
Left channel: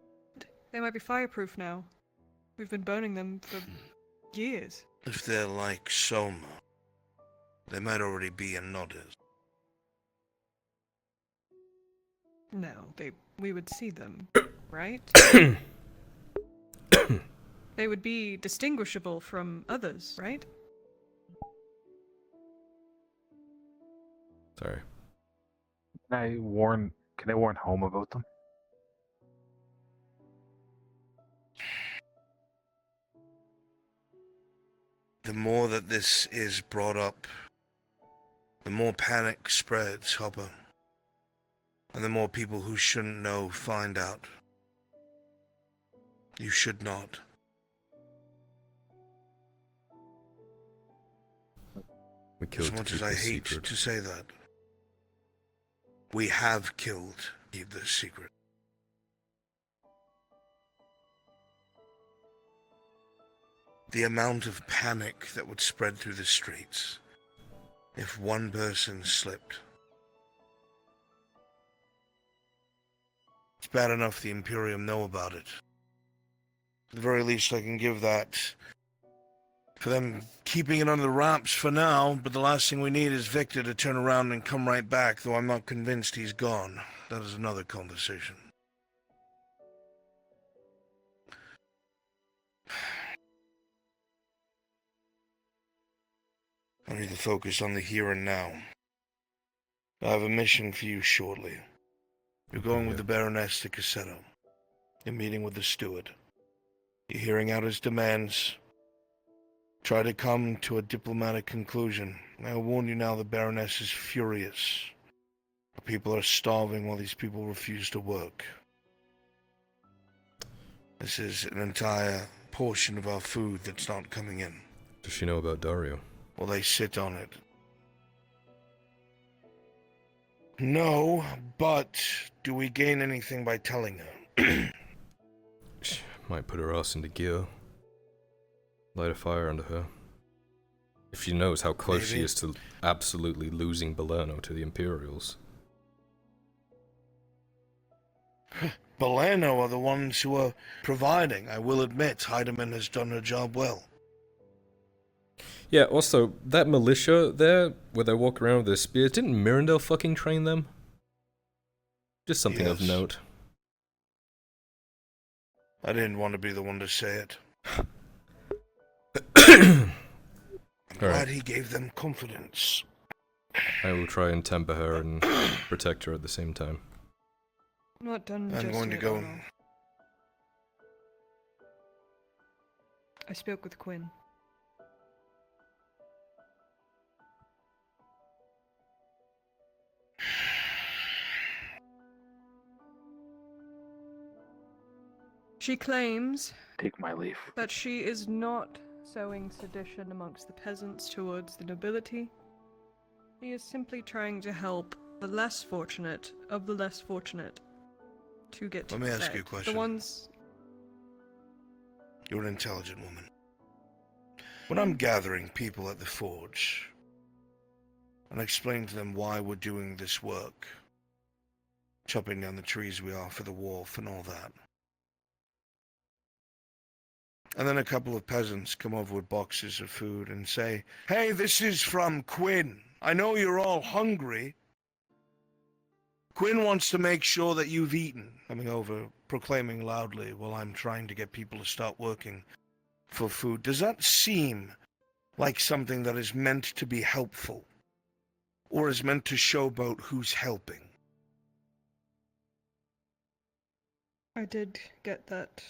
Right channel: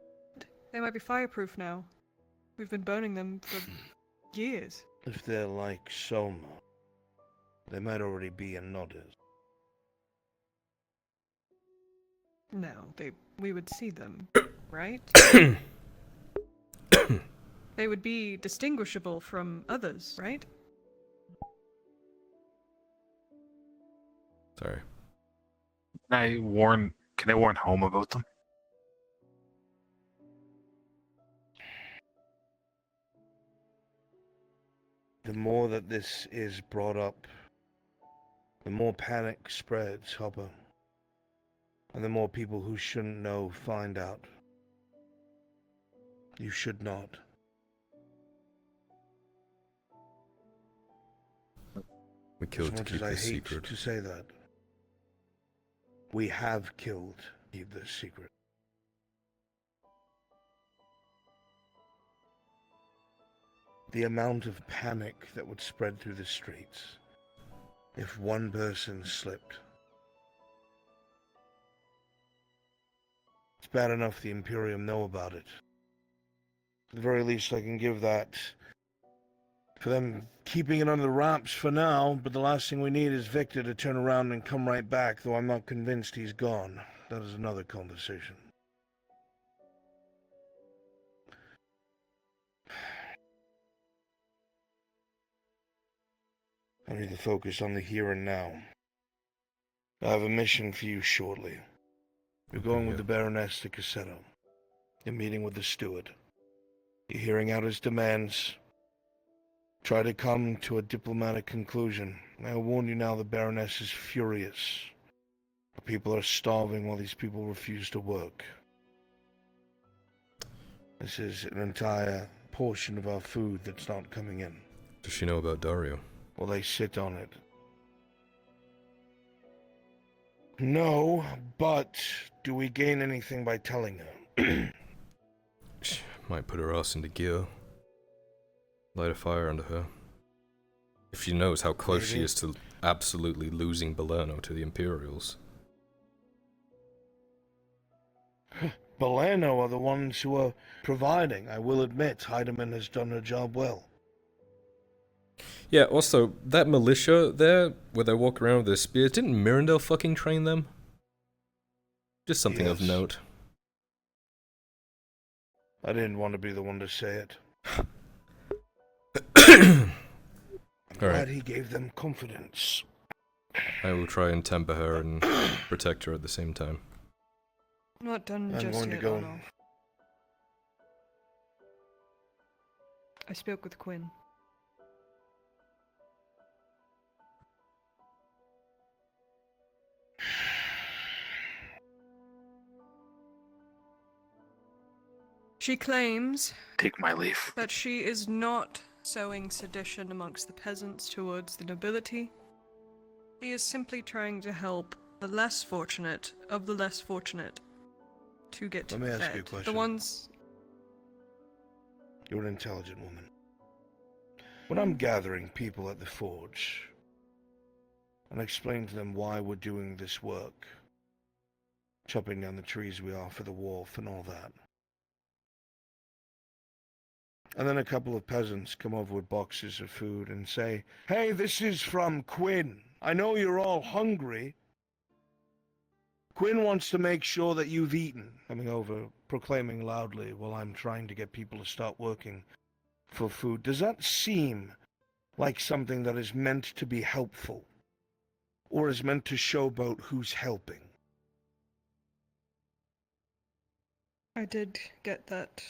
They might be fireproof now. We've been burning them for years. If they're like Soma, they might already be in Nautis. No, we would see them, right? They would be distinguishable from others, right? Sorry. Can I warn home about them? The more that this is brought up, the more panic spreads, Hopper. And the more people who shouldn't know find out. You should not. We killed As to much keep as I this hate secret. to say that, we have killed to keep this secret. The amount of panic that would spread through the streets if one person slipped. It's bad enough the Imperium know about it. At the very least, I can give that for them keeping it under the wraps for now, but the last thing we need is Victor to turn around and come right back, though I'm not convinced he's gone. That is another conversation. I need to focus on the here and now. I have a mission for you shortly. You're going with the Baroness to Cassetto. You're meeting with the steward. You're hearing out his demands. Try to come to a diplomatic conclusion. I'll warn you now, the Baroness is furious. The people are starving while these people refuse to work. This is an entire portion of our food that's not coming in. Does she know about Dario? Well, they sit on it. No, but do we gain anything by telling her? Might put her ass into gear. Light a fire under her. If she knows how close she Maybe. is to absolutely losing Balerno to the Imperials. Balerno are the ones who are providing. I will admit, Heidemann has done her job well. Yeah, also, that militia there, where they walk around with their spears, didn't Mirandel fucking train them? Just something of Yes. note. I didn't want to be the one to say it. Alright. Glad he gave them confidence. I will try and temper her and protect her at the same time. I'm not done I'm just going to yet, go. Arnold. I spoke with Quinn. She claims Take my leave. that she is not sowing sedition amongst the peasants towards the nobility. She is simply trying to help the less fortunate of the less fortunate to get Let me ask fed. you a question. The ones... You're an intelligent woman. When I'm gathering people at the forge and explain to them why we're doing this work, chopping down the trees we are for the wharf and all that, and then a couple of peasants come over with boxes of food and say, "Hey, this is from Quinn. I know you're all hungry. Quinn wants to make sure that you've eaten." Coming over, proclaiming loudly while I'm trying to get people to start working for food. Does that seem like something that is meant to be helpful? Or is meant to showboat who's helping? I did get that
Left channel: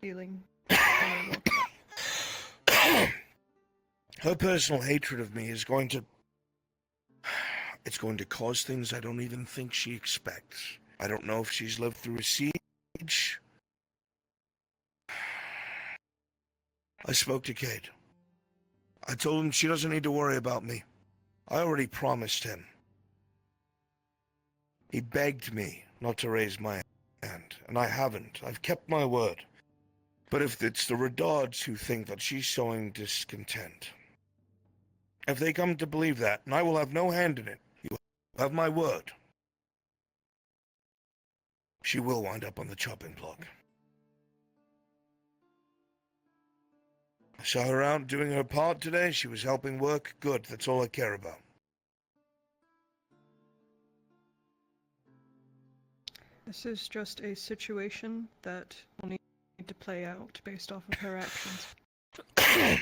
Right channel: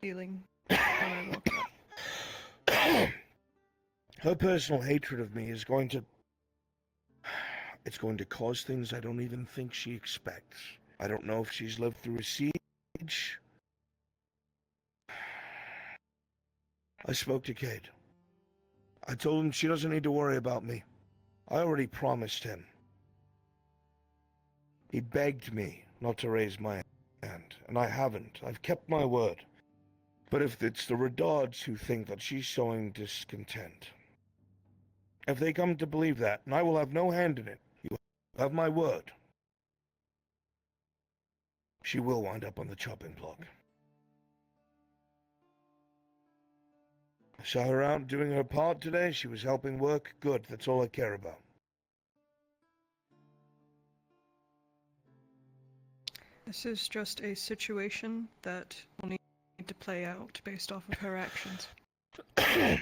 feeling when I walked up. Her personal hatred of me is going to... It's going to cause things I don't even think she expects. I don't know if she's lived through a siege. I spoke to Cade. I told him she doesn't need to worry about me. I already promised him. He begged me not to raise my hand, and I haven't. I've kept my word. But if it's the Redards who think that she's sowing discontent, if they come to believe that, and I will have no hand in it, you have my word, she will wind up on the chopping block. I saw her out doing her part today. She was helping work. Good, that's all I care about. This is just a situation that will need to play out based off of her actions. I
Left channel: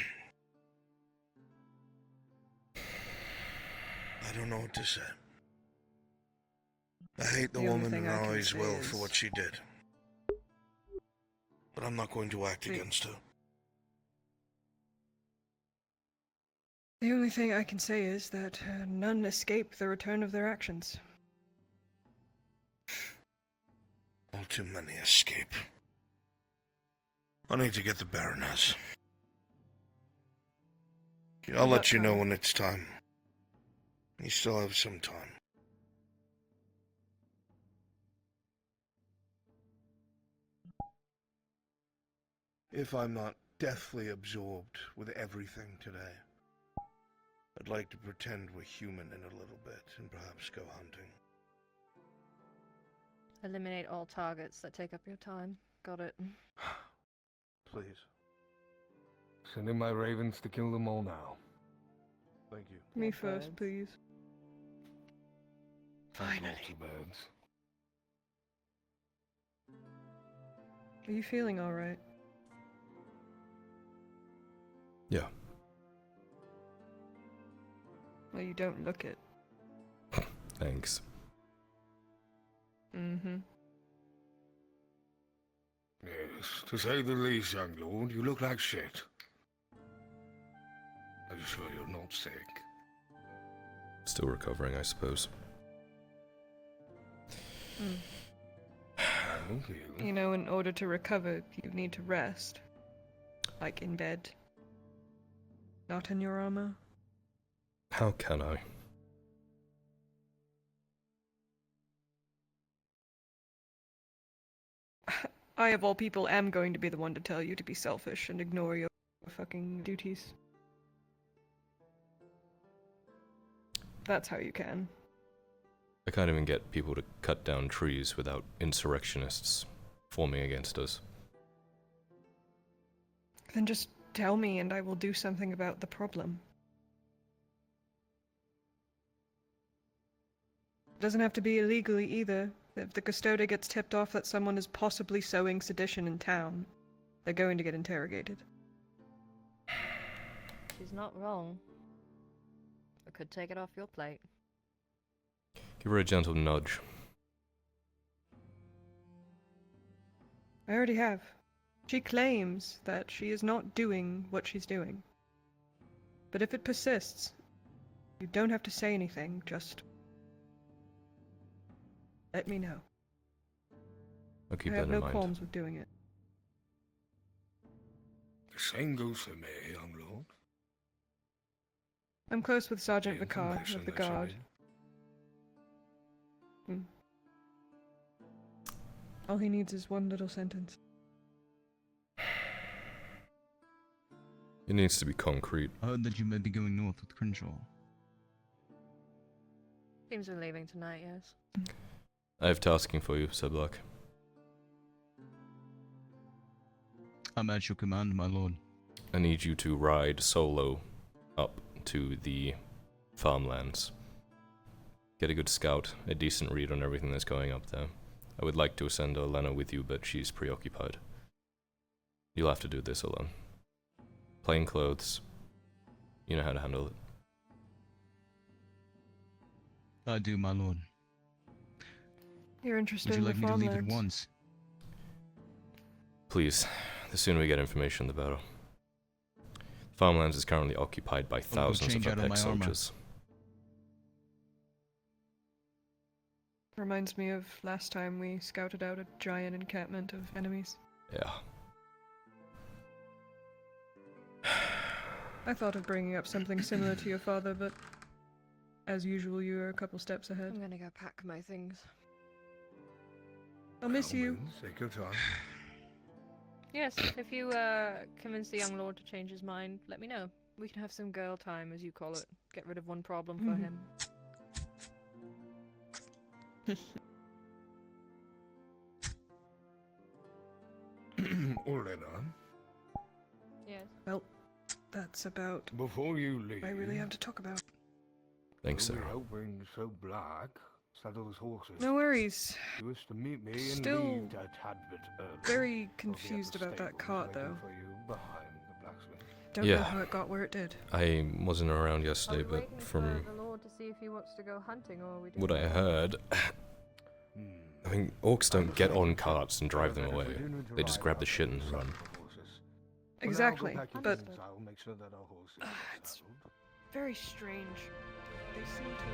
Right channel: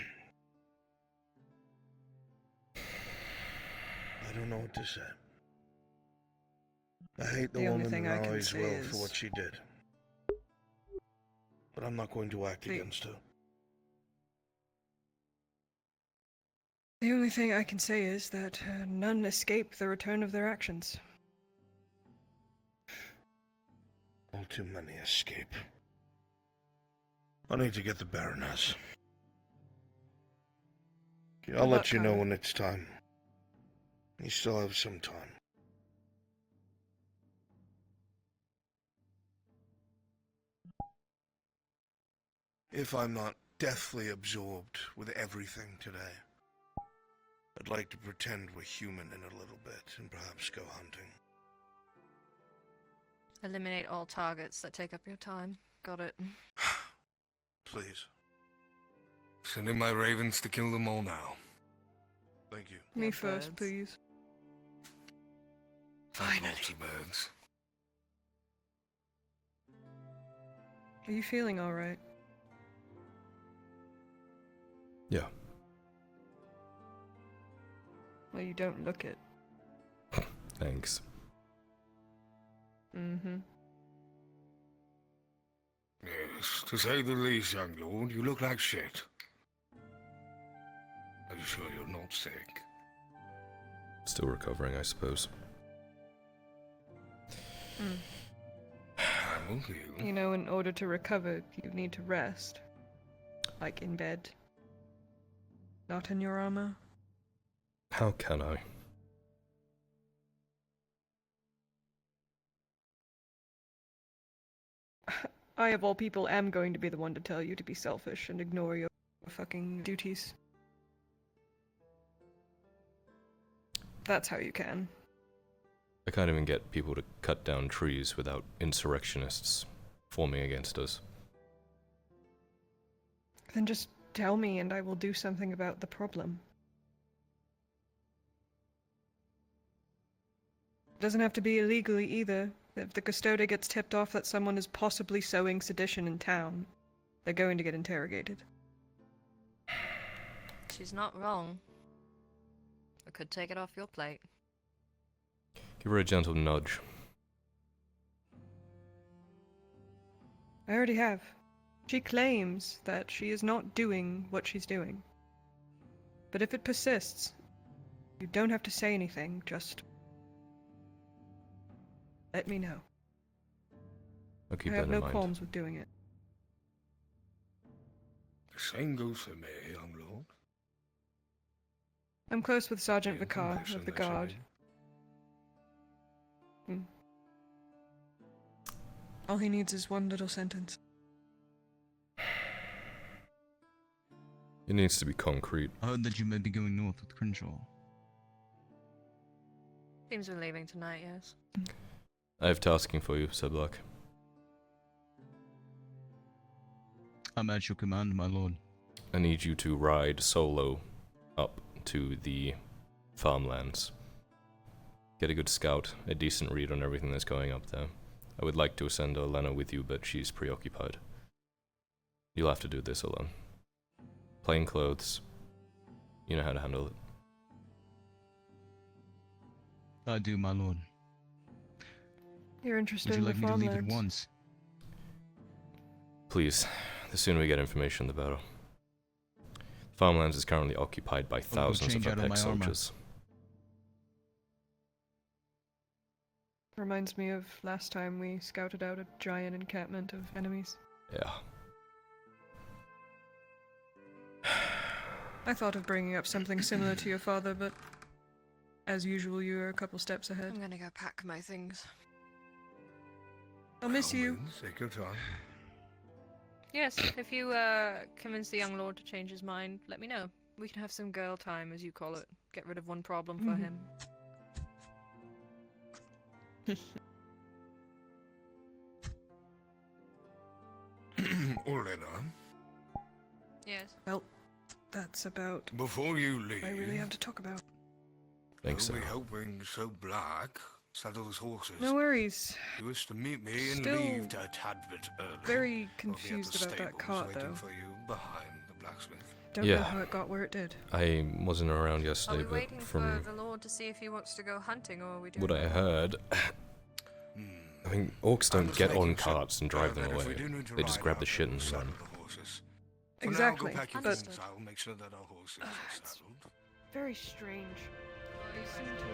don't know what to say. I hate the The only woman thing and I can always say will is- for what she did. But I'm not going to act against her. The only thing I can say is that none escape the return of their actions. All too many escape. I need to get the Baroness. I'll let you know when it's time. You still have some time. If I'm not deathly absorbed with everything today, I'd like to pretend we're human in a little bit and perhaps go hunting. Eliminate all targets that take up your time. Got it. Please. Send in my ravens to kill them all now. Thank you. Me first, please. Finally. Lots of birds. Are you feeling alright? Yeah. Well, you don't look it. Thanks. Mm-hmm. Yes, to say the least, young lord, you look like shit. Are you sure you're not sick? Still recovering, I suppose. Thank you. You know, in order to recover, you need to rest. Like in bed. Not in your armor. How can I? I, of all people, am going to be the one to tell you to be selfish and ignore your fucking duties. That's how you can. I can't even get people to cut down trees without insurrectionists forming against us. Then just tell me and I will do something about the problem. It doesn't have to be illegally either. If the custode gets tipped off that someone is possibly sowing sedition in town, they're going to get interrogated. She's not wrong. I could take it off your plate. Give her a gentle nudge. I already have. She claims that she is not doing what she's doing. But if it persists, you don't have to say anything, just let me know. I'll keep I that have in no mind. qualms with doing it. The same goes for me, young lord. I'm close with Sergeant The Vicar of information the that you Guard. need. All he needs is one little sentence. It needs to be concrete. I heard that you may be going north with Crenshaw. Seems we're leaving tonight, yes. I have tasking for you, Sir Black. I'm at your command, my lord. I need you to ride solo up to the farmlands. Get a good scout, a decent read on everything that's going up there. I would like to send Elena with you, but she's preoccupied. You'll have to do this alone. Plain clothes. You know how to handle it. I do, my lord. You're interested Would you in like the me to leave at farmlands? once? Please, the sooner we get information, the better. Farmlands is currently occupied by thousands of change out of Apex my armor. soldiers. Reminds me of last time we scouted out a giant encampment of enemies. Yeah. I thought of bringing up something similar to your father, but as usual, you are a couple steps ahead. I'm gonna go pack my things. I'll miss you. Take your time. Yes, if you convince the young lord to change his mind, let me know. We can have some girl time, as you call it. Get rid of one problem for him. Olena, Yes. Well, that's about before you leave, I really have to talk about. Thanks, I'll be sir. hoping so Black saddles horses. No worries. He was to meet me and Still leave a tad bit early. very I'll be at confused the about that stables cart, waiting though. for you behind the blacksmith. Don't know Yeah. how it got where it did. I wasn't around yesterday, but from the lord to see if he wants to go hunting, or are we what I heard, I mean, orcs don't get on carts and drive them away. They just grab the shit and run. Exactly, but I'll make sure that our horses it's very strange. They seem to